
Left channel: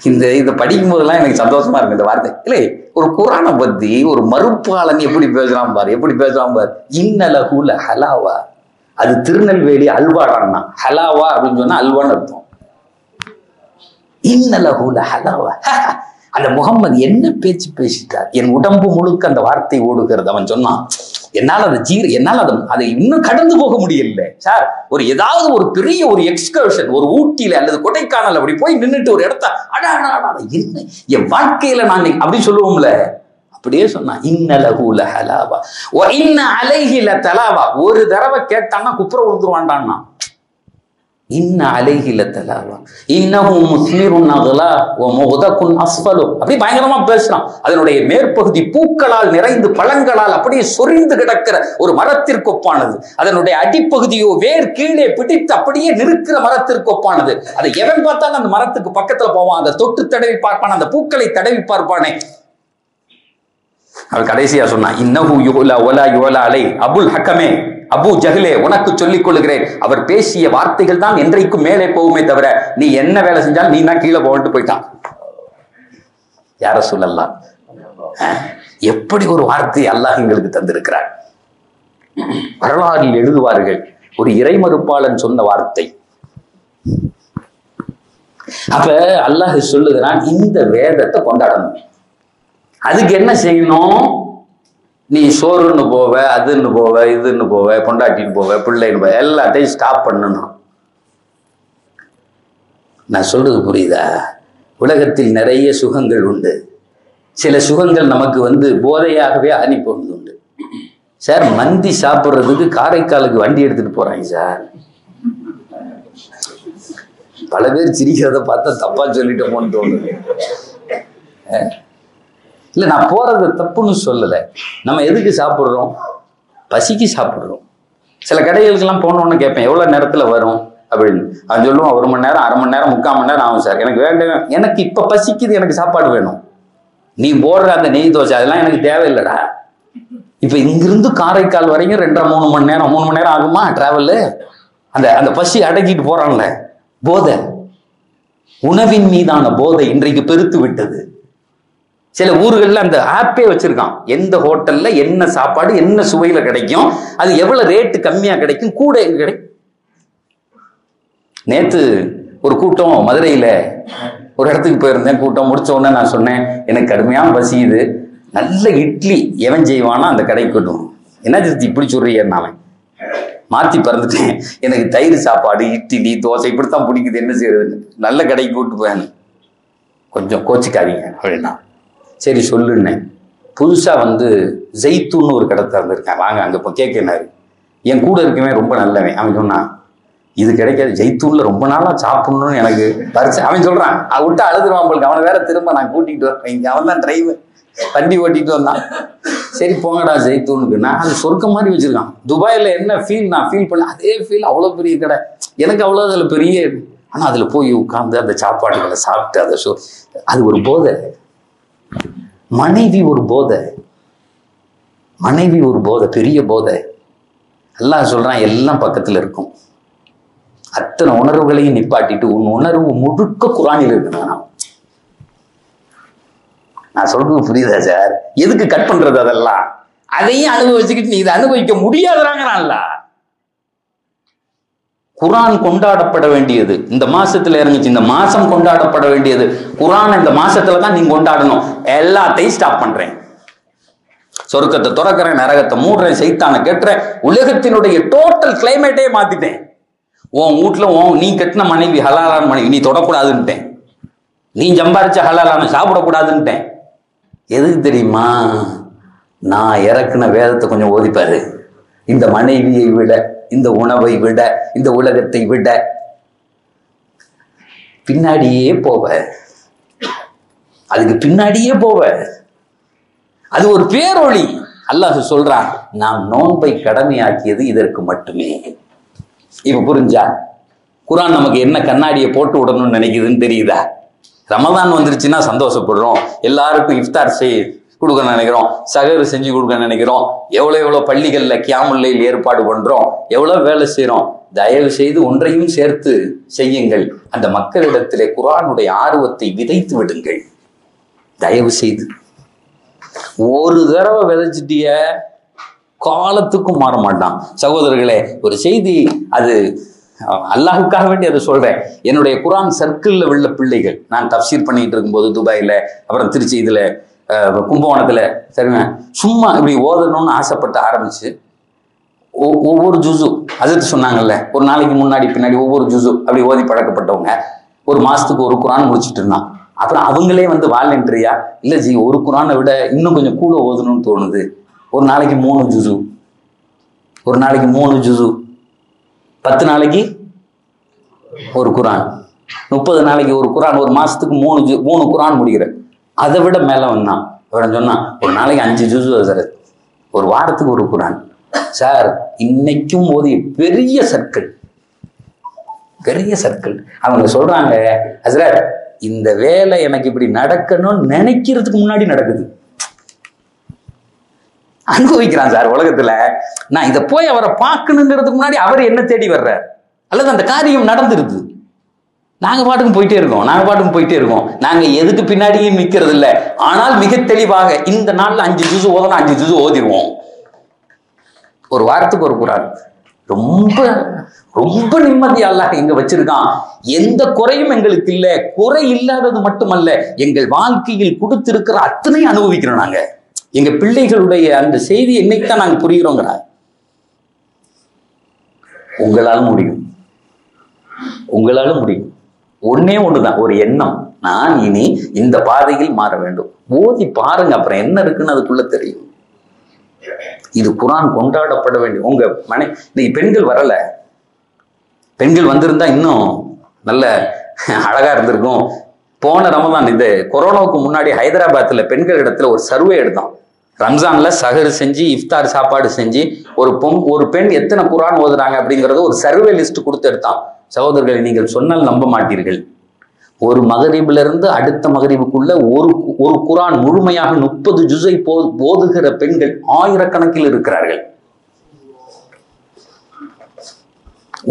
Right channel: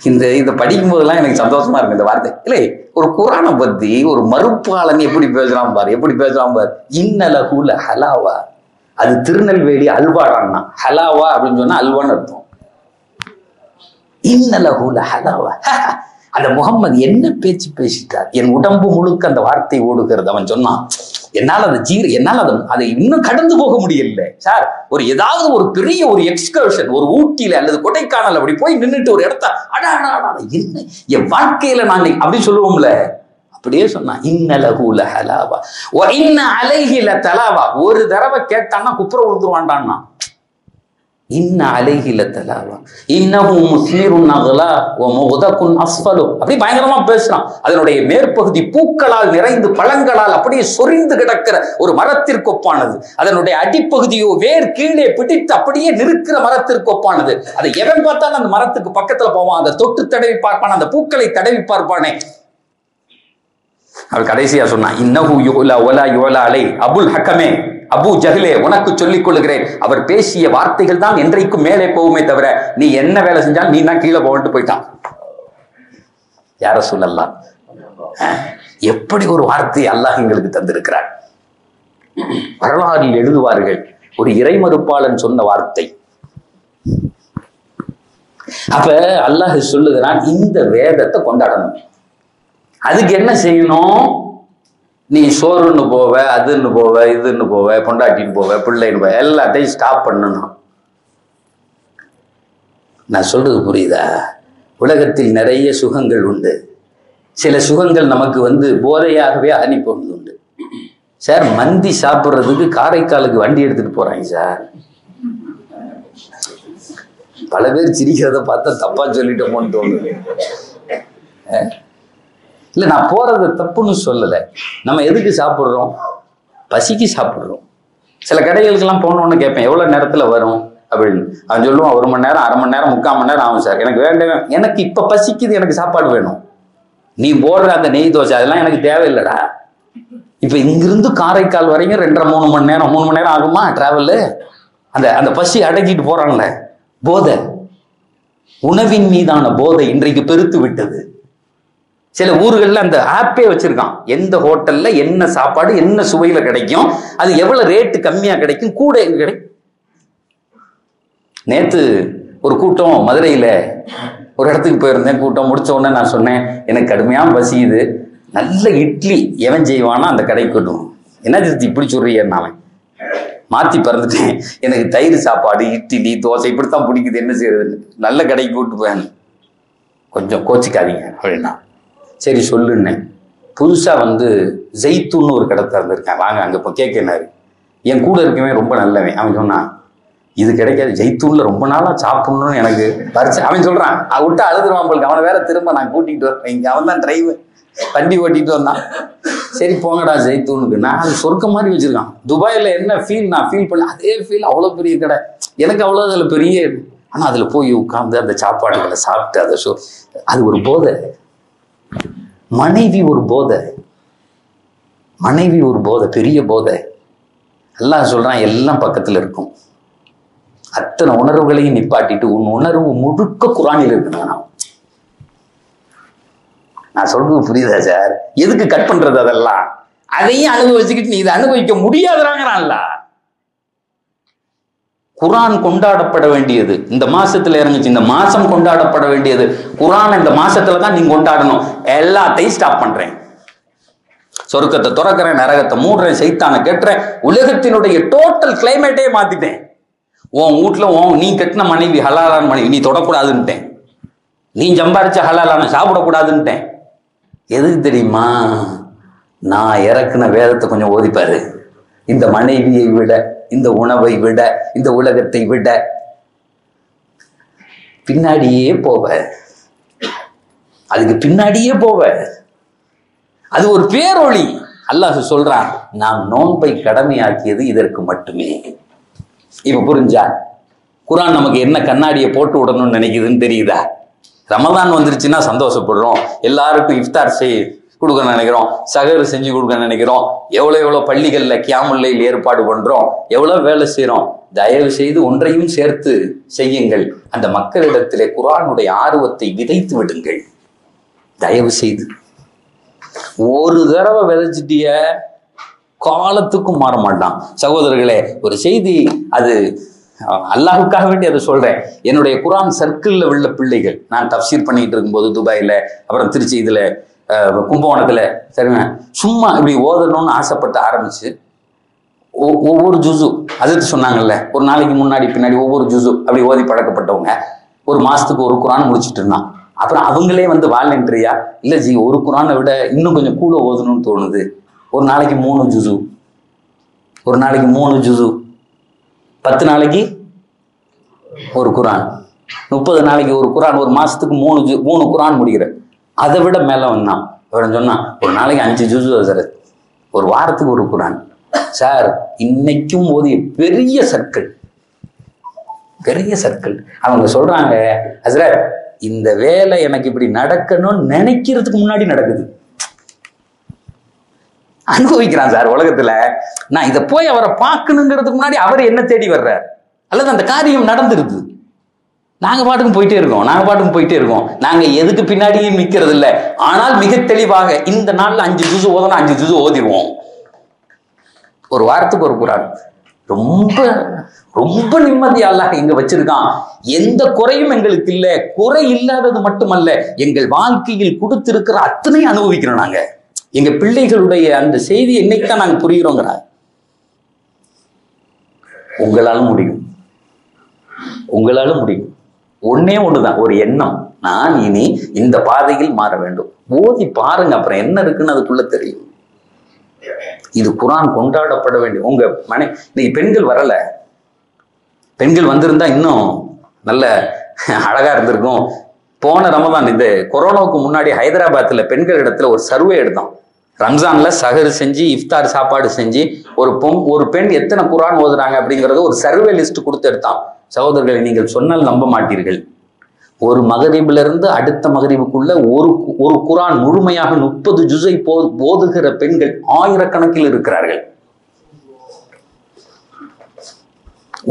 இந்த படிக்கும் போதெல்லாம் எனக்கு சந்தோஷமா இருக்கு இந்த வார்த்தை. இல்லை, ஒரு குர்ஆனை பத்தி ஒரு மறுப்பாளன் எப்படி பேசுறான் பாரு, எப்படி பேசுறான் பாரு. இன்னலஹு லஹலாவா, அது திருநெல்வேலி அல்வாடான்னா. ஹலாவா அப்படின்னு சொன்னா அல்வான்னு அர்த்தம். இன்னலஹு லஹலாவா, அந்த முகம்மது என்ன பேச்சு பேசிட்டார், என் உடம்பு முழுக்க அந்த வார்த்தை ஓடுகிறது. அவன் சொன்னான், என்னால் அதை இன்னும் கடந்து போக முடியல சார். ஒரு ஏதாவது ஒரு பெரிய ஒரு எக்ஸ்கர்ஷன், ஒரு ஊட்டியில அல்லது கொடைக்கானல் அப்படி போய் நின்றுட்டு ஒரு இடத்த என்ன என் வாழ்க்கையில நான் அப்படி சொல்லுவோம்ல, அப்படியே சொன்னான். இன்னலஹு லஹலாவா வ இன்ன அலைஹி லதலாவா. ஒரு தடவை கேட்டான்னா குப்புற விழுந்துருவான்டான்னா. இன்ன அலைஹி லதலாவா இன்னஹு முஸ்மிருன் நகலா வ முகதகுன் அஸ்ஃபலு. அப்படி பயங்கரமா பேசுறான். அதனுடைய மேற்பகுதி பூக்களால் நிறைந்து பழங்களால் அப்படியே சொரிந்து கிடக்கிற ஒரு மரத்திற்கு ஒப்பானது. அதனுடைய அடிப்பகுதியோ வேர் கீழே பிடித்து அப்படியே நிற்கிற மரத்திற்கு ஒப்பானது. அதை எவன் பார்த்தாலும் அந்த மரத்துக்கு பக்கத்துல போவான், அதை தொட்டு தடவி பார்ப்பான், அந்த பூக்களை தடவி பார்ப்பானே. அவர் கடைசியா சொன்னான், இன்னஹு யுலா வலா யுலா அலை. அபுல் ஹக்கமே, அபு ஜஹ்லே, உனக்கு சொல்லிக் கொள்கிறேன், அவர் பேசிய வார்த்தைகள் தான் என்றைக்கும் மேலே போகுமே தவிர நீ என்ன வேலை செஞ்சாலும் நீ தான் கீழே போட்டு போயிட்டான். யார சொல்லலாம், எப்படி ஒரு வார்த்தை அல்லாஹ் எங்களுக்கு தந்திருக்கிறார். வரலாறில் எழுதுவார்கள், ஒரு இறைமறுப்பாளன் சொன்ன வார்த்தை. அப்ப அல்லாஹ் சொல்லுகிறான், இந்த வேதத்தை கொண்டாடணும். அதுக்கு என்ன செய்யணும், நீ சோறுன்னு போவ, அதுன்னு போவ, இதுன்னு போவ, பொண்டாட்டின்னு போவ, பிள்ளைன்னு போவ, எல்லாத்தையும் ஸ்டாப் பண்ணணும். நான் சொல்றது புரியுதா? உலகத்தில் நிறைய சுகங்கள் உண்டு. சில சுகங்கள் நமக்கு போதையாகவே அனுப்பி உண்டு. சார், மந்தி சாப்பிட்றதுக்கு காரைக்காலுக்கு வண்டி எடுத்துட்டு போறாங்க சார். பல பேர் சிரிக்கிறத பார்த்தா தப்பா சொல்லிட்டோமோன்னு தோணுது. இல்லை, நான் போறது தப்புன்னு சொல்லலை. நம்ம எதுக்கு சாப்பிட்றோம்? பசிக்கு சாப்பிட்றோம். சில கடைகளுக்கெல்லாம் போனோன்னு கேட்பேன், எவ்வளோ நேரத்தில் வரும் அப்படின்னு. அவன் சொல்லுவான், 1 மணி நேரம், 1/2 மணி நேரம், 3/4 மணி நேரம் ஆகும் சார். எனக்கு வேண்டாம், எனக்கு இப்போ பசிக்குது, எனக்கு சாப்பாடு வேணும். நீ போடுற அந்த நெய் தோசை அதெல்லாம் எனக்கு தேவையில்லைடா. இப்போ இங்கிருந்து காரைக்கால் வரைக்கும் 2.5-3 மணி நேரம், 3 மணி நேரம் ஆகுமா டிராவலு? அந்த பசி அடக்கிட்டு போறான்ல. போதை, உணவின் மீதான போதை இன்றைக்கு பெருத்து விட்டது. சில ஊர்களில் அந்த ஆப்பே வச்சிருக்கான், எந்த ஹோட்டல்ல என்ன சாப்பாடு என்ன சுவையில கிடைக்கும், அது எவ்வளவு ரேட்டு கம்மியா கிடைக்கும், கூட எங்க கிடைக்கும். நேத்து ஒரு கூட்டம் மதுரையில ஒரு இடத்துக்கு போயிருந்தேன். கூட்டம் முடிச்ச உடனே நான் சொன்னேன், எனக்கு கடுமையாக பசியுது, நல்ல இட்லி எவன் செய்வானா அந்த கடைக்கு கொட்டும். என்ன திருத்தி இப்படி சொல்றீன்னு அவன் மாற்றி பறந்துட்டேன். எனக்கு தயிர் சாப்பாடு, இட்லி, தோசை இப்படித்தான் பிடிக்குது, என்ன செய்யறதுன்னு. நல்ல கடைக்கு கூப்பிட்டு போயாங்க, கொஞ்சம் கோச்சிக்காதீங்க அப்படின்னா. சரி சொல்லுன்னேன். புதுசாக ஜெய்த்தூன்னு ஒரு கடை திறந்துருக்கேன், வாங்க அங்கே இப்போ கேட்கினாரு. என் கூட இருக்கவே ரொம்ப நல்லவன். அவன் சொன்னான், இது கிடைக்காது, ஜெய்த்தூன்ல ரொம்ப நாளாக சாப்பிடணும்னு எனக்கு பறிச்சு. அவன் சொல்கிறான், விட்டு அழுதுருவான் போலுக்கு. அவனை வேற திரும்ப நான் கூட்டிகிட்டு வரேன், இங்கே அவன் தான் டிரைவர், வண்டி ஓட்டிகிட்டு வந்தான். சரி போங்கடா ஜெய்த்தூனுக்கு. நான் அது சொர்க்க மாதிரி வச்சுருக்கான். துபாயில் என்ன ஃபீல் நான் ஃபீல் பண்ணேன், அதே ஃபீல். அவ்வளோ பெரிய கடை, எனக்கு அவ்வளோ அதில் பெரிய. ஆனால் அதில் போய் உட்காந்து அந்த சாப்பாடுகளை சாப்பிட்டு அதை அது ஒரு போதை. மனைவி ஒரு போதை, மனைவி ஒரு போதை, பெரிய போதை. எல்லாம் சொல்றான், எல்லாம் பக்கத்தில் இருக்கும். அத்தனை உணர்வுகளையும் நிப்பாட்டிட்டு உன் உணர்வு முழுக்க குர்ஆனில் இருக்குதுங்க. நான் சொல்றது புரியுதா சார்? எதுக்கு கட் பண்றது? அதெல்லாம் அதையும் அனுபவிச்சுக்கிட்டு நீ இதை அனுபவிக்க முடியாதுறாங்கறான்ல. குர்ஆன் கொண்டாடப்பட வேண்டியது இந்த மாசத்துல இறங்குச்சு, இந்த மாசம் கொண்டாடப்பட வேண்டியது குர்ஆன். இந்த மாசத்துல தான் நீங்க கொண்டாடணும். எல்லாத்தையும் ஸ்டாப் பண்றேன். சொர்க்கத்தை துறக்கிறேன், நரகத்தை மூடுறேன், சைத்தானை கெட்டுறேன், உலகத்தினுடைய டோட்டல் கிளைமேட்டே மாத்திட்டேன். உன் வீட்டுல நீ கட்டின மனைவி ஹலாலான மனைவி நீ தொடக்கூடாதுன்ட்டேன். நீ சம்பாரிச்ச ஹலாலான சாப்பிடக்கூடாதுன்ட்டேன். எதுக்கு தெரியுமா? நான் இறக்குன வேதத்தை கொஞ்சம் ஓதிப்பாரு. இந்த மனைவியை விட, இந்த உணவை விட, இந்த உலகத்தை விட பின்னாடியே போவ, அதுக்கு பின்னாடியே போவ. அது ஒரு பேரொளி. அல்லாஹ் சொல்றான், நாம் நோன்பை கடமையாக்கியது இதற்கு மட்டுமே. இப்ப புரிஞ்சா? குர்ஆன் நமக்கு என்ன கண்ணாடியை போட்டு விடணும்னு நினைக்குதுன்னு தெரியுதா? ரமதான் வந்துருச்சுன்னா சந்தோஷப்படுறோம், எல்லாருக்கும் இஃப்தார் கொடுக்க நினைக்கிறோம், சகரு செஞ்சு கொடுக்க நினைக்கிறோம், எவ்வளோ பள்ளிகள்ல கியாமுல்லைல் ஏற்பாடு பண்றோம், எவ்வளவு வேலை செய்யறோம். தயவு செய்து ஒன்றையும் சேர்த்து செய்யுங்கள். அந்த மக்களிடத்திலே குர்ஆனுடைய ஆர்வத்தை விதைத்து விடுங்கள். தயவு செய்து ஒரு தடவை விதைச்சிட்டிய காலத்துக்கும் மாற மாட்டான். சகோதரர்களே, ஒரு செய்தி, அது அல்லாஹுக்காக வேண்டி அதை சொல்றேன். என்னுடைய குர்ஆன் சர்க்கிள்ல உள்ள பிள்ளைகள், நான் தஃப்சீர் பண்ணிட்டு இருக்கும்போது துபாயில, அப்புறம் திருச்சி இதுல கும்பகோணத்துல, சரிங்க, சும்மா இப்படி ஓதணும்னு ஆசைப்பட்டு ஆரம்பிச்சு ஒவ்வொரு ஜுசு அது சொன்னாங்கல்ல, ஒரு நாளைக்கு முன்னாடி பின்னாடி ஒவ்வொரு ஜுசு அப்படி ஓதி பழக்கப்பட்டவங்க ஒரு மாசத்துக்கு ஒரு குர்ஆன் முடிச்சுட்டு இருந்தான். அப்புறம் அவங்களே வந்து வாலண்டரியா, இல்லை ஜி ஒரு குர்ஆனை விட இன்னும் கொஞ்சம் கூட ஓதணும்னு தோணுது, ஒரு நாளைக்கு 3 ஜுசு, ஒரு நாளைக்கு 3 ஜுசு, 10 நாளைக்கு ஒரு குர்ஆன், 30 நாளைக்கு ஒரு குர்ஆன், ஒரு மாசத்துக்கு 3 குர்ஆன் முடிக்கிற. அதை விட மேல வந்தான். அவன் சொன்னான், ஒரு நாளைக்கு 5 ஜுசு சார், ஒரு வாரத்துக்கு ஒரு குர்ஆன் சார். இன்னைக்கும் ஓதிய பெரிய சர்க்கிள், பெரிய சர்க்கிள். அவங்க சொல்றாங்க, ஹஸ்ரத் இந்த வேலை எனக்கு இப்படி நடக்கணும்னு நினைக்கிறதுக்கு முன்னாடி நடக்குது. அனுபவிக்கிறான் சார் உலகத்துல. நான் இதை போய் அவரை பார்க்கணுங்கிறதுக்கு முன்னாடி அவர் என்ன தேடி வர்றார், அல்லது அந்த காரியம் நடந்துருது. நாங்க பாட்டுக்கும் போயிட்டே இருக்கோம். நாங்க எதுக்கு பின்னாடியும் நிற்கிறது இல்லை. ஆனால் மிக தெளிவாக இந்த நாள்ல 5 ஜுசு ஓதலாம், 5 ஜுசு ஓதிடுவோம். ஒரு வாரத்துக்கு ஒரு குர்ஆன். ரொம்ப ரொம்ப நிம்மதி அல்லாஹ் இங்க வச்சிருக்கான். எந்த குறையும் எங்களுக்கு இல்லை. குறை இல்லாதது மட்டுமல்ல, எங்கள் வாழ்க்கையில் கொடுத்திருக்கிற அத்தனையும் அனுபவிக்கிறோம். நாங்க எங்க பிள்ளைகளுடைய அந்த செய்தி என்னைக்குதான் நாங்க புரிகிறோங்கிற. உங்களாலும் முடியும். ஒன்னே ஒண்ணுதான், ஒரு எண்ணம், நான் இனி இந்த பாதையில் மாற வேண்டும். ஓதி பாருங்க, அப்புறம் என்ன இருக்குன்னு அதுக்குள்ள தெரியும். இது குர்ஆன் கொண்டாடப்பட வேண்டும். உங்க இன்னைக்கு பெண்கள் வரல, பெண்கள் வந்திருந்தா இன்னும் நல்ல அழகா இருந்திருக்கும். போன ரமதான், இந்த கொரோனாவுக்கு முன்னாடி ஹைதராபாத்ல பெண்கள் இடத்துல ஒரு சர்வே எடுத்தோம். ரம்ஜான்ல சஹர் செஞ்சு இஃப்தார் சாப்பாடு செஞ்சு ஒரு பெண் எத்தனை குர்ஆன் ஓதுறாங்க அப்படிங்கறத ஒரு சர்வே லிஸ்ட் கொடுத்து எடுத்தான். சகோதரர்களை, நீங்கள் சொன்னால் நம்ப மாட்டீர்கள். ஒரு மகரிபில இருந்து அடுத்த மகரிபுக்குள்ள ஒரு குர்ஆன் முழுமையாக 30 ஜுஸை ஓதுகிற பெண்கள் ஆயிரக்கணக்கில் இருக்கிறார்கள்.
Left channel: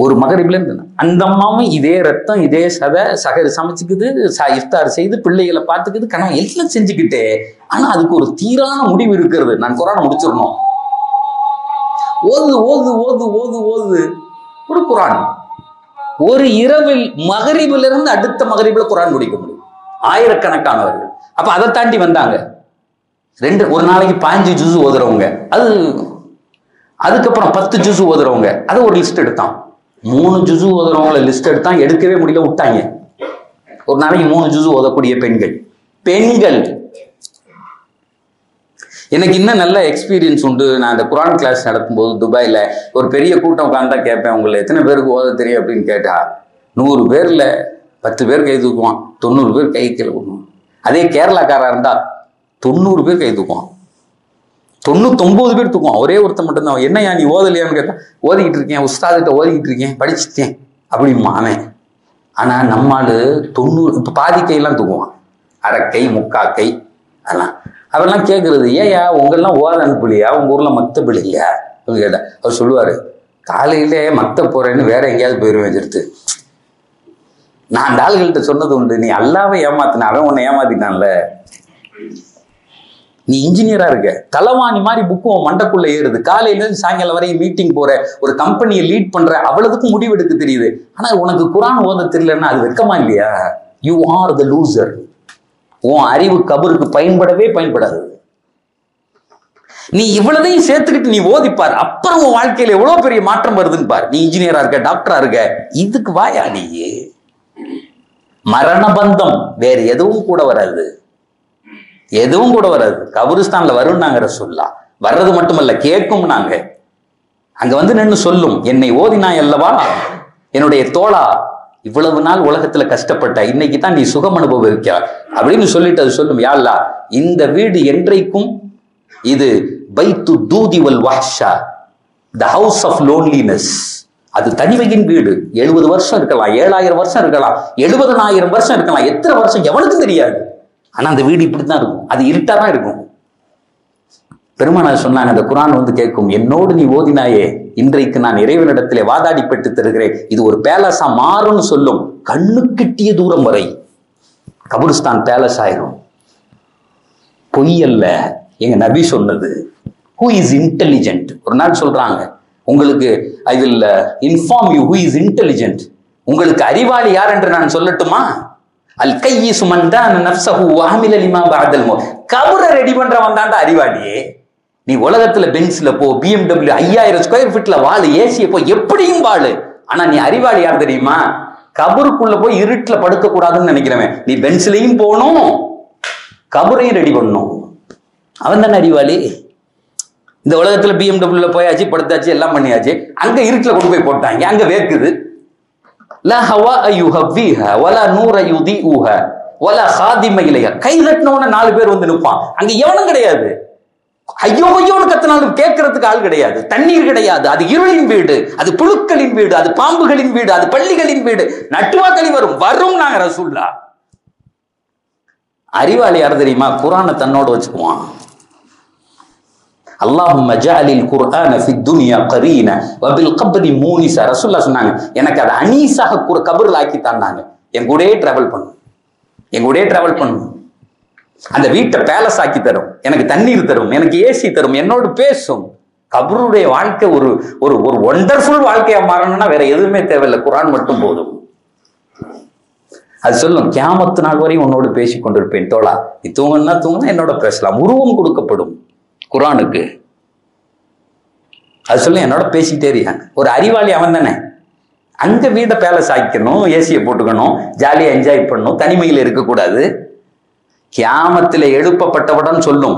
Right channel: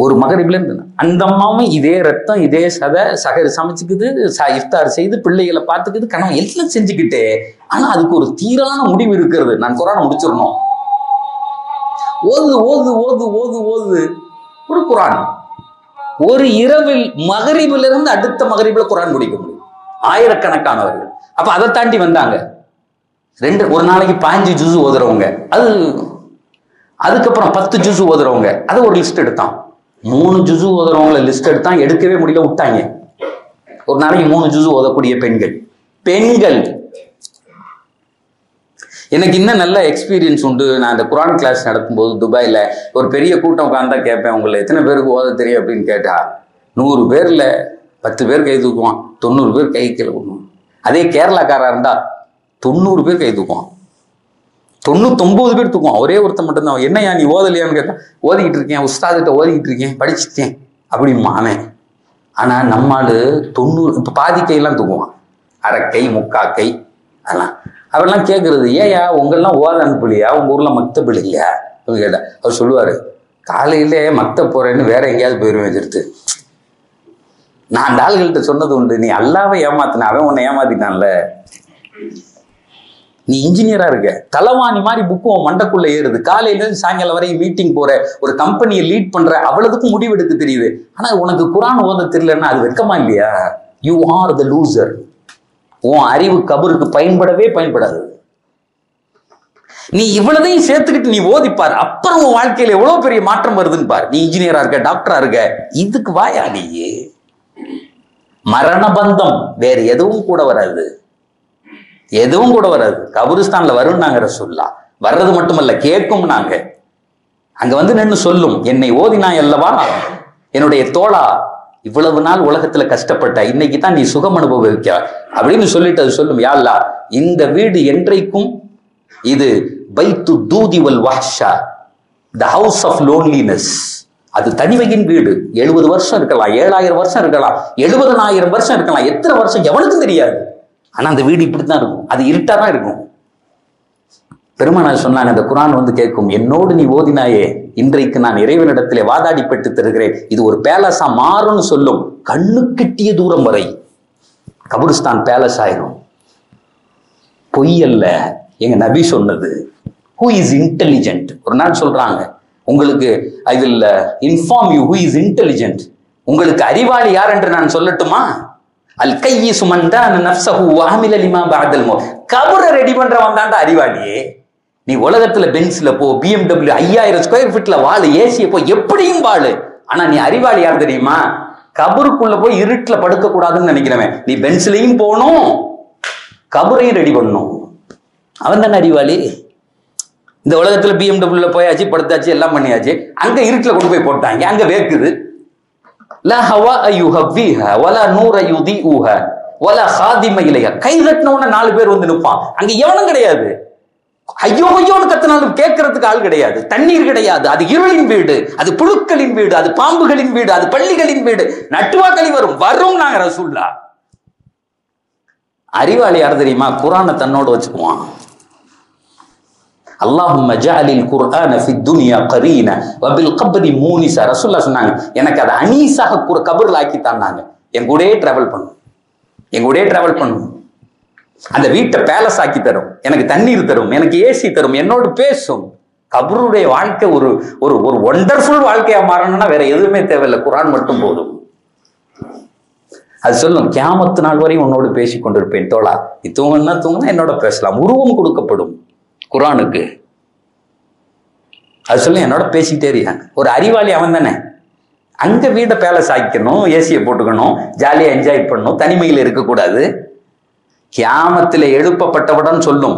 ஒரு மகரிபில இருந்து அந்த அம்மாவும் இதே ரத்தம், இதே சகர் சமைச்சுக்குது, இஃப்தார் செய்து பிள்ளைகளை பார்த்துக்குது, கனவு எல்லாம் செஞ்சுக்கிட்டே. ஆனா அதுக்கு ஒரு தீரான முடிவு இருக்கிறது. நான் குர்ஆன் முடிச்சிடணும். ஓது ஓது ஓது ஓது ஓது ஒரு குர்ஆன். ஒரு இரவில் மகரிபில இருந்து அடுத்த மகரிபில குர்ஆன் முடிக்க முடியும். ஆயிரக்கணக்கானவர்கள். அப்ப அதை தாண்டி வந்தாங்க. ஒரு நாளைக்கு 15 ஜுசு ஓதுறவங்க, அதுக்கப்புறம் 10 ஜுசு ஓதுறவங்க, அதை ஒரு லிஸ்ட் எடுத்தான். 3 ஜுசு ஓதுறவங்களை லிஸ்ட் எடுத்தான். எடுக்கவே முடியல, விட்டாங்க. ஒரு நாளைக்கு 3 ஜுசு ஓதக்கூடிய பெண்கள். எனக்கு இன்னும் நல்ல எக்ஸ்பீரியன்ஸ் உண்டு. நான் இந்த குர்ஆன் கிளாஸ் நடத்தும்போது துபாயில ஒரு பெரிய கூட்டம் உட்கார்ந்தா கேட்பேன், உங்களை எத்தனை பேருக்கு ஓத தெரியும் அப்படின்னு கேட்டா 100 பேர்ல 10 பேர் கை தூக்குவான், 90 பேர் கை கீழே விடுவான். அதே கேரளாக்காரா இருந்தா 90 பேர் கை தூக்குவான், 99 பேர் தூக்குவான். ஒரே ஒருத்தன் மட்டும்தான், என்னையா நீ ஓதலையான்னு கேட்டா, ஓதிக்கிட்டு இருக்கேன், உஸ்தாதிட்ட ஓதிக்கிட்டு இருக்கேன், படிச்சுட்டேன் அப்படிமா அவன். ஆனா நம்மால் 90 இப்ப பாதி கையெல்லாம் தூக்குவான், அரைக்கை முக்காக்கை அதெல்லாம். அவரெல்லாம் கேட்கறது, ஏயா உங்கெல்லாம் ஓத அனுப்பலையா, உங்க ஊர்ல மக்தப் இல்லையா அப்படின்னு கேட்டா அவர் சொல்லுவாரு, காலையிலே மத்த போறேன்னு வேற எங்கேயாவது போயிடுவேன் எடுத்து. நான் அந்த ஆளுகள்கிட்ட சொன்னது உண்டு, நீ அல்லாவை ஏமாத்தின, அவன் உன்னை ஏமாத்தினான்ல. நீ இன்ஜினியரா இருக்க, தலைவாணி மாதிரி புக்கு உன் மண்டக்குள்ள ஏறுது, காலையில இருந்து சாயங்காலம் வரையும் மீட்டிங் போற, ஒரு கம்பெனியை லீட் பண்ற, அவ்வளவுக்கும் முடிவெடுக்க தெரியுது. ஆனா உனக்கு குரான் ஓத தெரியலன்னா அது வெக்கமா இல்லையா? You are the loser. உன் அறிவு கபருக்கு பயன்படவே பயன்படாது. நீ இவ்வளதையும் சேர்த்துக்கிட்டு நீ ஓதிப்பார், அப்புறம் உன் வாழ்க்கையில எவ்வளவு பெரிய மாற்றம் வருதுன்னு பார். நீ இன்ஜினியரா இருக்க, டாக்டரா இருக்க, இதுக்கு வாயா நீ? மரண பந்தம் வேற எதுவும் கூட வராது, எதுவும் கூட வராது. கபருஸ்தான்ல வரும் நாங்க ரசூலுல்லாஹ், வர்றது மட்டுமல்ல கேட்கும். நாங்க அங்க வந்து நின்று சொல்லும், என்னை ஓதினாய் அல்லவா என்னுடைய தோழா, இவ்வளவு நாள் உலகத்துல கஷ்டப்பட்ட, இன்னைக்கு தான் நீ சுகம் அனுபவிக்க அப்படின்னு சொல்லிட்டு அது சொல்லும், யா அல்லாஹ் இந்த வீடு என்றைக்கும் இது பைத்து தூதி வல் வஹ்ஷா, த ஹவுஸ் ஆஃப் லோன்லினஸ், அது தனிமையின் வீடு. 70 வருஷம் இருக்கலாம், 7000 வருஷம் இருக்கலாம், 70,000 வருஷம் இருக்கலாம், எத்தனை வருஷம் எவனுக்கும் தெரியாது. ஆனா அந்த வீடு இப்படித்தான் இருக்கும், அது இருட்டாதான் இருக்கும். பெருமானார் சொன்னாங்க, அந்த குரான் வந்து கேட்கும், என்னோடு நீ ஓதினாயே, இன்றைக்கு நான் இறைவனிடத்திலே வாதாடி பெற்று தருகிறேன், இது ஒரு பேலஸா மாறும்னு சொல்லும். கண்ணு கிட்டிய தூரம் வரை கபருஸ்தான் பேலஸ் ஆயிரும். பொய் அல்ல, எங்க நபி சொன்னது. Who is intelligent? ஒரு நாள் சொல்றாங்க, உங்களுக்கு I will inform you who is intelligent. உங்களுக்கு அறிவாளி யார் என்று நான் சொல்லட்டுமா? அல் கையிசு மன் தான நஃப்ஸஹு வ அமில லிமா பஅதல் மௌத். கபரை ரெடி பண்றவன் தான்டா அறிவாளியே. நீ உலகத்துல பென்ஸ்ல போ, BMW 5000 ஸ்கொயர் ஃபீட்ல வாழு, ஏசிய போ, எப்படியும் வாழு. ஆனா நீ அறிவாளி யார் தெரியுமா? கபருக்குள்ள போய் இருட்டுல படுக்க கூடாதுன்னு நினைக்கிறவன். நீ பென்ஸ்லயும் போகணும், கபரையும் ரெடி பண்ணணும், அவன் தானே அறிவாளி. இந்த உலகத்துல BMW போயாச்சு, படுத்தாச்சு, எல்லாம் பண்ணியாச்சு, அங்க இருட்டுல கொண்டு போய் போட்டாங்க, அங்க வேக்குது. லா ஹவா யுஹவ்விஹா வலா நூர யுதிஉஹா வலா ஹாதிம இலைஹா. கை தட்டினவன 4 பேர் வந்து நிற்பான், அங்க எவனும் கிடையாது. ஐயோ ஐயோன்னு கத்தினாலும் கேட்கறதுக்கு ஆள் கிடையாது. தண்ணீர் கிடையாது, அது இருளின் வீடு, அது புழுக்களின் வீடு, அது பாம்புகளின் வீடு, அது பள்ளிகளின் வீடு. நட்டுவாக்களி வரும் நாங்க ரசூலுல்லாஹ். அறிவாளி யார் தெரியுமா? குர்ஆனை தன்னோட வச்சுக்குவான். அல்லாஹும்ம ஜஅலில் குர்ஆன ஃபித் துன்யா கரீனா வ பில் கப்ரி மூனிஸா. ரசூலுல்லாஹ் சொன்னாங்க, எனக்கு அதை அனீஸாக கபர்ல ஆக்கி தந்தாங்க. என் கூடயே டிராவல் பண்ணும், என் கூடயே டிராவல் பண்ணும். அந்த வீட்டை பேலஸ் ஆக்கி தரும், எனக்கு தண்ணீர் தரும், எனக்கு ஏசி தரும், என்னோடு பேசும். கபருடைய வாழ்க்கை ஒரு ஒரு ஒரு ஒண்டர்ஃபுல் வாழ்க்கையா மாறணும்னா வேற எதுவுமே தேவையில்லை, குர்ஆன் மட்டும் போதும். அது சொல்லும், கியாமத்து நாள் வரை உன்னோடு பேசி கொண்டிருப்பேன் தோழா. நீ தூங்குனா தூங்குனா என்னோட பேசலாம். உருவம் கொடுக்கப்படும் குர்ஆனுக்கு. அது சொல்லும், என்னோட பேசிக்கிட்டே இருக்காங்க. ஒரு அறிவாளி அவன் தானே. அங்க வீட்டை பேலஸ் ஆக்கிக்கணும், ஏசியை போட்டுக்கணும், ஜாலியா என்ஜாய் பண்ணணும், தனிமையில் இருக்கக்கூடாது. கியாமத்தில் எழுப்பப்பட்டவுடன் சொல்லும்,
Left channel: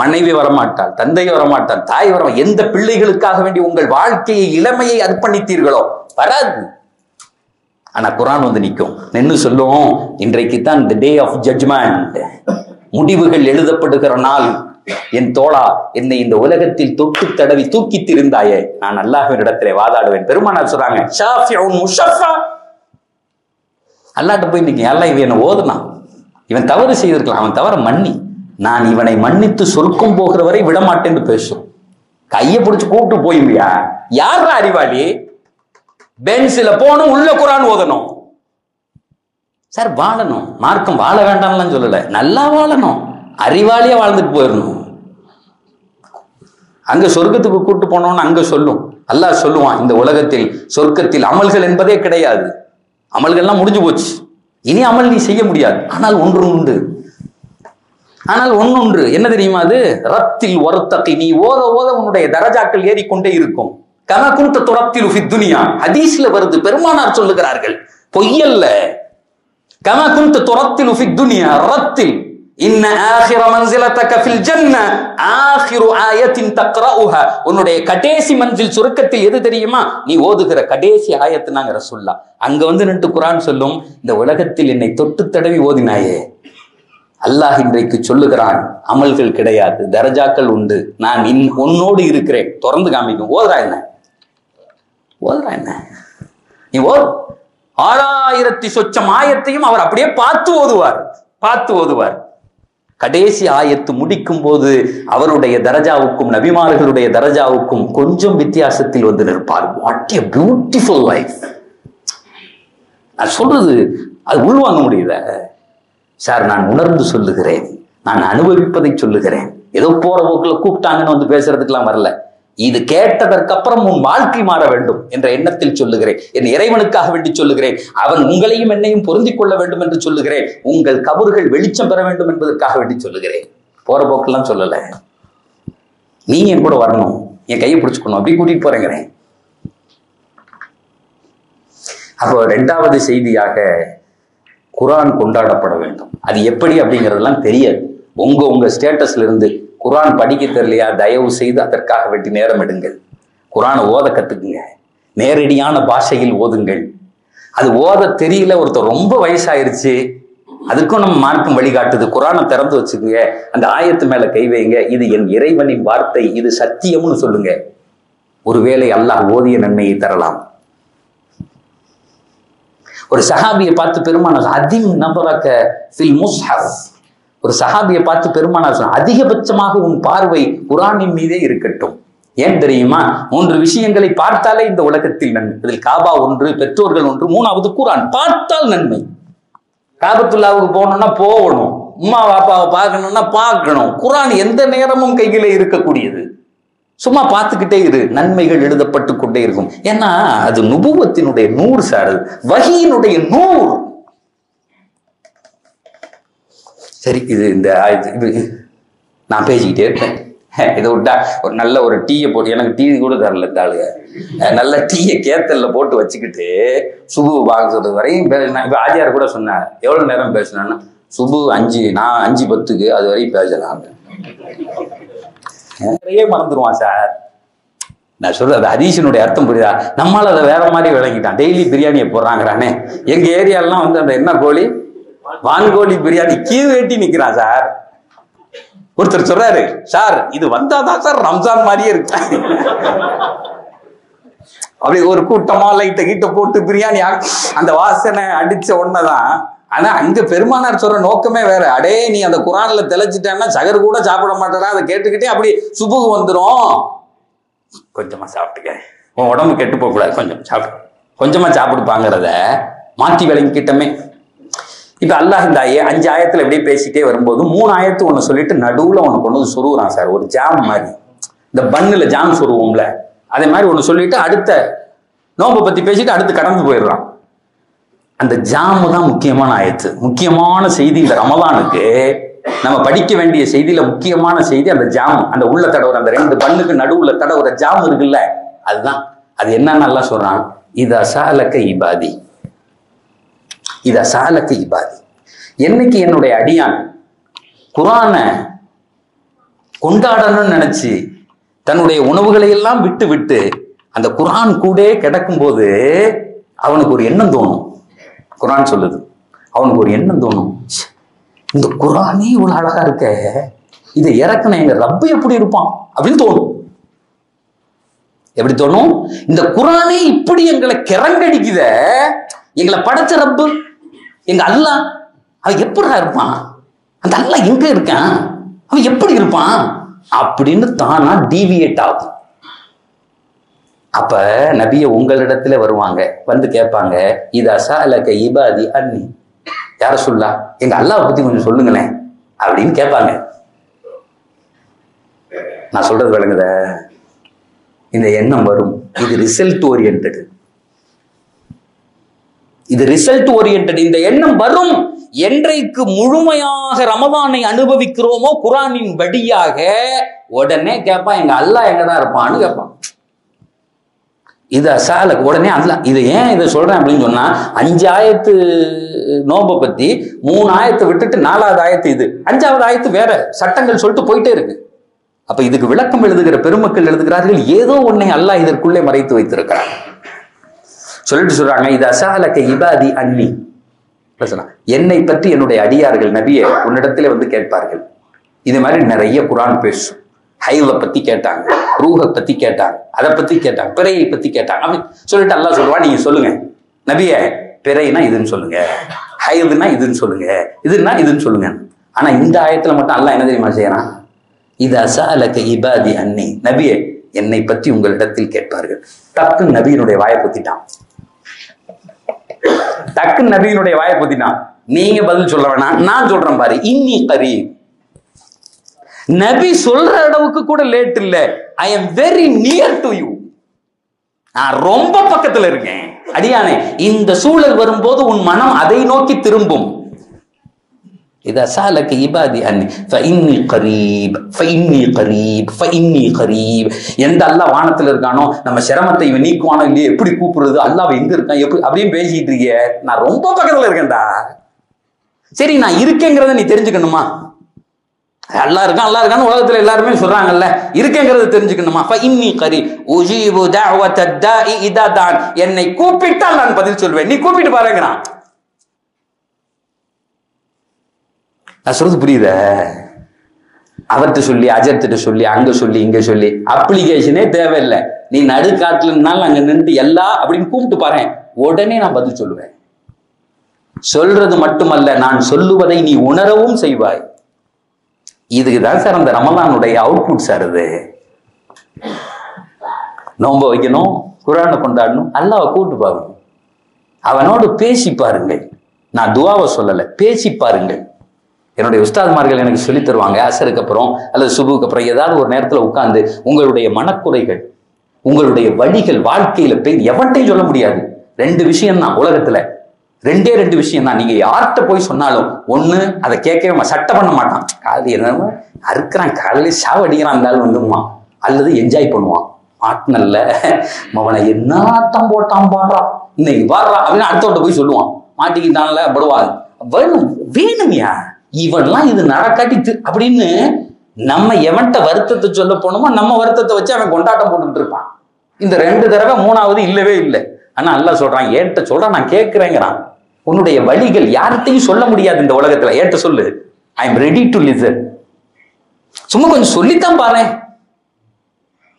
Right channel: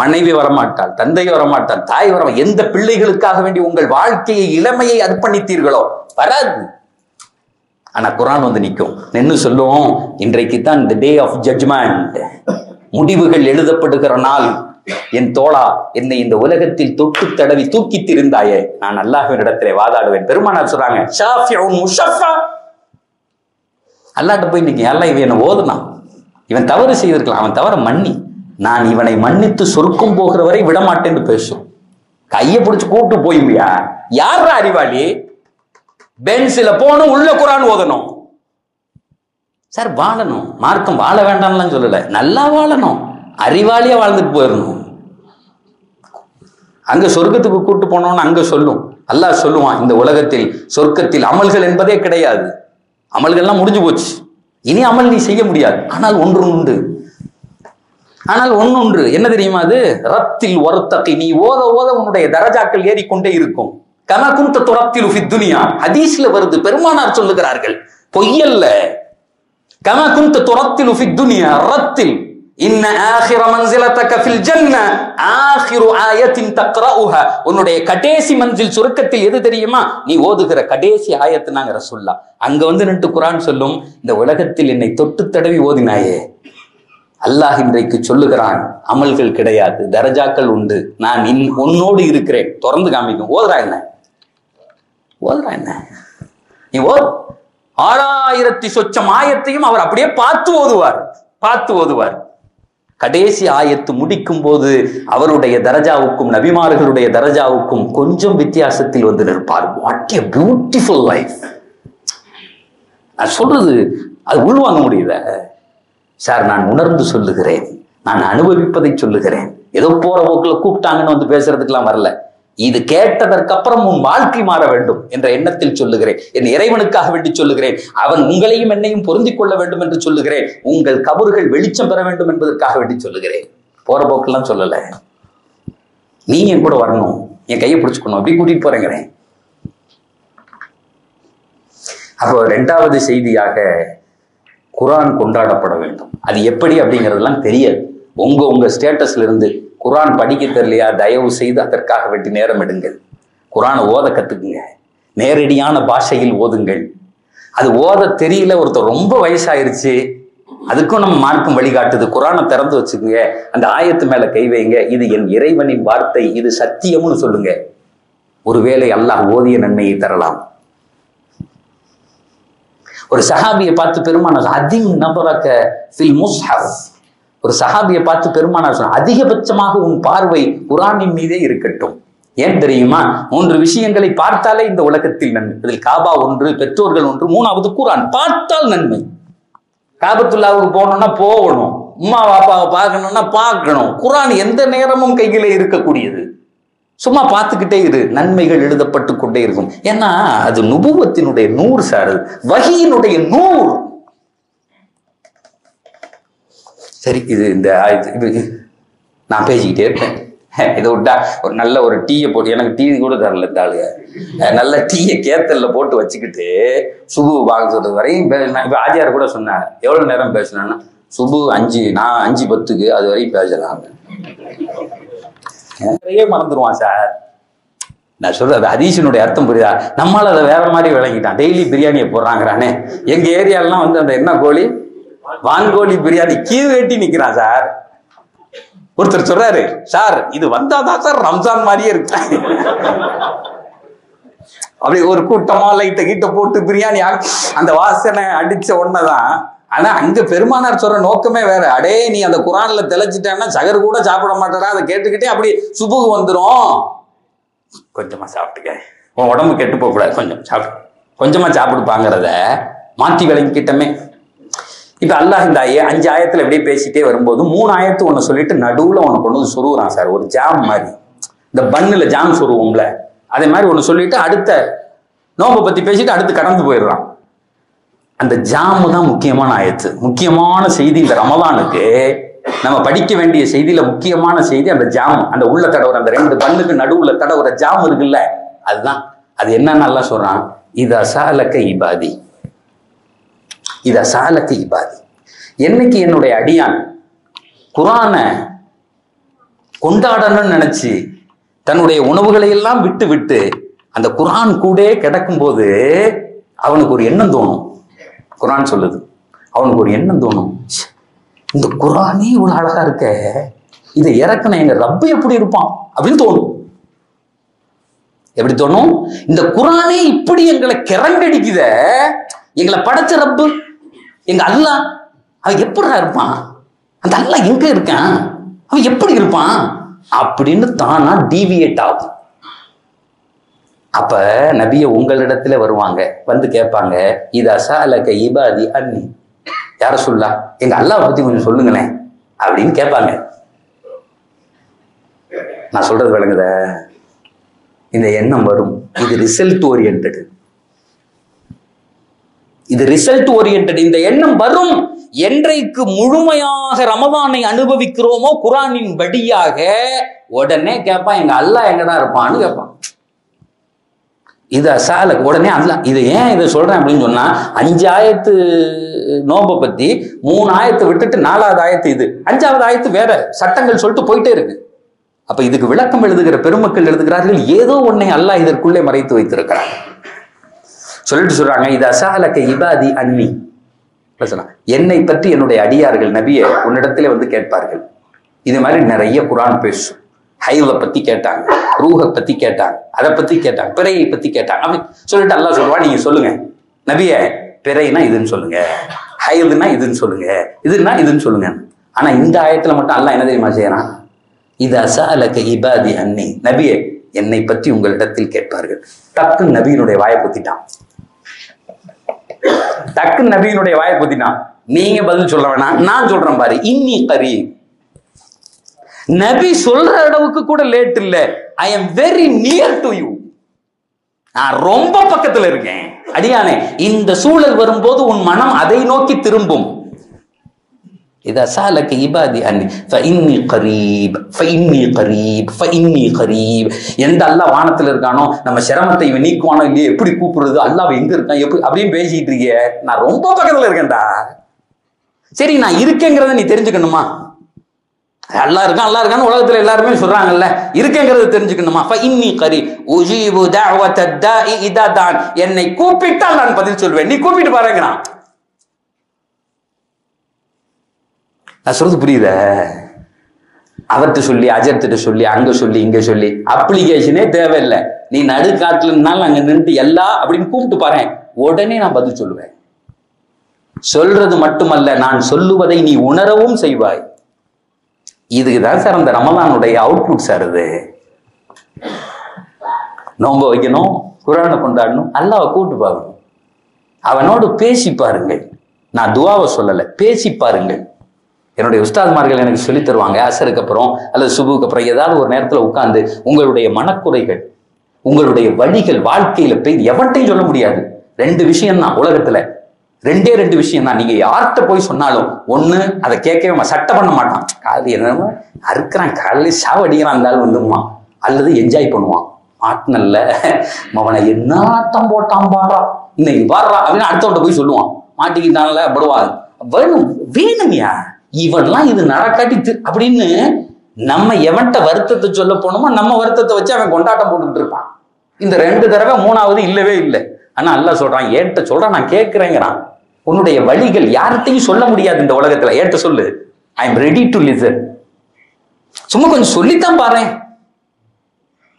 மனைவி வரமாட்டாள், தந்தை வரமாட்டாள், தாய் வர, எந்த பிள்ளைகளுக்காக வேண்டி உங்கள் வாழ்க்கையை இளமையை அர்ப்பணித்தீர்களோ வராது. ஆனா குர்ஆன் வந்து நிற்கும், நின்று சொல்லும், இன்றைக்கு தான் தி டே ஆஃப் ஜட்ஜ்மெண்ட், முடிவுகள் எழுதப்படுகிற நாள். என் தோழா, என்னை இந்த உலகத்தில் தொட்டு தடவி தூக்கி திரிந்தாயே, நான் அல்லாஹ்வினிடத்திலே வாதாடுவேன். பெருமானார் சொல்றாங்க, ஷாஃபிஉன் முஷஃபா. அல்லாஹ்ட்ட போய் நிற்க, அல்லாஹ் இவன் என்ன ஓதுனான், இவன் தவறு செய்திருக்கலாம், அவன் தவற மன்னி, நான் இவனை மன்னித்து சொர்க்கம் போகிற வரை விடமாட்டேன்னு பேசும். கையை பிடிச்சு கூப்பிட்டு போயும்பியா? யாரா அறிவாளி? பென்சில போகணும், உள்ள குர்ஆன் ஓதணும். சார் வாழணும், மார்க்கம் வாழ வேண்டாம்லாம் சொல்லல, நல்லா வாழணும், அறிவாளியா வாழ்ந்துட்டு போயிடணும். அங்க சொர்க்கத்துக்கு கூட்டு போனோம்னு அங்க சொல்லும், அல்லாஹ் சொல்லுவான், இந்த உலகத்தில் சொர்க்கத்தில் அமல்கள் என்பதே கிடையாது, அமல்கள்லாம் முடிஞ்சு போச்சு, இனி அமல் நீ செய்ய முடியாது. ஆனால் ஒன்று உண்டு, ஆனால் ஒன்று என்ன தெரியுமா? அது ரத்தில் ஒருத்தகை, நீ ஓத ஓத உன்னுடைய தரஜாக்கள் ஏறிக்கொண்டே இருக்கும். கமா குன்த துரத்தில் ஃபித் துன்யா, ஹதீஸ்ல வருது, பெருமானார் சொல்லுகிறார்கள், பொய்யல்ல. கமா குன்த துரத்தில் ஃபித் துன்யா ரத்தில் இன்ன ஆகிர மன்சிலதக ஃபில் ஜன்னah ஆகிரு ஆயத்தின் தக்ரஉஹா. உன்னுடைய கடைசி மன்சில் சுருக்கத்தில் எது தெரியுமா? நீ ஓதுகிற கடைசி ஆயத்து. நாங்க ரசூலுல்லாஹ் அங்க வந்து நின்று குர்ஆன் சொல்லும், இந்த உலகத்தில் என்னை தொட்டு தடவி ஓதினாயே, அல்லாஹ் இன்றைக்கு சொல்லுகிறான், அமல்கள் கிடையாது, தரஜாக்கள் உண்டு, நான் உன்னோடு இருக்கிறேன். தொடர்ந்து காமிக்கும். ஓதுறா என்ன, ஓதுறா என்ன? நீ ஓது. 6000 சொச்சம் ஆயத்தையும் அவர் அப்படியே பார்த்து ஓதுவார், பார்த்து ஓதுவார். கடைசி ஆயத்து முடிக்கும் போது அவருடைய தரஜாவுக்கும் நபிமார்களுடைய தரஜாவுக்கும் கொஞ்சம் வித்தியாசத்தில் வந்து நிற்பார். What a beautiful life. நான் சொல்றது அது உள்வாங்க முடியல சார். நான் உணர்ந்து சொல்லுகிறேன், நான் அனுபவிப்பதை சொல்லுகிறேன். ஏதோ போற போக்கில் கூப்பிட்டாங்கன்னு வந்து பேசுறதுக்கெல்லாம் வரல. இது கேட்டதற்கு அப்புறம் உன் வாழ்க்கை மாற வேண்டும் என்ற எண்ணத்தில் சொல்லுகிறேன். என் இறைவனுக்காக வேண்டி சொல்லுகிறேன். அவன் உங்களையும் என்னையும் பொருந்திக் கொள்ள வேண்டும் என்று சொல்லுகிறேன். உங்கள் கபறுகள் வெளிச்சம் பெற வேண்டும் என்பதற்காக வேண்டி சொல்லுகிறேன். போற போக்கெல்லாம் சொல்லல. நீ என் கூட வரணும், என் கையை பிடிச்சுக்கணும், அப்படி கூட்டிட்டு போறேங்கிறேன். அப்போ 2வது செய்தியாக குர்ஆன் கொண்டாடப்பட வேண்டும். அது எப்படி அப்படிங்கிறதெல்லாம் தெரியாது. உங்க ஸ்டேட்டஸ்ல இருந்து குர்ஆன் படிக்க தெரியலையா, தயவு செய்து அதற்காக வேண்டி நேரம் எடுங்கள். குர்ஆனை ஓத கத்துக்குங்க. நேரடியான பாஷையில் ஓதுங்கள். அது ஓத தெரியல, ஒருத்தர் ரொம்ப வயசாயிருச்சு, அதுக்கும் நம்ம மார்க்கம் வழிகாட்டுது. குர்ஆனை திறந்து வச்சுக்கோங்க, அந்த ஆயத்து மேல கை வைங்க, இது என் இறைவனின் வார்த்தை, இது சத்தியம்னு சொல்லுங்க. ஒருவேளை அல்லாஹ் ஓதிய நன்மையை தரலாம். ஒரு சஹாபியை பார்த்து பெருமானார் அதிம் நபரக ஃபில் முஸ்ஹஃப். ஒரு சஹாபியை பார்த்து பெருமானார் சொன்னார், அதிகபட்சமாக உன் பார்வை குர்ஆனின் மீதே இருக்கட்டும். ஏன் தெரியுமா? 3 விஷயங்களை பார்த்தாலே இந்த உலகத்தில் நன்மை. அதில் காபா ஒன்று, பெற்றோர்கள் ஒன்று, 3வது குர்ஆன். பார்த்தால் நன்மை. காபத்துல்லாவுக்கு போகணும்னா போகணும், அம்மா பாப்பாவை பார்க்கணும்னா பார்க்கணும். குர்ஆன் எந்த நேரமும் கையில இருக்கக்கூடியது. சும்மா பார்த்துக்கிட்டே இரு, நன்மைகள் எழுதப்பட்டு கொண்டே இருக்கும். ஏன்னா அது நுபுவத்தினுடைய நூறு சார், வஹீயினுடைய நூறு. சரி, இது இந்த இது நான் பேசிக்கிட்டே இருப்பேன். இதை விட்டா ஒரு நல்ல ஒரு டீயை போட்டு, எனக்கு டீ கூட தரல இந்த ஆளுங்க, நல்ல டீயை கேத்தல்ல போட்டு வச்சுக்கிட்டு சுபு பார்க்க சொல்றது வரையும் பேசினா. இப்ப ஆஜியார் கூட சொன்னார், எவ்வளவு நேரம் பேசினா, சுபு 5, நான் 5:10 அது வரையும் பேசலாம். நிறைய மறந்துடுவான் சார். நான் சொல்றது அது ஹதீஸினுடைய அர்த்தம் புரியுதா? நம்மளால அதை வேற மாதிரி விளங்கிட்டான். டெய்லி பிரியாணியை போடுறாங்கிறானே. எங்க ஏரியாலாம் வந்து அந்த என்ன கோழி, வான்கோழி பிரியாணி கீழ் வெட்டி நிக்கிறான் சார். ஒருத்தர் சொல்றாரு, சார் இது வந்தாதான் சார் ரம்ஜான் மாதிரியே இருக்கு. அப்படி ஒரு கூட்டமா லைட்ட கிட்ட போட்டு பிரியாணி அந்த வாசனை அடிச்ச உடனேதான். ஆனா அங்க பெருமானார் சொல்ற நோக்கமே வேற. அடே நீ அந்த குர்ஆன்ல தெளிச்சிட்டேன்னா சகர் கூட சாப்பிட மாட்டேறா, அதை கேட்டுக்கிட்டே அப்படி சுபுகு வந்துடும். கொஞ்சமா சாப்பிட்டுக்க, உன் உடம்பு கெட்டு போக கூடாது, கொஞ்சம் சாப்பிடு, கொஞ்சமா சாப்பிடுப்பாங்கிறத மாற்றி விளங்கிக்கிட்டமே. இப்ப அல்லாஹ் இந்த 5 ஆயத்துல எப்படியே பேசிட்டே வரும்போது 3 ஆயத்து ஒண்ணு சொல்லிட்டு நடுவுல ஒண்ணு கொண்டு வந்து சொருகுறான் சார். ஒரு ஜாம் மாதிரி, இந்த பன்னுல ஜாம் சொருவோம்ல, அதே மாதிரி ஒண்ணு சொல்லிட்டு அடுத்த நோம்பை பத்தி பேசிட்டு அடுத்து கடந்து போயிடுறான். அந்த ஜாமு தான் முக்கியமான ஆயத்து, முக்கியமான செய்தி. இந்த ரமலானுக்கு நம்ம படிக்க வேண்டிய செய்தியில முக்கியமான செய்தி அந்த ஜாம். அந்த உள்ள தடவுற அந்த 2 பல்லுக்கு நடுவுல தடவுற ஜாம் இருக்குல்ல, அதுதான். அது என்னன்னு நல்லா சொல்றான், இதா சாலக்க இபாதி, இதா சாலக்க இபாதி. என்னைக்கு என்னுடைய அடியான் குர்ஆனை கொண்டாடணும்னு நினைச்சு தன்னுடைய உணவுகளை எல்லாம் விட்டு விட்டு அந்த குர்ஆன் கூட கிடக்கும் போது அவனுக்கு ஒரு எண்ணம் தோணும். குர்ஆன் சொல்லுது, அவனுக்கு ஒரு எண்ணம் தோணும், இந்த குர்ஆனே இவ்வளவு அழகா இருக்க, இதை இறக்குன எங்க ரப்பு எப்படி இருப்பான் அப்படின்னு தோணும். எப்படி தோணும்? இந்த குர்ஆனே இப்படி எங்களை கிறங்கடிக்குத, எங்களை படைச்ச ரப்பு எங்க அல்லாஹ் அவன் எப்படிடா இருப்பான், அந்த அல்லாஹ் எங்க இருக்கான், அவன் எப்படி இருப்பான் அப்படின்னு தானா டீவியேட் ஆகும். அப்ப நபிய உங்களிடத்துல வருவாங்க, வந்து கேட்பாங்க, இதா சாலக இபாதி அன்னி, யார சொல்லா எங்க அல்லாஹ் பத்தி கொஞ்சம் சொல்லுங்களேன் அப்படின்னு கேட்பாங்க. நான் சொல்றது விளங்குத? இந்த எண்ணம் வரும். இது ரிசல்ட் ஓரியன்டட், இது ரிசல்ட் ஓரியன்டட். இந்த எண்ணம் வரும் என்றைக்கு முழுமையாக ரமதானை அனுபவிக்கிறோமோ குர்ஆனின் வழியாக, உடனே கேட்பான் எங்க அல்லாஹ் எங்கதான் இருப்பான்னு கேட்பான். இதை சாலக்கு உடனே அல்ல. இதை ஏன் இதை சொல்றேன் அப்படின்னு சொன்னா, 5 ஆயத்து நோம்பை பத்தி 3 ஆயத்தை விட்டுட்டு 4வது ஆயத்து இது, 5வது ஆயத்து வேற சட்டங்கள் சொல்லிட்டு போயிட்டே இருக்கு. அப்ப இதுக்கு விளக்கம் எழுதுகிற பெருமக்கள் எழுதுகிறார்கள், ஏதோ ஒன்னை அல்லாஹ் இதற்குள்ளே மறைத்து வைத்திருக்கிறார். சொல்லிட்டு சொல்றாங்க, இது அசாலக்க இபாதி அன்னி, என்னை பற்றி என்னுடைய அடியார்கள் நபியை உன்னிடத்திலே வந்து கேட்பார்கள். இது மாதிரி நிறைய குர்ஆன் பேசும். ஹைவை பத்தி கேட்டாங்க, ரூஹை பத்தி கேட்டாங்க, அதை பத்தி கேட்டாங்க, பிறையை பத்தி கேட்டாங்க. அப்படி சொல்லிட்டு அல்லாஹ் சொல்லுவா, நீங்க சொல்லுங்க நபியே, பிறைனா இதுன்னு சொல்லுங்க, ஹைதுனா இதுன்னு சொல்லுங்க, இதுன்னா இதுன்னு சொல்லுங்க. ஆனா இந்த ஆயத்துல மட்டும் அல்லாஹ் என்ன தெரியுமா செய்யறான்? இதா சஅலக இபாதி அன்னி, நபியே என்னை பற்றி உங்களிடத்தில் கேட்பார்கள். டக்குன்னு நபியினுடைய வாயை பொத்திட்டான். டக்குன்னு நபியினுடைய வாயை பொத்திட்டான். நீங்க பதில் சொல்ல வேணாம், நான் சொல்றேன் பாரு. இன்னி கரீப். நபி சொல்ற அளவுக்கு கூட லேட் இல்ல. I am very near to you. நான் ரொம்ப பக்கத்துல இருக்கேன். அடியானே, இந்த சூழல் வரும்போது உன் மனம் அதை நோக்கி திரும்பும். இதா சாலக இபாதி அன்னி ஃபஇன்னி கரீப் ஃபஇன்னி கரீப் ஃபஇன்னி கரீப். எந்த அல்லாஹ் வானத்துல இருக்கானோ நம்ம சிரமத்தை இவன் நீக்குவானோ இல்லையே, எப்படி கூப்பிடுறது, அல்லாஹ் எங்க இருக்கான் எப்படி அப்படின்னு பேசிட்டு இருக்கிய. நான் ரொம்ப பக்கத்துல இருக்கேன்டா. சரி, நான் இருக்கேங்கிறத நீ தெரிஞ்சுக்கணுமா? அல்லாஹ் இருக்கான் அல்லாஹ் இருக்கான்னு உலகத்துல எல்லாருமே சொல்றாங்கல்ல, இருக்கேங்கிறது தெரிஞ்சுக்கணுமா? ஃபஇன்னி கரீப் உஜீபு தஅவத தாஇ இதா தான். என்னை கூப்பிட்டால் நான் பதில் சொல்வேன், நீ கூப்பிட்டு பாருங்கறான். நான் சொல்றது புரியுத? அவர்கிட்ட சொல்லி அஜர்த்திட்ட சொல்லி அங்க சொல்லி இங்க சொல்லி அப்ளிகேஷனே தேவையில்லை. நீ நடுக்காட்டுலனாலும் அங்க நின்று எல்லா அப்படின்னு கூப்பிட்டு பாரு, உடனே நான் பதில் சொல்லுவேன். சொல்றது மட்டுமல்ல, நான் சொல்லுவதை நீ உணரவும் செய்வாய். இதுக்குதான் சார் அந்த ரமலானுடைய அவுட்புட் சார். இது நோன்பு வைக்கணும், குர்ஆனை கொண்டாடணும், அல்லாஹ்வை கூப்பிட்டு பாருங்க, அவனோடு பேசி பாருங்கள். நான் துஆவை சொல்லல, பேசி பாருங்கள். என்னுடைய உஸ்தாத்மார்கள் எனக்கு சொல்லி தருவாங்க, அசருக்கு அப்புறம் அல்லது சுபுக்கு அப்புறம் ஏதாவது ஒரு நேரத்தில் உட்கார்ந்து உங்களுடைய மனக்குறைகள், உங்களுடைய வழிகள், வாழ்க்கையில போய் எவன்ட்டையும் சொல்ல முடியாது. 2 விஷயம் தான் உலகத்துல, 2 விஷயம் தான். நீங்க யார்கிட்ட போய் சொன்னாலும் ஒண்ணு அதை கேட்கவே சட்டை பண்ண மாட்டான், காலையில் என்ன அறுக்கிறான், காலையில் சாவடிக்கிறான் இருந்தாலும் வந்துமா, அல்லது என்ஜாய் பண்ணுவான். மாட்டினல்ல அவனை என்னத்தான் போட்டான் பாடுறா, இன்னைக்கு பாடுறா அப்படின்னு அடுத்தவன்ட்ட போய் சொல்லுவான். மாட்டிக்கிட்டான்ல படுவாங்க, வேணும் வேணும்யா இவன்லாம் இது நடக்காட்டி அப்படின்னு நம்ம எவன்ட்ட வருத்தத்தை சொல்ல போனோமோ நம்ம வருத்தத்தை வச்சு அவன் கொண்டாட்டம் போட்டுக்கிட்டு இருப்பான். இந்த 2 தடவை 3வது இல்லவே இல்லை. ஆனா அல்லாஹ் சொல்றான், ஏன்ட்ட சொல்றான், நான் கேட்கிறேங்கிறான். உன்னுடைய வழிகள் யார்கிட்டையும் சொல்ல முடியாது இந்த உலகத்துல, ஏன்ட்ட சொல்லு, I am ready to listen. சும்மா கொஞ்சம் சொல்லித்தான் பாரு.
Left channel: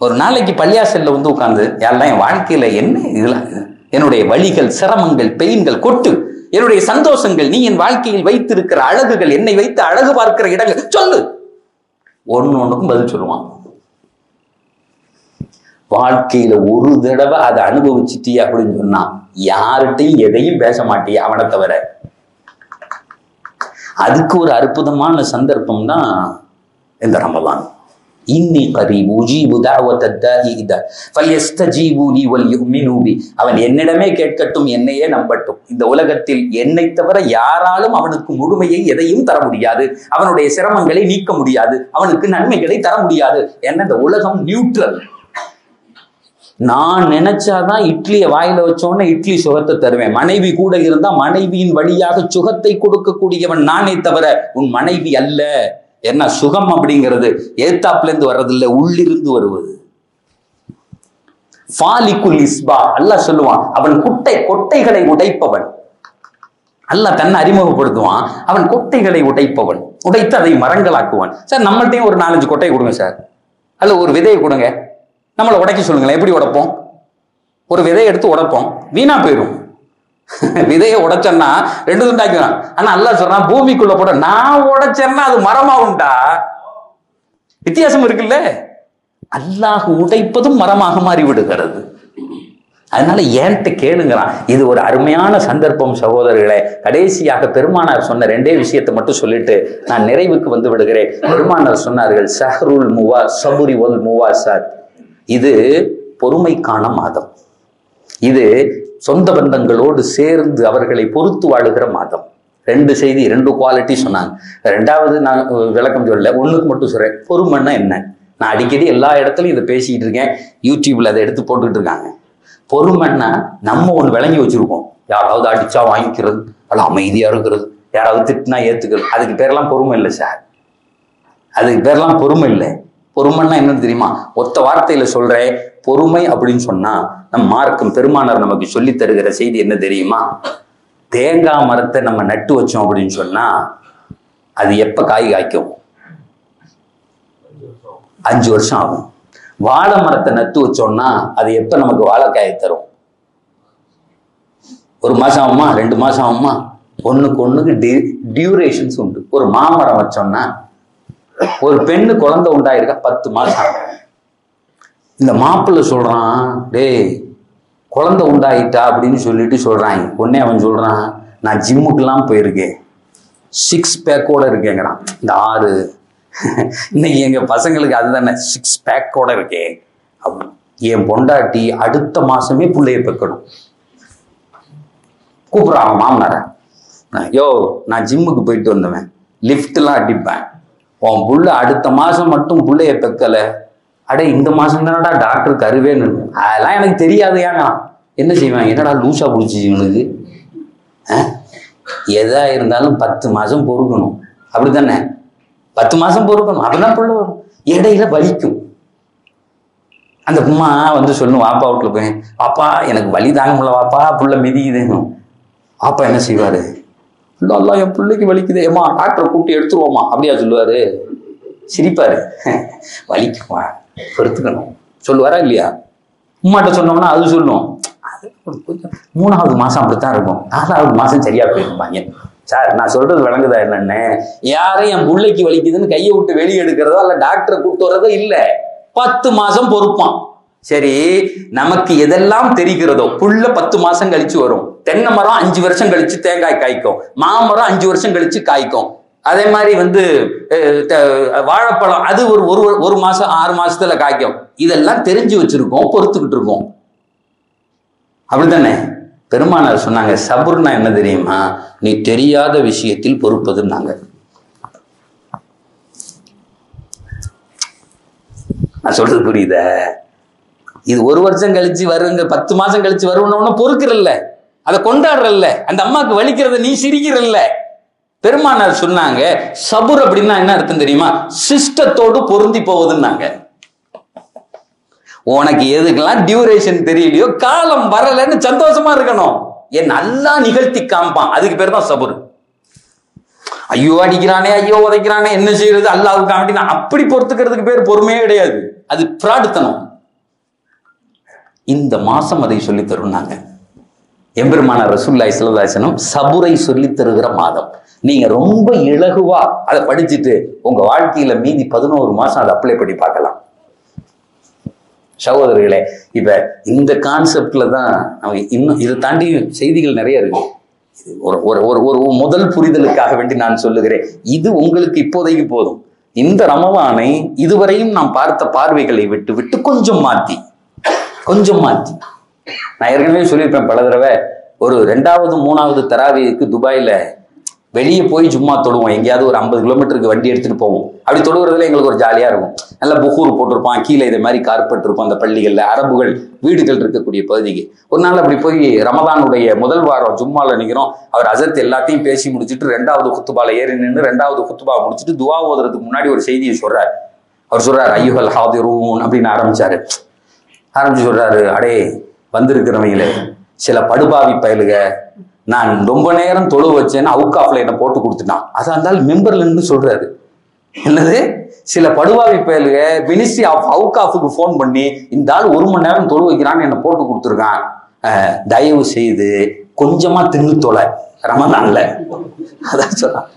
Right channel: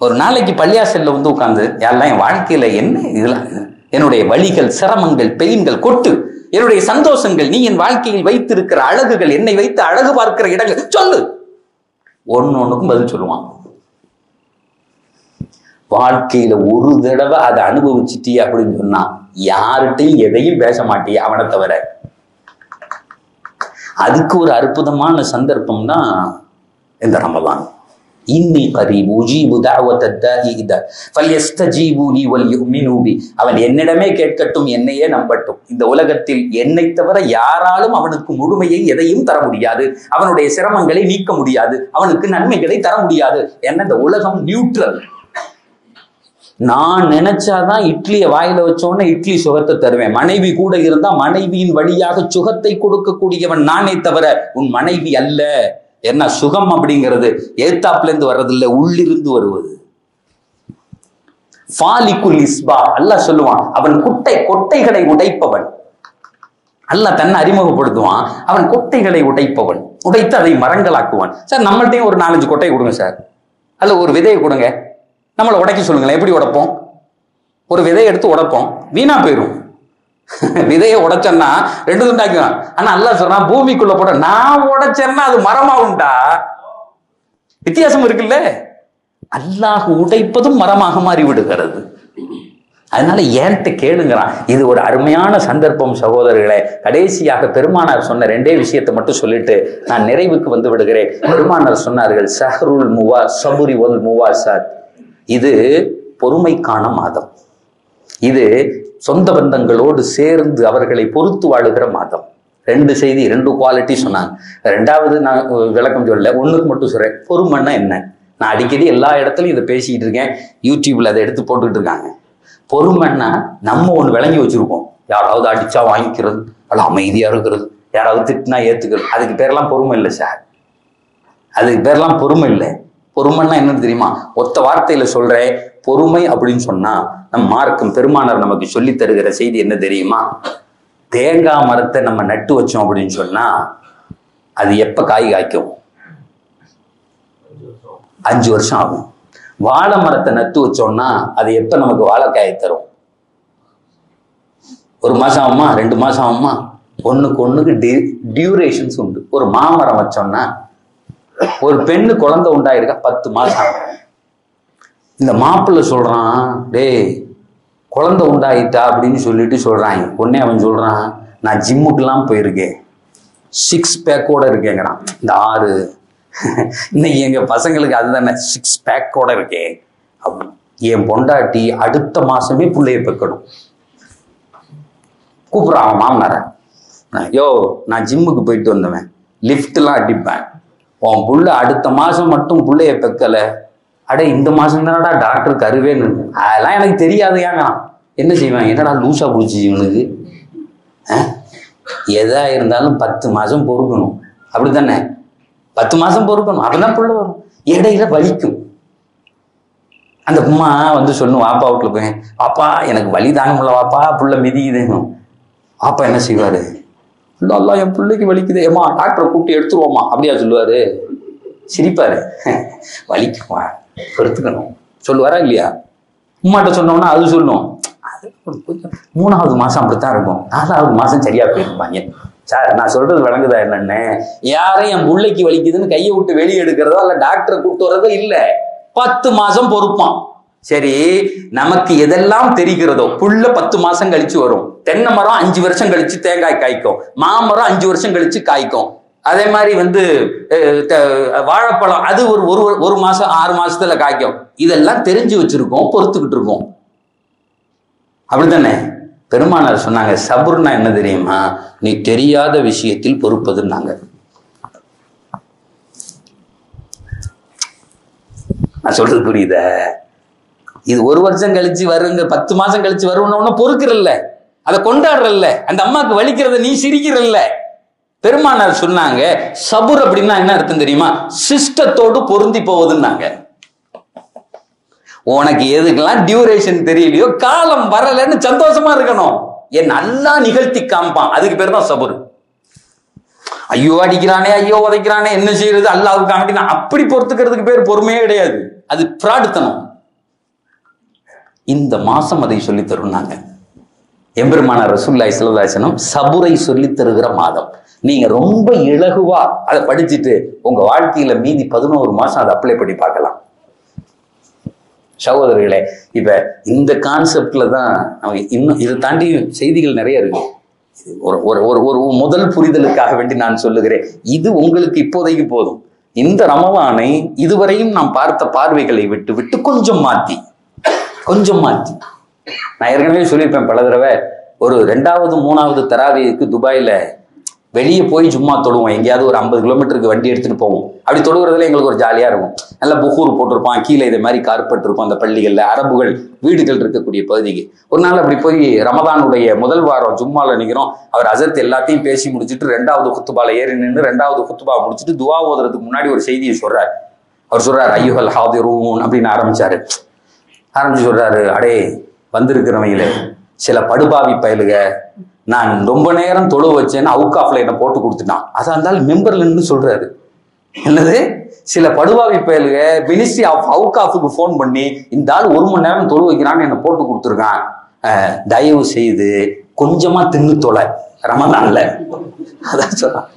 ஒரு நாளைக்கு பள்ளியாசல்ல வந்து உட்கார்ந்து, யாரெல்லாம் என் வாழ்க்கையில என்ன இதெல்லாம், என்னுடைய வழிகள், சிரமங்கள், பெயின்கள் கொட்டு, என்னுடைய சந்தோஷங்கள், நீ என் வாழ்க்கையில் வைத்திருக்கிற அழகுகள், என்னை வைத்து அழகு பார்க்கிற இடங்கள் சொல்லு. ஒண்ணுக்கும் பதில் சொல்லுவான். வாழ்க்கையில ஒரு தடவை அதை அனுபவிச்சுட்டிய அப்படின்னு சொன்னா யார்கிட்டையும் எதையும் பேச மாட்டிய அவனை தவிர. அதுக்கு ஒரு அற்புதமான சந்தர்ப்பம் தான் இந்த ரமலான். இன்னி கரீப் உஜீபு தஅவத தாஇ இதா ஃபல்யஸ்தஜீபு லி வல்யுமினு பி. அவன் என்னிடமே கேட்கட்டும், என்னையே நம்பட்டும். இந்த உலகத்தில் என்னை தவிர யாராலும் அவனுக்கு முழுமையை எதையும் தர முடியாது, அவனுடைய சிரமங்களை நீக்க முடியாது, அவனுக்கு நன்மைகளை தர முடியாது. ஏன்னா இந்த உலகம் நியூட்ரல். நான் நினைச்சாதான் இட்லியை வாயில வச்சோன்னே இட்லி சுகத்தை தருவேன். மனைவி கூட இருந்தா மனைவியின் வழியாக சுகத்தை கொடுக்கக்கூடியவன் நானே தவிர உன் மனைவி அல்ல. என்ன சுகம் அப்படிங்கிறது ஏத்தாப்புல இருந்து வர்றதில்லை, உள்ளிருந்து வருவது. ஃபாலிகுல் இஸ்பா அல்லாஹ் சொல்லுவான், அவன் கொட்டைகளை உடைப்பவன். அல்லாஹ் தன்னை அறிமுகப்படுத்துவான், அவன் கொட்டைகளை உடைப்பவன், உடைத்து அதை மரங்களாக்குவான். சார் நம்மள்ட்டையும் ஒரு 4-5 கொட்டையை கொடுங்க சார், அல்ல ஒரு விதையை கொடுங்க, நம்மளை உடைக்க சொல்லுங்களேன். எப்படி உடைப்போம்? ஒரு விதையை எடுத்து உடைப்போம், வீணா போயிடும். விதையை உடைச்சேன்னா 2 துண்டாக்குவான். ஆனா அல்லாஹ் சொல்றான், பூமிக்குள்ள போட நான் உடைச்சேன்னா அது மரமாகும்டா. வித்தியாசம் இருக்குல்ல. அல்லாஹ் உடைப்பதும் மரமாக மாறி விடுகிறது. அதனால ஏன்ட்ட கேளுங்கிறான். இது ஒரு அருமையான சந்தர்ப்பம் சகோதரர்களே. கடைசியாக பெருமானார் சொன்ன 2 விஷயத்தை மட்டும் சொல்லிட்டு நான் நிறைவுக்கு வந்து விடுகிறேன். பெருமானார் சொன்னார்கள், ஷஹ்ருல் சபுரி வல் முவாசாத். இது பொறுமைக்கான மாதம். இது சொந்த பந்தங்களோடு சேர்ந்து அவர்களை பொறுத்து வாழுகிற மாதம். 2 செய்தி, 2 குவாலிட்டி சொன்னாங்க. 2வது நான் விளக்கம் சொல்லல, 1க்கு மட்டும் சொல்றேன். பொறுமைன்னா என்ன? நான் அடிக்கடி எல்லா இடத்துலையும் இதை பேசிக்கிட்டு இருக்கேன், யூடியூப்ல அதை எடுத்து போட்டுக்கிட்டு இருக்காங்க. பொறுமைன்னா நம்ம ஒன்று விளங்கி வச்சிருக்கோம், யாராவது அடிச்சா வாங்கிக்கிறது, அல்ல அமைதியா இருக்கிறது, யாராவது திட்டினா ஏத்துக்கிறது. அதுக்கு பேரெல்லாம் பொறுமை இல்லை சார், அதுக்கு பேரெல்லாம் பொறுமை இல்லை. பொறுமைன்னா என்னன்னு தெரியுமா? ஒத்த வார்த்தையில சொல்றேன், பொறுமை அப்படின்னு சொன்னா நம் மார்க்கம் பெருமானார் நமக்கு சொல்லி தருகிற செய்தி என்ன தெரியுமா? தேங்காய் மரத்தை நம்ம நட்டு வச்சோம் அப்படின்னு சொன்னா அது எப்ப காய் காய்க்கும்? 5 வருஷம் ஆகும். வாழை மரத்தை நட்டு வச்சோம்னா அது எப்ப நமக்கு வாழைக்காயை தரும்? 1 மாசம் ஆகுமா? 2 மாசம் ஆகுமா? ஒண்ணுக்கு டியூரேஷன்ஸ் உண்டு. ஒரு மாமரம் வச்சோம்னா ஒரு பெண்ணு குழந்தை உண்டாயிருக்கா 10 மாசம். இந்த மாப்பிள்ளை சொல்றான், டேய் குழந்தை உண்டாயிட்டா அப்படின்னு சொல்லிட்டு சொல்றாங்க. உடனே அவன் சொல்றான், நான் ஜிம்முக்கெல்லாம் போயிருக்கேன், 6 பேக்கோட இருக்கேங்கிறான். இந்த 6 இன்னைக்கு எங்க பசங்களுக்கு அதுதானே 6 பேக்கோட இருக்கேன். என் பொண்டாட்டி அடுத்த மாசமே பிள்ளைய பெக்கணும். கூப்பிடுறான் அவன் மாமனார, யோ நான் ஜிம்முக்கு போயிட்டு வந்தவன், லிஃப்ட்லாம் அடிப்பேன், உன் புள்ள அடுத்த மாசம் மட்டும் பிள்ளைய பெக்கல, அடே இந்த மாசம் தானடா டாக்டர் கருவேன்னு. அதெல்லாம் எனக்கு தெரியாது. ஏங்க என்ன செய்வேன், என்னடா லூசா பிடிச்சி இவனுக்கு, எதா இருந்தாலும் 10 மாசம் பொறுக்கணும், அப்படித்தானே? 10 மாசம் பொறுக்கணும், அப்படிதான் புள்ள வரும். இடையில வலிக்கும். அந்த அம்மா வந்து சொல்லும், வாப்பா வீட்டுல போய், வாப்பா எனக்கு வலி தாங்க முடியல வாப்பா, புள்ள மிதிக்குதுன்னு. வாப்பா என்ன செய்வாரு, இல்ல என் பிள்ளைக்கு வலிக்குது, ஏமா டாக்டரை கூப்பிட்டு எடுத்துருவோமா அப்படியா சொல்லுவாரு. சிரிப்பாரு, வலிக்குமா பொறுத்துக்கணும் சொல்லுவாரா இல்லையா? உம்மாட்ட சொன்னோம்னா அது சொல்லும், 3வது மாசம் அப்படித்தான் இருக்கும், 4வது மாசம் சரியா போயிருப்பாங்க. சார் நான் சொல்றது விளங்குதா என்னன்னு? யாரும் என் பிள்ளைக்கு வலிக்குதுன்னு கையை விட்டு வெளியே எடுக்கிறதோ இல்ல டாக்டரை கூப்பிட்டு வரதோ இல்ல, 10 மாசம் பொறுப்பான். சரி, நமக்கு எதெல்லாம் தெரிகிறதோ புள்ள 10 மாசம் கழிச்சு வரும். தென்னை மரம் 5 வருஷம் கழிச்சு தேங்காய் காய்க்கும், மாமரம் 5 வருஷம் கழிச்சு காய்க்கும். அதே மாதிரி வந்து வாழைப்பழம் அது ஒரு மாசம் 6 மாசத்துல காய்க்கும். இதெல்லாம் தெரிஞ்சு வச்சிருக்கோம், பொறுத்துக்கிட்டு இருக்கோம், அப்படித்தானே? பெருமானார் சொன்னாங்க, சபுர்னா என்ன தெரியுமா, நீ தெரியாத விஷயத்தில் பொறுப்பதுன்னாங்க. நான் சொல்றது புரியுத? இது 1 வருஷம் கழிச்சு வருங்க, 10 மாசம் கழிச்சு வருவன பொறுக்கிறல்ல, அதை கொண்டாடுறல்ல, அந்த அம்மாவுக்கு வலிக்கிறத நீ சிரிக்கிறல்ல. பெருமானார் சொன்னாங்க, சபுர் அப்படின்னா என்ன அர்த்தம் தெரியுமா, சிஸ்டத்தோடு பொருந்தி போவதுன்னாங்க. உனக்கு எதுக்கெல்லாம் டியூரேஷன் தெரியலையோ, காலம் வரலன்னு சந்தோஷமா இருக்கணும். என் நல்லா நிகழ்த்தி காமிப்பான், அதுக்கு பேர் தான் சபுர். ஐயோ அடிக்கிறானே, ஐயோ உதைக்கிறானே, என்ன செய்யறது, அல்லாஹ்வுக்கு காமினா அப்படி பொறுத்துக்கிறதுக்கு பேர் பொறுமையே கிடையாது, அது பிராடுத்தனம். இந்த மாசம் அதை சொல்லி தருனாங்க எம்பெருமானார் ரசூலுல்லாஹி ஸல்லல்லாஹு அலைஹி வஸல்லம். சபுரை சொல்லி தருகிற மாதம். நீங்க ரொம்ப இலகுவா அதை படிச்சுட்டு உங்க வாழ்க்கையில மீதி 11 மாசம் அதை அப்ளை பண்ணி பார்க்கலாம். சகோதரர்களே, இப்ப இந்த கான்செப்ட்ல தான் இன்னும் இதை தாண்டி செய்திகள் நிறைய இருக்கு. ஒரு முதல் புரிதலுக்காக வேண்டி நான் சொல்லுகிறேன், இது உங்களுக்கு இப்போதைக்கு போதும். இந்த ரமலானை இதுவரையும் நாம் பார்த்த பார்வைகளை விட்டு கொஞ்சம் மாத்தி நான் ஏற்கனவே சொல்லியிருப்பேன் பல தடவை, ஒரு 2வது 3வது தராவிக்கு துபாயில வெளியே போய் சும்மா தொழுவோம். எங்கேயாவது ஒரு 50 கிலோமீட்டருக்கு வண்டி எடுத்துட்டு போவோம். அப்படி தொழுகிறதுல எங்களுக்கு ஒரு ஜாலியா இருக்கும். நல்லா புகூர் போட்டிருப்பான், கீழே இதே மாதிரி கார்பெட் இருக்கும். அந்த பள்ளிகள்ல அரபுகள் வீடுகள் இருக்கக்கூடிய பகுதிக்கு ஒரு நாள் அப்படி போய் ரமதானுடைய முதல் வாரம் ஜும்மால நிற்கிறோம். அவர் அசத் எல்லாத்தையும் பேசி முடிச்சுட்டு 2வது குத்துபால ஏறி நின்று 2வது குத்துபா முடிச்சுட்டு துவா ஓதுறதுக்கு முன்னாடி ஒரு செய்தியை சொல்றாரு. அவர் சொல்றாரு, ஐயுஹல் ஹாதிரூன் அப்படின்னு ஆரம்பிச்சு சொல்றாரு, அடே வந்திருக்கிறவங்களே, சில படுபாவி பயலுக, நான் ரொம்ப நேரம் தொழு வச்சேன்னு அவுக்காஃப்ல என்ன போட்டு கொடுத்துட்டான். அதான் இருந்தாலும் மெம்பர்ல இருந்து சொல்றாரு, என்னது சில படுபாவி பயலுக மினிஸ்ட்ரி ஆஃப் அவுக்காஃபுக்கு போன் பண்ணி இந்த ஆள் 1 மணி நேரம் தொழு வைக்கிறான்னு என்ன போட்டு கொடுத்துருக்கான், தயவு செய்து கொஞ்சமா தின்னு தொலை ரமதான்ல. அதான் சொல்றான்.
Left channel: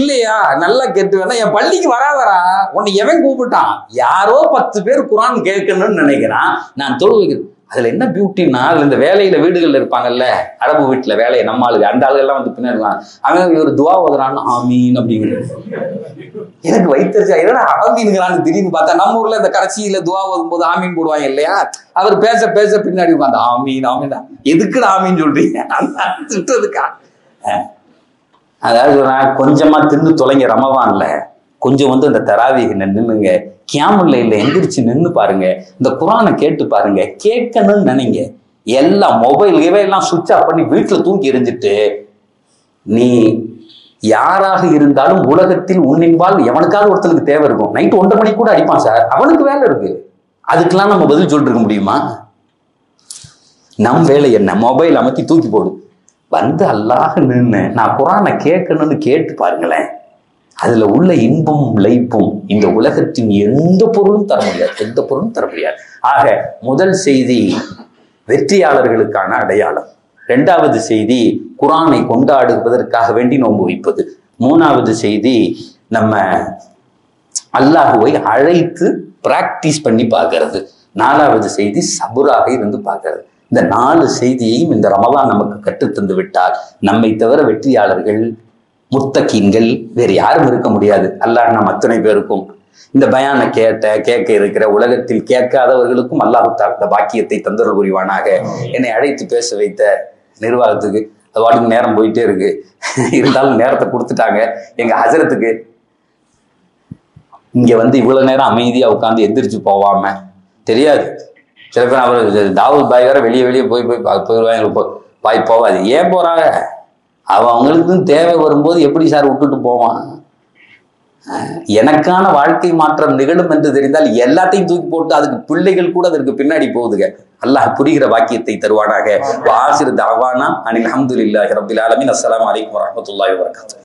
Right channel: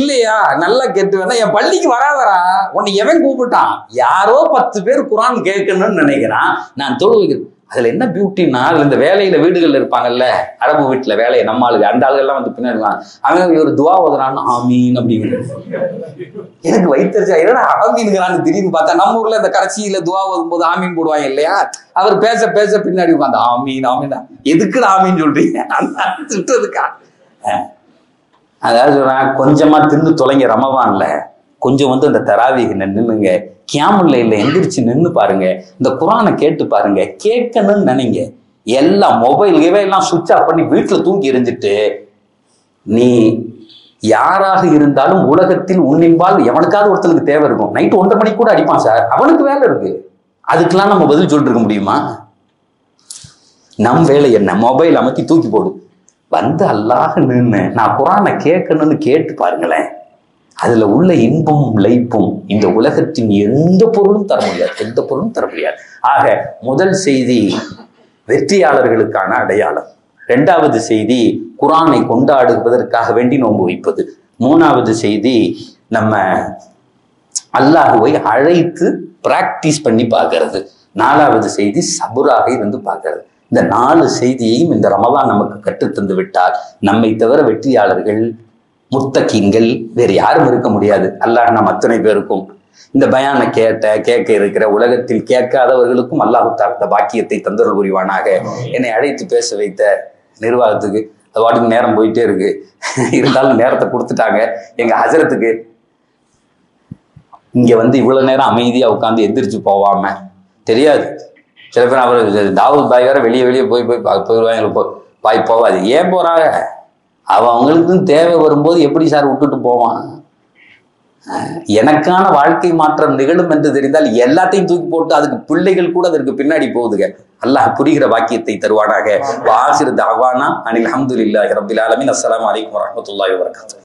இல்லையா, நல்லா கேட்டு வேணா, என் பள்ளிக்கு வராதரா, உன்னை எவன் கூப்பிட்டான், யாரோ 10 பேர் குரான் கேட்கணும்னு நினைக்கிறான், நான் தொழு வைக்கிறேன். அதுல என்ன பியூட்டின்னா, அதுல இந்த வேலையில வீடுகள்ல இருப்பாங்கல்ல, அரபு வீட்டுல வேலையை நம்ம ஆளுங்க, அந்த ஆளுகள் எல்லாம் வந்து பின்னாடி அவன் ஒரு துவா ஓதுறான்னு ஆமீன் அப்படிங்கிறது. எனக்கு வைத்தறிச்சா, என்னடா ஆமீனுங்கிறான்னு திடீர்னு பார்த்தா, நம்ம ஊர்ல இந்த கடைசியில துவா ஓதும் போது ஆமீன் போடுவாங்க இல்லையா, அவர் பேச பின்னாடி உட்காந்து ஆமீன் ஆமீன், எதுக்குடா ஆமீன் சொல்றீங்க, திட்டுறதுக்கா? அதாவது கொஞ்சமா தின்னு தொலைங்க ரமவான்ல, கொஞ்சம் வந்து அந்த தராவீக நின்னுங்க, கியாமுல்ல இல்ல எந்திரிச்சு நின்று பாருங்க, இந்த குரானை கேட்டு பாருங்க, கேட்கணும்னு நினைங்க. எல்லாம் மொபைல் எல்லாம் சுவிட்ச் ஆஃப் பண்ணி வீட்டுல தூக்கி எரிஞ்சிட்டு, நீ யாராக இருந்தாலும் உலகத்தில் உன்னின்பால் எவனுக்காவது ஒருத்தனுக்கு தேவை இருக்கும். நைட்டு 1:30 மணிக்கு கூட அடிப்பான் சார், அவனுக்கு வேலை இருக்கு, அதுக்கெல்லாம் நம்ம பதில் சொல்லிட்டு இருக்க முடியுமா? நம் வேலை என்ன, மொபைல் அமைத்தி தூக்கி போடு, வந்து அல்லாஹ் நின்று நான் குரானை கேட்கணும்னு கேட்டு பாருங்களேன். அதுல உள்ள இன்பமும் லைப்பும் இந்த உலகத்தின் எந்த பொருளும் தர முடியாது. ஆக முதல் செய்தி வெற்றியாளர்களுக்கான அடையாளம். 2வது செய்தி குர்ஆனை கொண்டாடுவதற்காக வேண்டி நோன்பு வைப்பது. 3வது செய்தி நம்ம அல்லாஹுவை அழைத்து பிராக்டிஸ் பண்ணி பார்க்கறது. 4வது செய்தி சபுராக இருந்து பார்க்கறது. இந்த 4 செய்தியையும் இந்த ரமலான் நமக்கு கற்றுத்தந்து விட்டால் நம்மை தவிர வெற்றியாளர்கள் முத்தகீன்கள் வேறு யாரும் இருக்க முடியாது. அல்லாஹ் நம் அத்தனை பேருக்கும் இந்த பயானை கேட்க இருக்கிற உலகத்தில் கேட்காதவர்களுக்கும் அல்லாஹ் இந்த பாக்கியத்தை தந்தருள் புரிவானாக. என்னை அழைத்து பேச வைத்த நிர்வாகத்துக்கு அது வாட்டுக்கு நேரம் போயிட்டே இருக்கு, இருந்தாலும் நேரத்தை கொடுத்துட்டாங்க. எங்க ஹஜரத்துக்கு இங்க இவ்வளவு நேரம் அமைதியா உட்காந்து எந்திரிச்சு போவாம தெரியாது. சில பேர் அவர் தாவூத் பாய் வேற வெளியே போயிடுவாங்க, பாய் போவாது. ஏன் போறாங்க? அவங்களுக்கும் தேவை வரும்போது எப்படி சார் விட்டுட்டு போவான்? எனக்கான வாழ்க்கை மாற்றம் நிகழும் என்று தெரிந்தால் எல்லாத்தையும் தூக்கி போட்டு அதுக்கு பிள்ளைகள் கூட அதற்கு பின்னாடி போகுதுங்க. அல்லாஹ் புரிகிற வாக்கியத்தை தருவானாக. வாசிர் தாவானா அனில் அல்ஹம்துலில்லாஹி ரப்பில் ஆலமீன். அஸ்ஸலாமு அலைக்கும் வரஹ்மத்துல்லாஹி வபரகாத்துஹு.